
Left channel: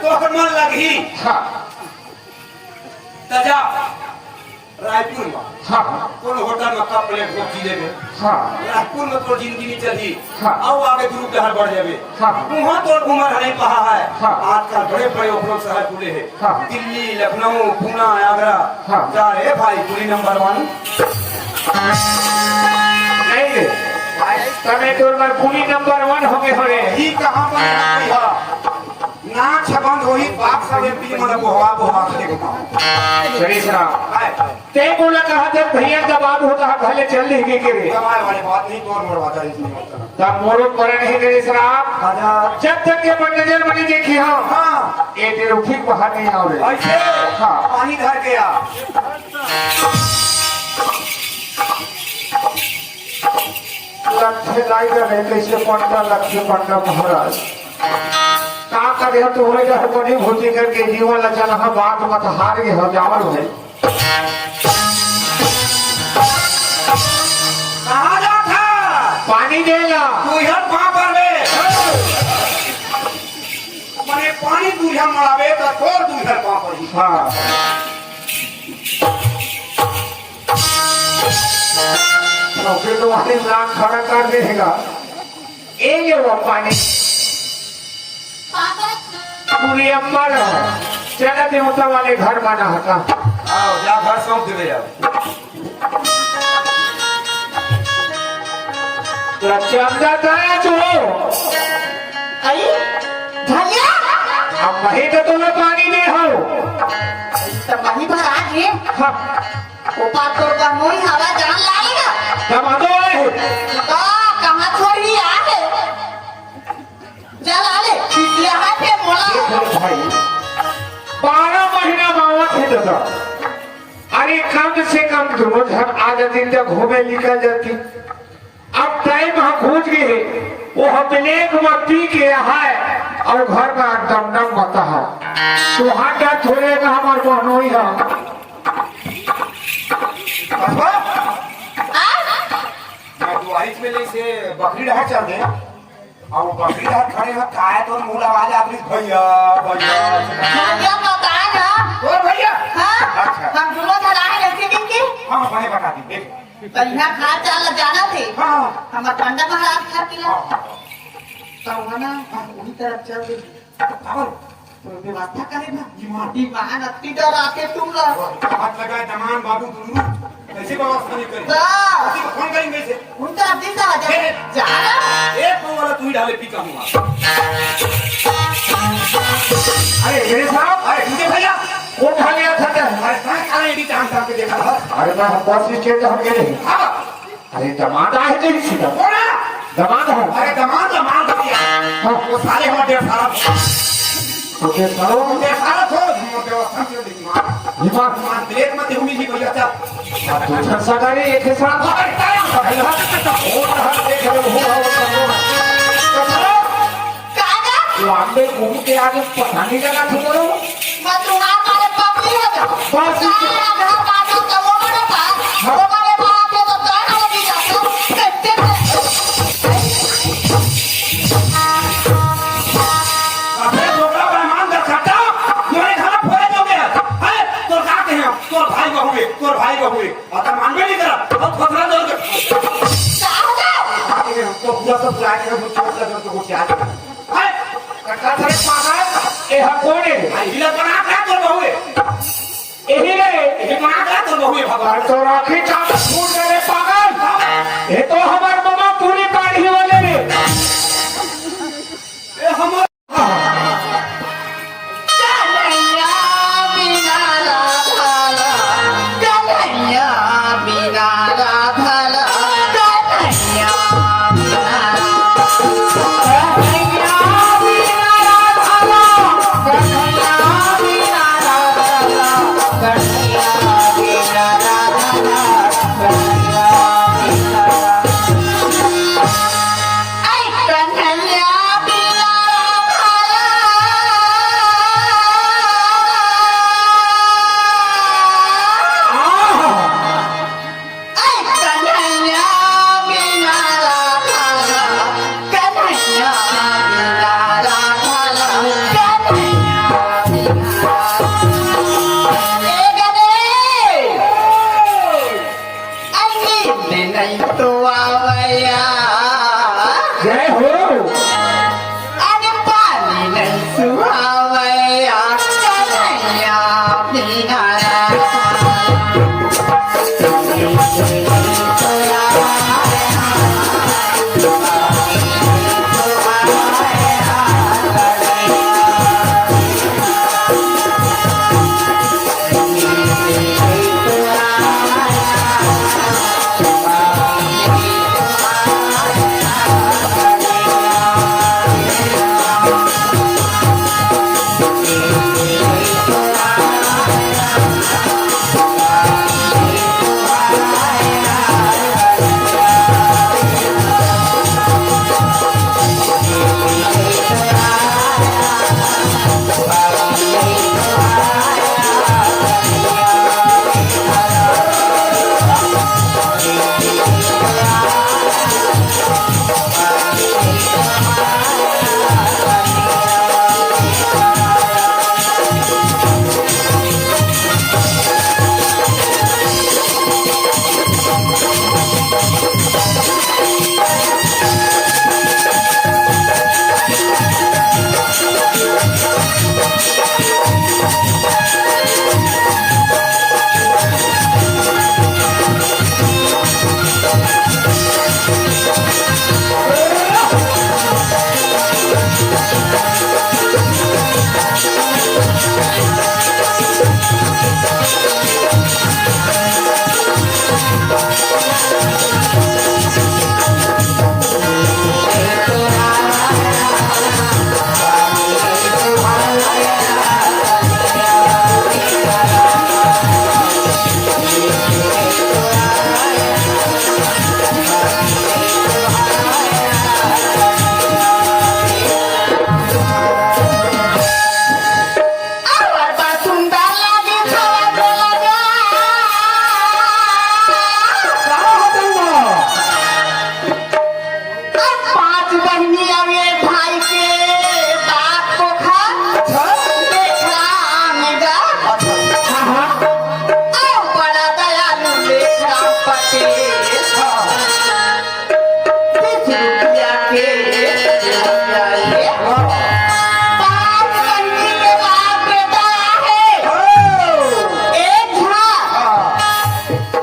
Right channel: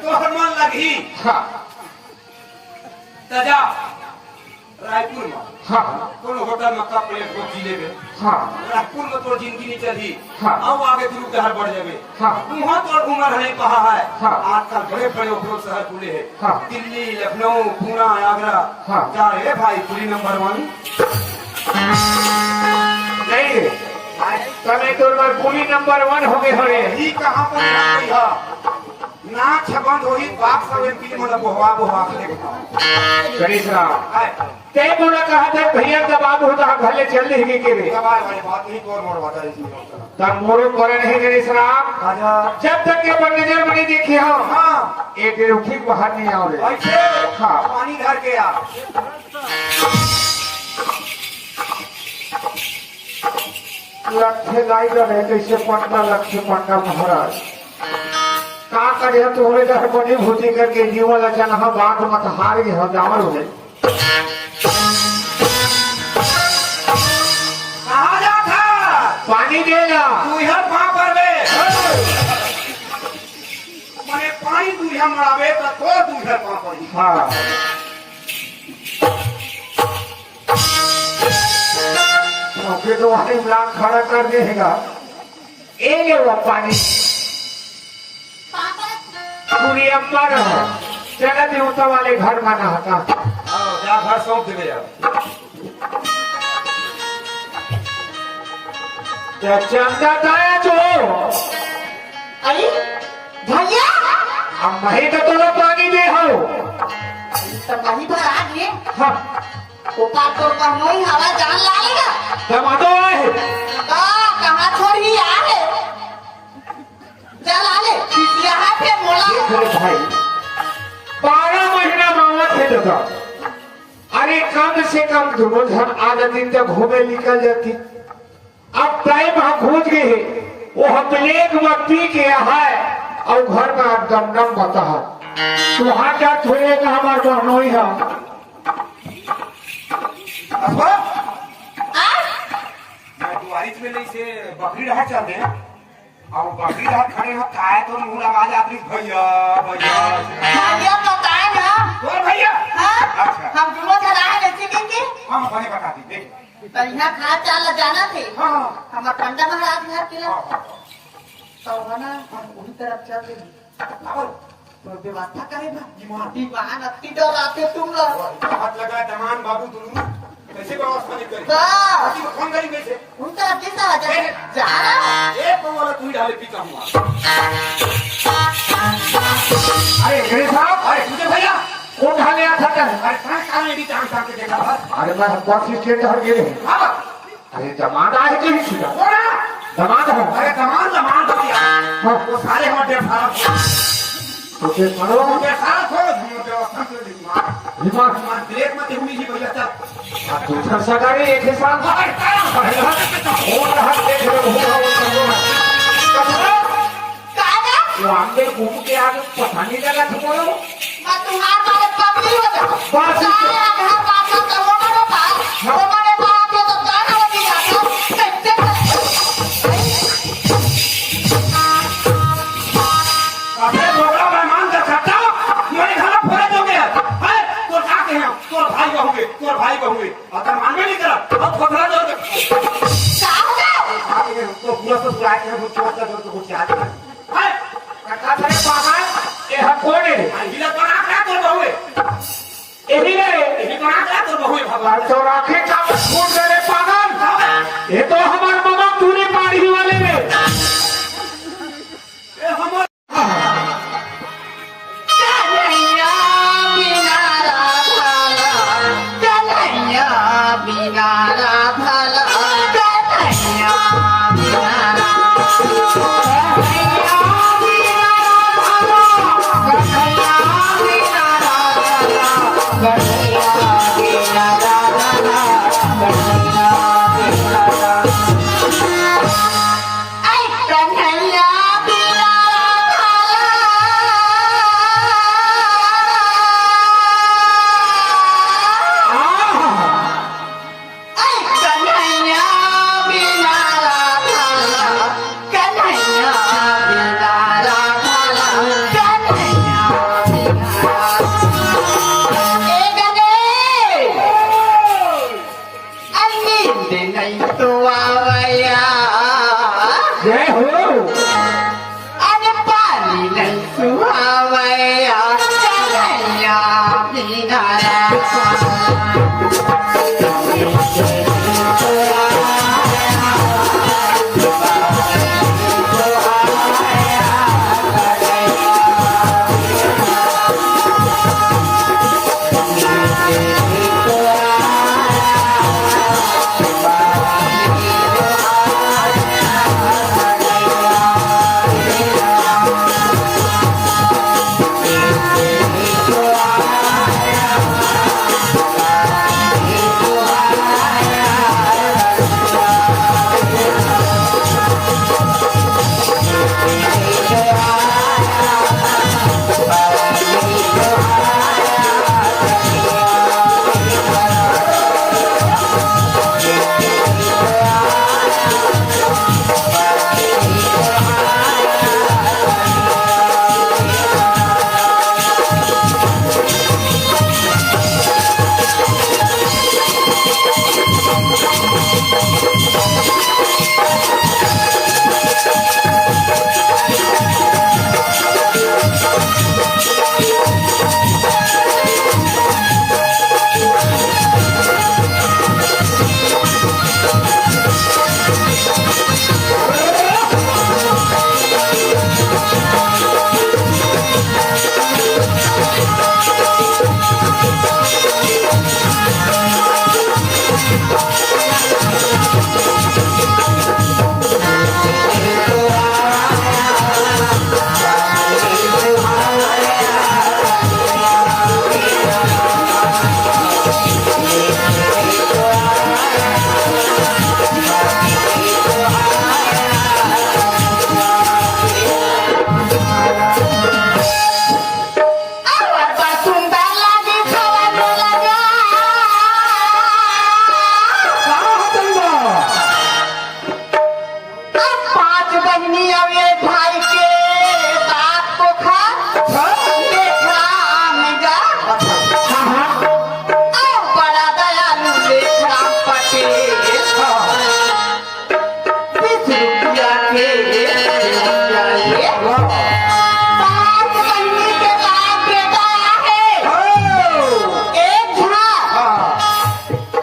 तो मन लगी हाँ तजा रायपुर में हाँ कोनो होटल में कप प्लेट रोटी ले गए हाँ रायपुर में तो जिंदगी नहीं चली हाँ। और आगे दूर करने बढ़ जावे हाँ। वहाँ तो उम्र है पहाड़ है हाँ। आजकल बड़े बड़े उपरोक्त शहर खुले हैं हाँ। दिल्ली लखनऊ पूना आगरा हाँ। क्या है भाई पूरी नंबर 1 नहीं रे तने तो पूरी नंबर 1 हो गए हरे ये कहाँ पर है नाक छबंद होई बाप सब एमपी मतलब बोहा के देखो गणेश राम ते बोला कहा थे भैया जब बात होता है भले चल देंगे के रे दवाई वाले बात नहीं कौन मरवाता है इसमें तब मोड़ो पर नहीं गणेश राम आजा जब तक के अपन नजर बनी देखी हम हाँ एक देर ठीक बाहर नहीं आओ रे ऐसे हाँ। पानी धर के आ लक्ष्य लाई जब है कैसे पंडा लक्ष्य पंडा महाराज का करे तो होए जब बड़ी भूति करके जीवन लचन हम बात मत हार गए हो जावर हुए कहाँ जाता पानी देला तू इधर कहाँ पर बे मने पानी तू इधर मराबे तो छोड़ तू इधर कहाँ पर ही हाँ नौकरी तो वाले लाख खड़ा कर देगा ए ले वो पानी पूरी अम्बर है चले दिनों वाले घर बना होता आओ जा घर सौंप दे यार तो चंदा का जो अरे भैया अब वही तो तुम्हें पानी दे हो तो वहीं पर आ गए हाँ ऊपर तो कमोई हवा जान लाएगा दमा दो तो कहाँ छोड़ ही आ है चल आले यहाँ पे मोला देखो भाई 12 महीना बावत थे तो अरे कम से कम रोज हर आधे दिन तक घूमे निकल जाती अब टाइम हम खोज गए वो हम ब्लैक में पी के है और घर में एकदम नम बता है तो हाथ थोड़ेगा हमारे बहनोई है अथवा तो आइस में ले से बकरी रहा चल गए और बकरी रहा खड़े हो खाए तो मुंह आवाज आती भैया भैया भैया बताए ना और भैया हाँ अच्छा। हम दोनों धराए लेते देंगे हाँ बने बता दी देख बढ़िया खा चाल जाना थे हाँ हमारे पंडित महाराज घर की तो ना वही तरफ चल गए तो व्यवस्था करे ना माटी बाहर अति डर आते तुम लोग हाथ लगा तमाम बाबू तुम कैसे व्यवस्था नहीं करी हाँ। किसी को फोन करेंगे कैसे उनका अति से हजार जाना एक को वाला तू ही डाले पीता हूँ अरे मेरे साहब अरे तुझे भैया वो खा गया था क्या? अरे कहाँ कहाँ एडी टांग टांग के देखा था अरे मैं हम बस स्टैंड हम गए हाँ अरे जमाना है तो सीधा कौन है दमाद है अरे कमान भैया वो सारे हमारे सारा तो फिर करो सारा थो व्यवस्था से देखी विमान मान ब्रेक मत हूँ नहीं भैया चल तू छरसा करे एक ही साथ हो रहा देख रहे हो कागा लांबे घूम के आगे पता नहीं लगा ठीक है मैं तुम्हारे मारे पकड़ी हो जा बस घर पास तो हमारे पास हमारे पास है तो तारा लगी जाता अबे झोला मेहमान दिखाता मेरे घर फोड़े दोगे अरे तो जाते हैं तोर भाई बहुए अतन मानवे नहीं करा और खतरा दो तो पूरा सब पूरा के मुझे मतलब तो कुछ आज अरे कटा करे पागल ए हम कोड़े भाई हिला बना के तोर बहुए यही रहे ये बना के तोर बहुए भगवान तो राखी का फूट करे पागल ये तो हमारे मामा पूरी पाड़ी वाले रे ए हमर कन्हैया बिना राधा कन्हैया बिना राधा कन्हैया बिना तो आवया जय हो अरे पानी नहीं सुहावया कन्हैया बिना लड़का सुंदर लागे खाना लगा पांच बहनी अब ये भाई के बात को खा देखा आमेगा बड़ा दयालु लेखना पटेल 20 रुपया के पांच बहनी के बाप बेटा है एक झाड़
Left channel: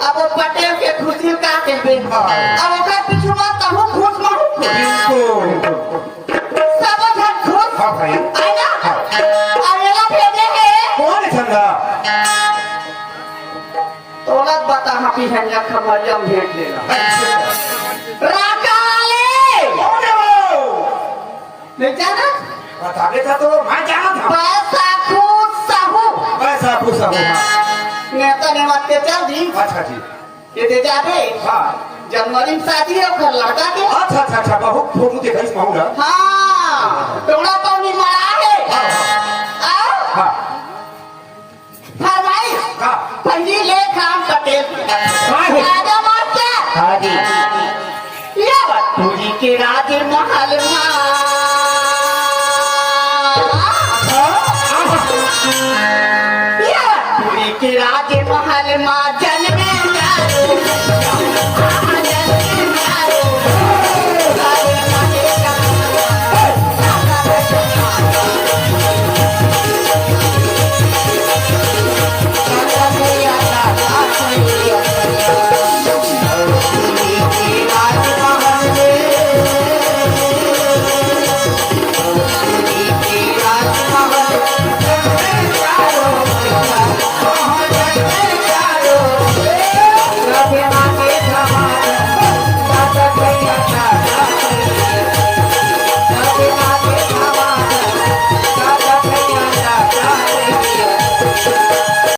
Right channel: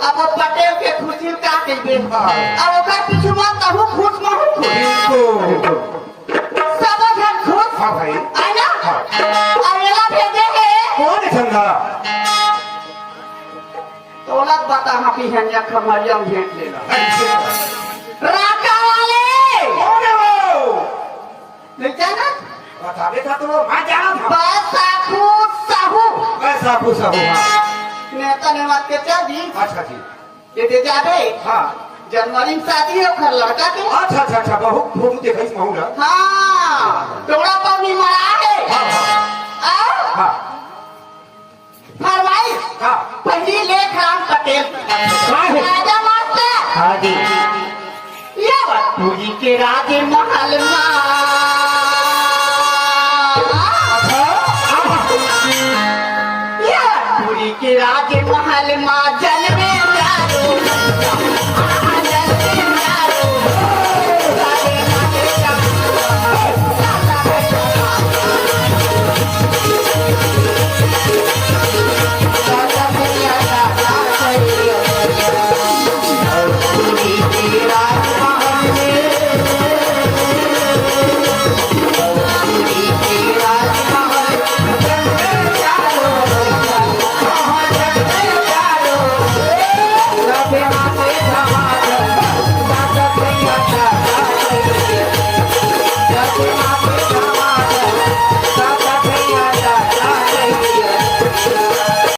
अब वो पटेल के खुशी का के दे अब ओकर पिछुआ कहूँ खुश मारू सब झन खुश हाँ भाई है ना अब एला भेजे है कौन है समझा तो लग बता हापी हंजा खबरियम भेज लेला राजा वाले कौन है वो नहीं जाना बता देता तो मैं जाना था पैसा खूब साहू ऐसा पूछा होगा नेता ने मत के चल दी अच्छा जी ये दे जाते हाँ जनवरी में शादी है फिर लड़का के अच्छा अच्छा अच्छा बहुत फोटो देखा इस माहौला हाँ टोड़ा पौनी मरा है हाँ फरमाइश हाँ पहली लेख राम पटेल राजा मास्टर हाँ जी ये पूरी के राजे महल पूरी के राजे महल माँ जन